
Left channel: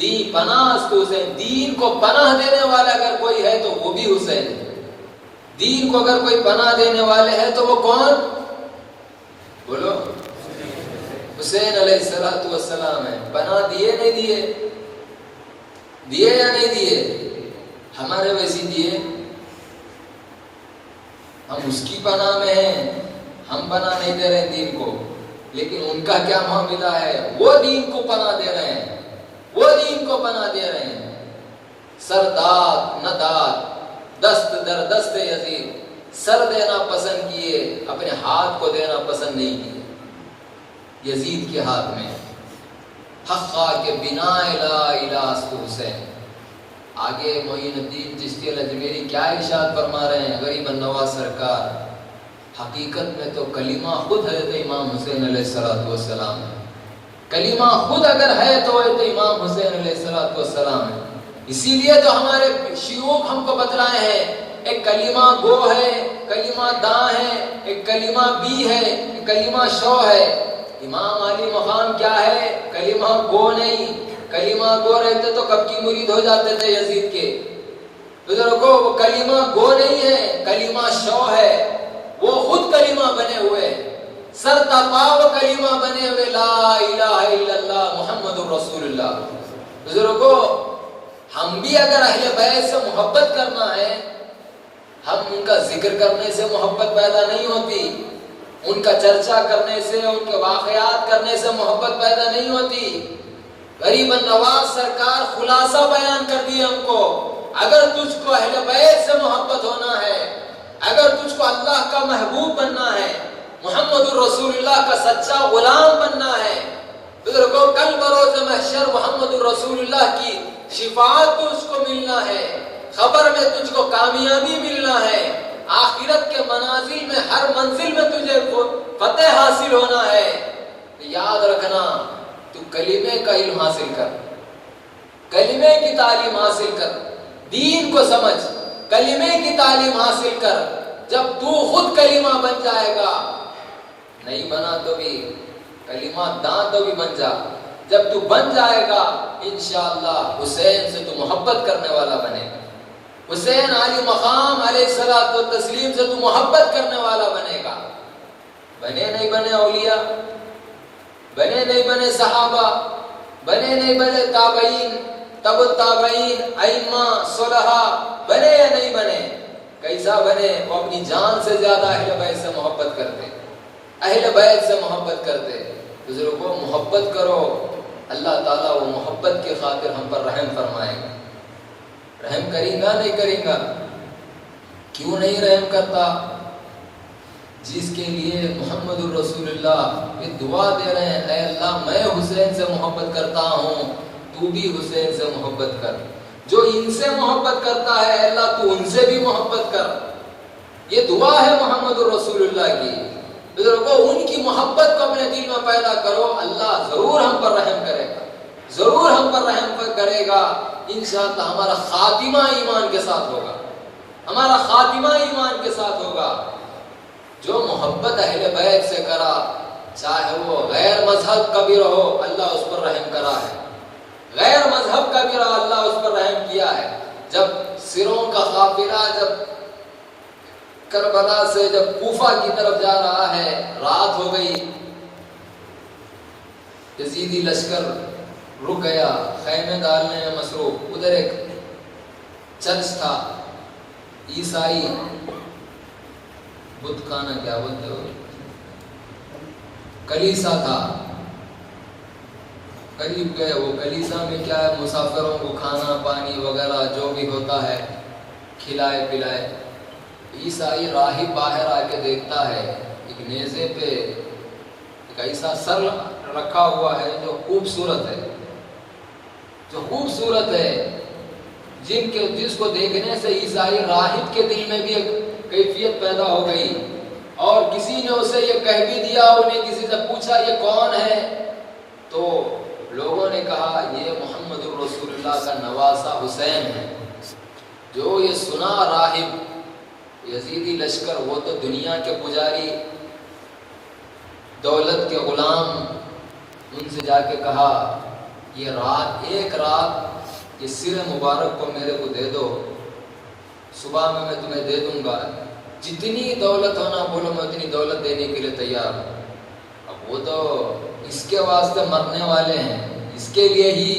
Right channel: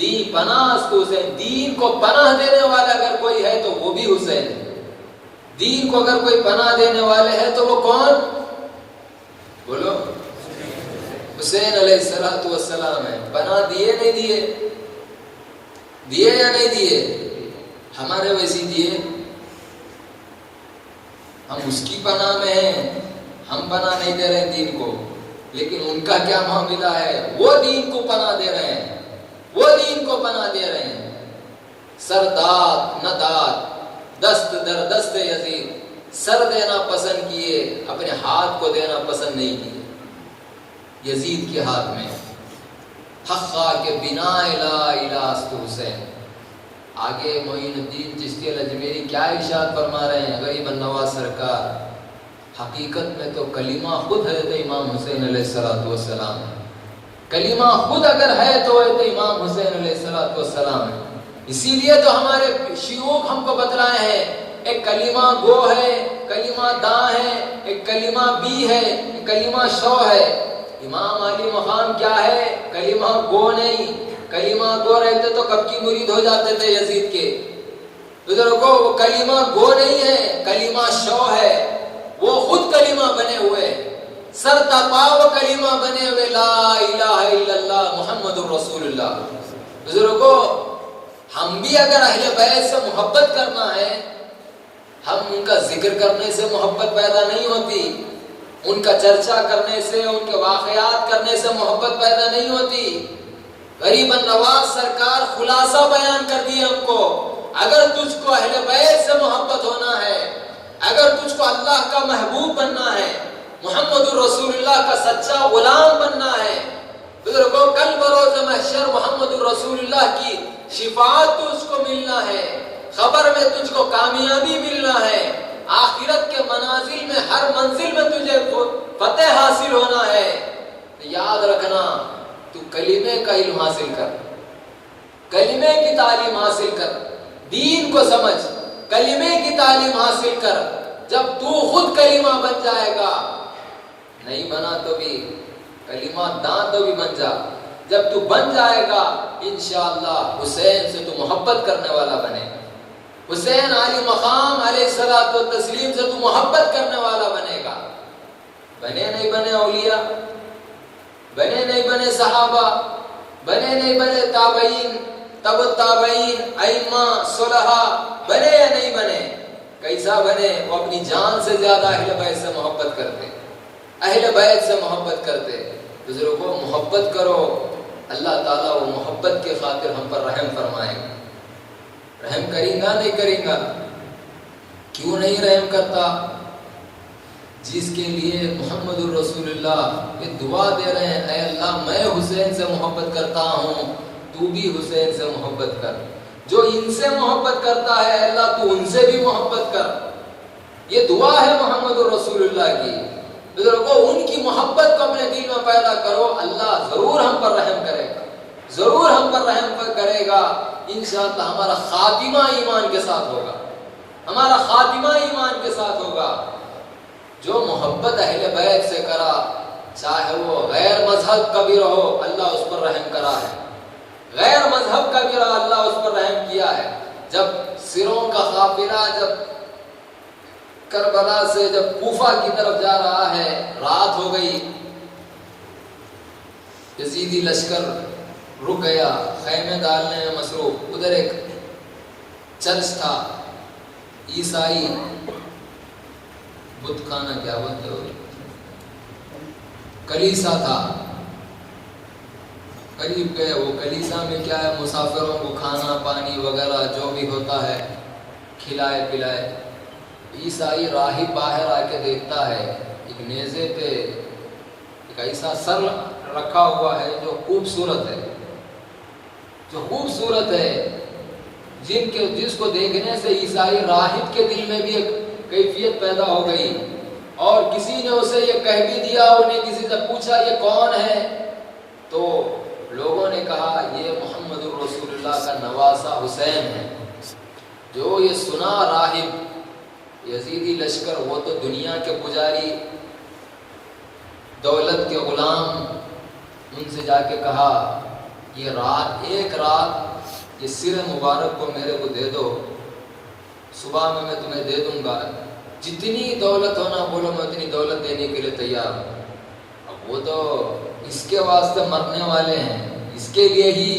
دین پناہ است حسین، دین کو پناہ دینے والا اگر کوئی ہے تو وہ بھی حسین ہے۔ دین کو اگر کوئی پناہ دینے والے ہیں تو وہ کون؟ بولو، حسین علیہ السلام ہے۔ پناہ دیے نہیں دیے؟ دیے یا نہیں دیے؟ ہمارے ویسی دیے؟ ہم اس کی پناہ میں ہیں، ہم پناہ نہیں دے رہے ہیں دین کو، لیکن ان کا کیا معاملہ ہے؟ وہ دین کو پناہ دے رہے ہیں، وہ دین کو پناہ دے رہے ہیں۔ سرداد نداد دست در دست یزید، سر دینا پسند کیے، اپنے ہاتھ کو دینا پسند نہیں کیے یزید کے ہاتھ میں۔ حقا کے بنا لا الہ است حسین۔ آگے معین الدین چشتی الاجمیری کیا ارشاد فرما رہے ہیں غریب النواز سرکار؟ حقیقت میں تو کلمہ خود حضرت امام حسین علیہ السلام ہے، کلمہ خود اگر ہے تو حضرت امام حسین علیہ السلام ہے۔ اسی لیے تو ہمارے شیوخ ہم کو بتلائے ہیں، ایک کلمہ گو ہے، کلمہ داں ہے، ایک کلمہ بی ہے، ایک کلمہ شو ہے۔ امام علی مقام کیا ہے؟ کلمہ گو نہیں، کلمہ گو رہتے تو کب کی مرید ہو جاتے تھے یزید کے بزرگوں۔ وہ کلمہ گو نہیں ہے، کلمہ شو ہے، وہ خود کلمہ بنے ہوئے، سر تقاو کلمہ بنے ہوئے، لا الہ الا اللہ محمد رسول اللہ۔ بزرگوں ہم بھی اگر اہل بیت سے محبت کرنا ہے، ہم ان کا ذکر کرنے سے محبت پیدا نہیں ہوتی، ان کا چرچا کرنے سے، ان کے واقعات کرنے سے محبت پیدا نہیں ہوتی۔ غریب النواز سرکار خلاصہ بیان کر دیے ہم کو، اگر تجھ کو اہل بیت سے محبت ہونا ہے، اگر تجھ کو اللہ کا محبوب بننا ہے، محمد رسول اللہ کا سچا غلام بننا ہے، بزرگوں کل بروز محشر محمد رسول اللہ کی شفاعت تجھ کو ملنا ہے، خبر میں تجھ کو کامیابی ملنا ہے، آخرت کے منازل میں ہر منزل میں تجھے فتح حاصل ہونا ہے، یاد رکھنا تو کلمے کا علم حاصل کر، کلمے کی تعلیم حاصل کر، دین کو سمجھ، کلمے کی تعلیم حاصل کر. جب تو خود کلمہ بن جائے گا، نہیں بنا تو بھی کلمہ داں تو بھی بن جا. جب تو بن جائے گا انشاءاللہ حسین سے تو محبت کرنے والا بنے گا. حسین علی مقام علیہ الصلوۃ والتسلیم سے تو محبت کرنے والا بنے گا. بنے نہیں بنے اولیاء، بنے نہیں بنے صحابہ، بنے نہیں بنے تابعین، تبع التابعین، ائمہ، صلحاء، بنے یا نہیں بنے؟ کیسا بنے؟ وہ اپنی جان سے زیادہ اہل بیت سے محبت کرتے، اہل بیت سے محبت کرتے. بزرگوں محبت کرو، اللہ تعالیٰ وہ محبت کے خاطر ہم پر رحم فرمائے گا. رحم کریں گا نہیں کریں گا؟ کیوں نہیں رحم کرتا؟ جس کے لیے محمد الرسول اللہ یہ دعا دے رہے ہیں، اے اللہ میں حسین سے محبت کرتا ہوں، تو بھی حسین سے محبت کر. جو ان سے محبت کرتا ہے اللہ تو ان سے بھی محبت کر. یہ دعا ہے محمد الرسول اللہ کی. بزرگوں ان کی محبت کو اپنے دل میں پیدا کرو، اللہ ضرور ہم پر رحم کرے گا، ضرور ہم پر رحم کرے گا. انشاءاللہ ہمارا خاتمہ ایمان کے ساتھ ہوگا، ہمارا خاتمہ ایمان کے ساتھ ہوگا. جو محبت اہل بیت سے کرا، چاہے وہ غیر مذہب کا بھی رہو، اللہ اس پر رحم کرا ہے. غیر مذہب کا بھی رہا، اللہ اس پر رحم کیا ہے. جب سروں کا قافلہ جب کربلا سے جب کوفہ کی طرف جا رہا ہے، رات ہو گئی، یزیدی لشکر رک گیا، خیمے ڈالنے میں مصروف. ادھر ایک چرچ تھا، عیسائی بت خانہ کیا بولتے ہو، کلیسا تھا. قریب گئے، وہ کلیسا میں کیا ہے، مسافروں کو کھانا پانی وغیرہ جو بھی ہوتا ہے کھلائے پلائے. عیسائی راہب باہر آ کے دیکھتا ہے ایک میزے پہ ایک ایسا سر رکھا ہوا ہے جو خوبصورت ہے، جو خوبصورت ہے، جس کو دیکھنے سے عیسائی راہب کے دل میں بھی ایک کیفیت پیدا ہو گئی. اور کسی نے اسے یہ کہہ بھی دیا، انہیں کسی سے پوچھا یہ کون ہے، تو لوگوں نے کہا یہ محمد الرسول اللہ کا نواسہ حسین ہے. جو یہ سنا راہب یزیدی لشکر، وہ تو دنیا کے پجاری، دولت کے غلام، ان سے جا کے کہا یہ رات، ایک رات یہ سر مبارک کو میرے کو دے دو، صبح میں تمہیں دے دوں گا، جتنی دولت ہونا بولو میں اتنی دولت دینے کے لیے تیار ہوں. اب وہ تو اس کے واسطے مرنے والے ہیں، اس کے لیے ہی.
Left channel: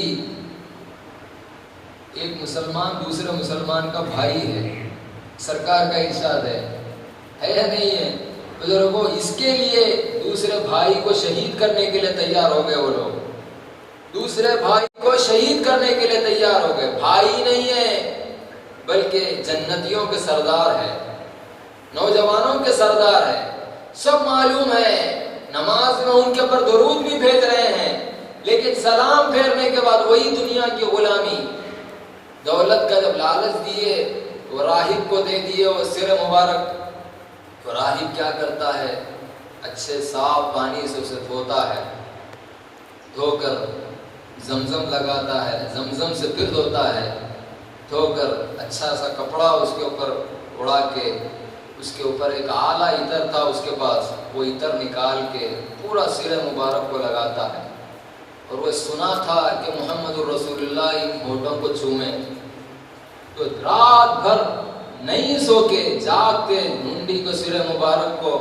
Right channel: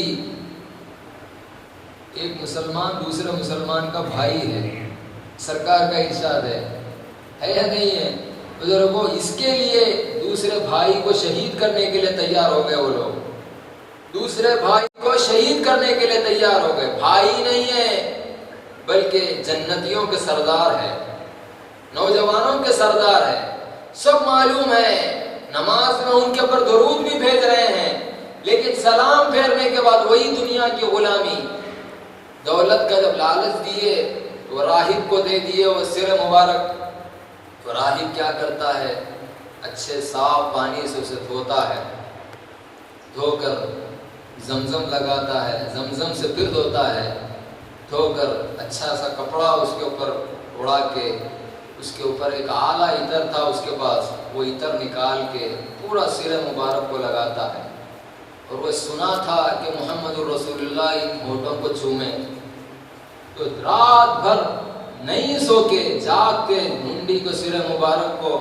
ایک مسلمان دوسرے مسلمان کا بھائی ہے، سرکار کا ارشاد ہے یا نہیں ہے؟ بزرگوں اس کے لیے دوسرے بھائی کو شہید کرنے کے لیے تیار ہو گئے. وہ لوگ دوسرے بھائی کو شہید کرنے کے لیے تیار ہو گئے. بھائی نہیں ہے بلکہ جنتیوں کے سردار ہے، نوجوانوں کے سردار ہے. سب معلوم ہے، نماز میں ان کے اوپر درود بھی بھیج رہے ہیں، لیکن سلام پھیرنے کے بعد وہی دنیا کی غلامی. دولت کا جب لالچ دیے، وہ راہب کو دے دیے وہ سر مبارک. تو راہب کیا کرتا ہے، اچھے صاف پانی سے اسے دھوتا ہے، دھو کر زمزم لگاتا ہے، زمزم سے پھر دھوتا ہے، دھو کر اچھا سا کپڑا اس کے اوپر اڑا کے، اس کے اوپر ایک اعلیٰ عطر تھا اس کے پاس، وہ عطر نکال کے پورا سر مبارک کو لگاتا ہے. اور وہ سنا تھا کہ محمد رسول اللہ ان ہونٹوں کو چومے. تو رات بھر نہیں سو کے جاگ کے منڈی کو سر مبارک کو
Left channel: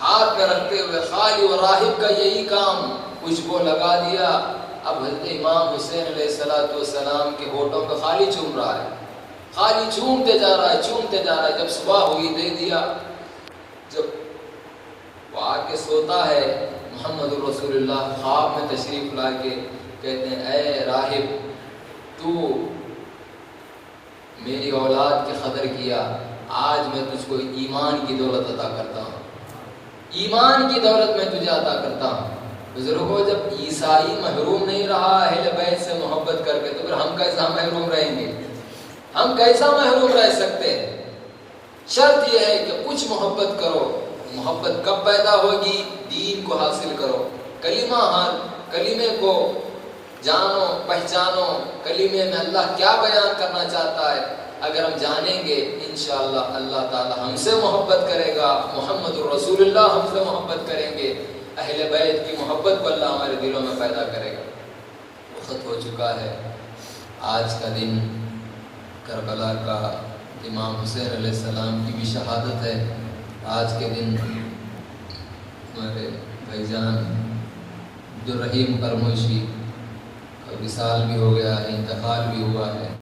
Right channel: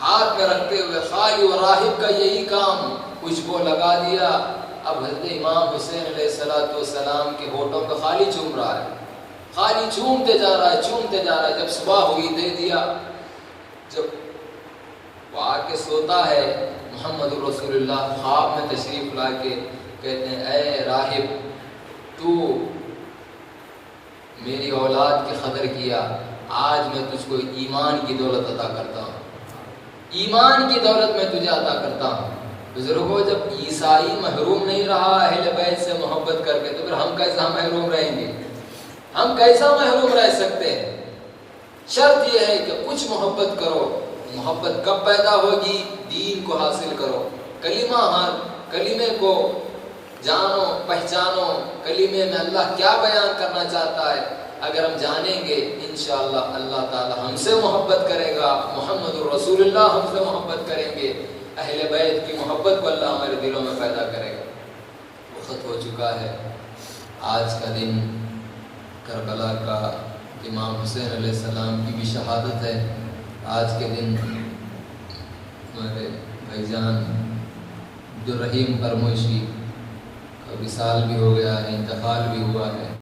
ہاتھ میں رکھتے ہوئے خالی و راہب کا یہی کام، کچھ کو لگا دیا. اب حضرت امام حسین علیہ السلام کے ہونٹوں کو خالی چوم رہا ہے، خالی چومتے جا رہا ہے، چومتے جا رہا ہے. جب صبح ہوئی دے دیا. جب وہ آ کے سوتا ہے، محمد رسول اللہ خواب میں تشریف لا کے کہتے ہیں اے راہب تو میری اولاد کی قدر کیا، آج میں تجھ کو ایمان کی دولت عطا کرتا ہوں، ایمان کی دولت میں تجھے عطا کرتا ہوں. بزرگوں جب عیسائی محروم نہیں رہا اہل بیت سے محبت کر کے، تو پھر ہم کیسا محروم رہیں گے؟ ہم کیسا محروم رہ سکتے ہیں؟ شرط یہ ہے کہ کچھ محبت کرو. محبت کب پیدا ہوگی؟ دین کو حاصل کرو، کلمے کو جانو، پہچانو، کلمے میں اللہ کیا بیان کرنا چاہتا ہے، اگر ہم جانیں گے انشاءاللہ اللہ تعالی ہم سے محبت کرے گا، محمد رسول اللہ ہم سے محبت کریں گے، اہل بیت کی محبت کو اللہ ہمارے دلوں میں پیدا کرے گا۔ وقت ہو چکا ہے، آج کا دن کربلا کا امام حسین علیہ السلام کی بھی شہادت ہے۔ آج کے دن ہمارے بھائی جان عبدالرحیم پرموشی کا وصال بھی ہو گیا ہے، انتقال بھی ہوا ہے۔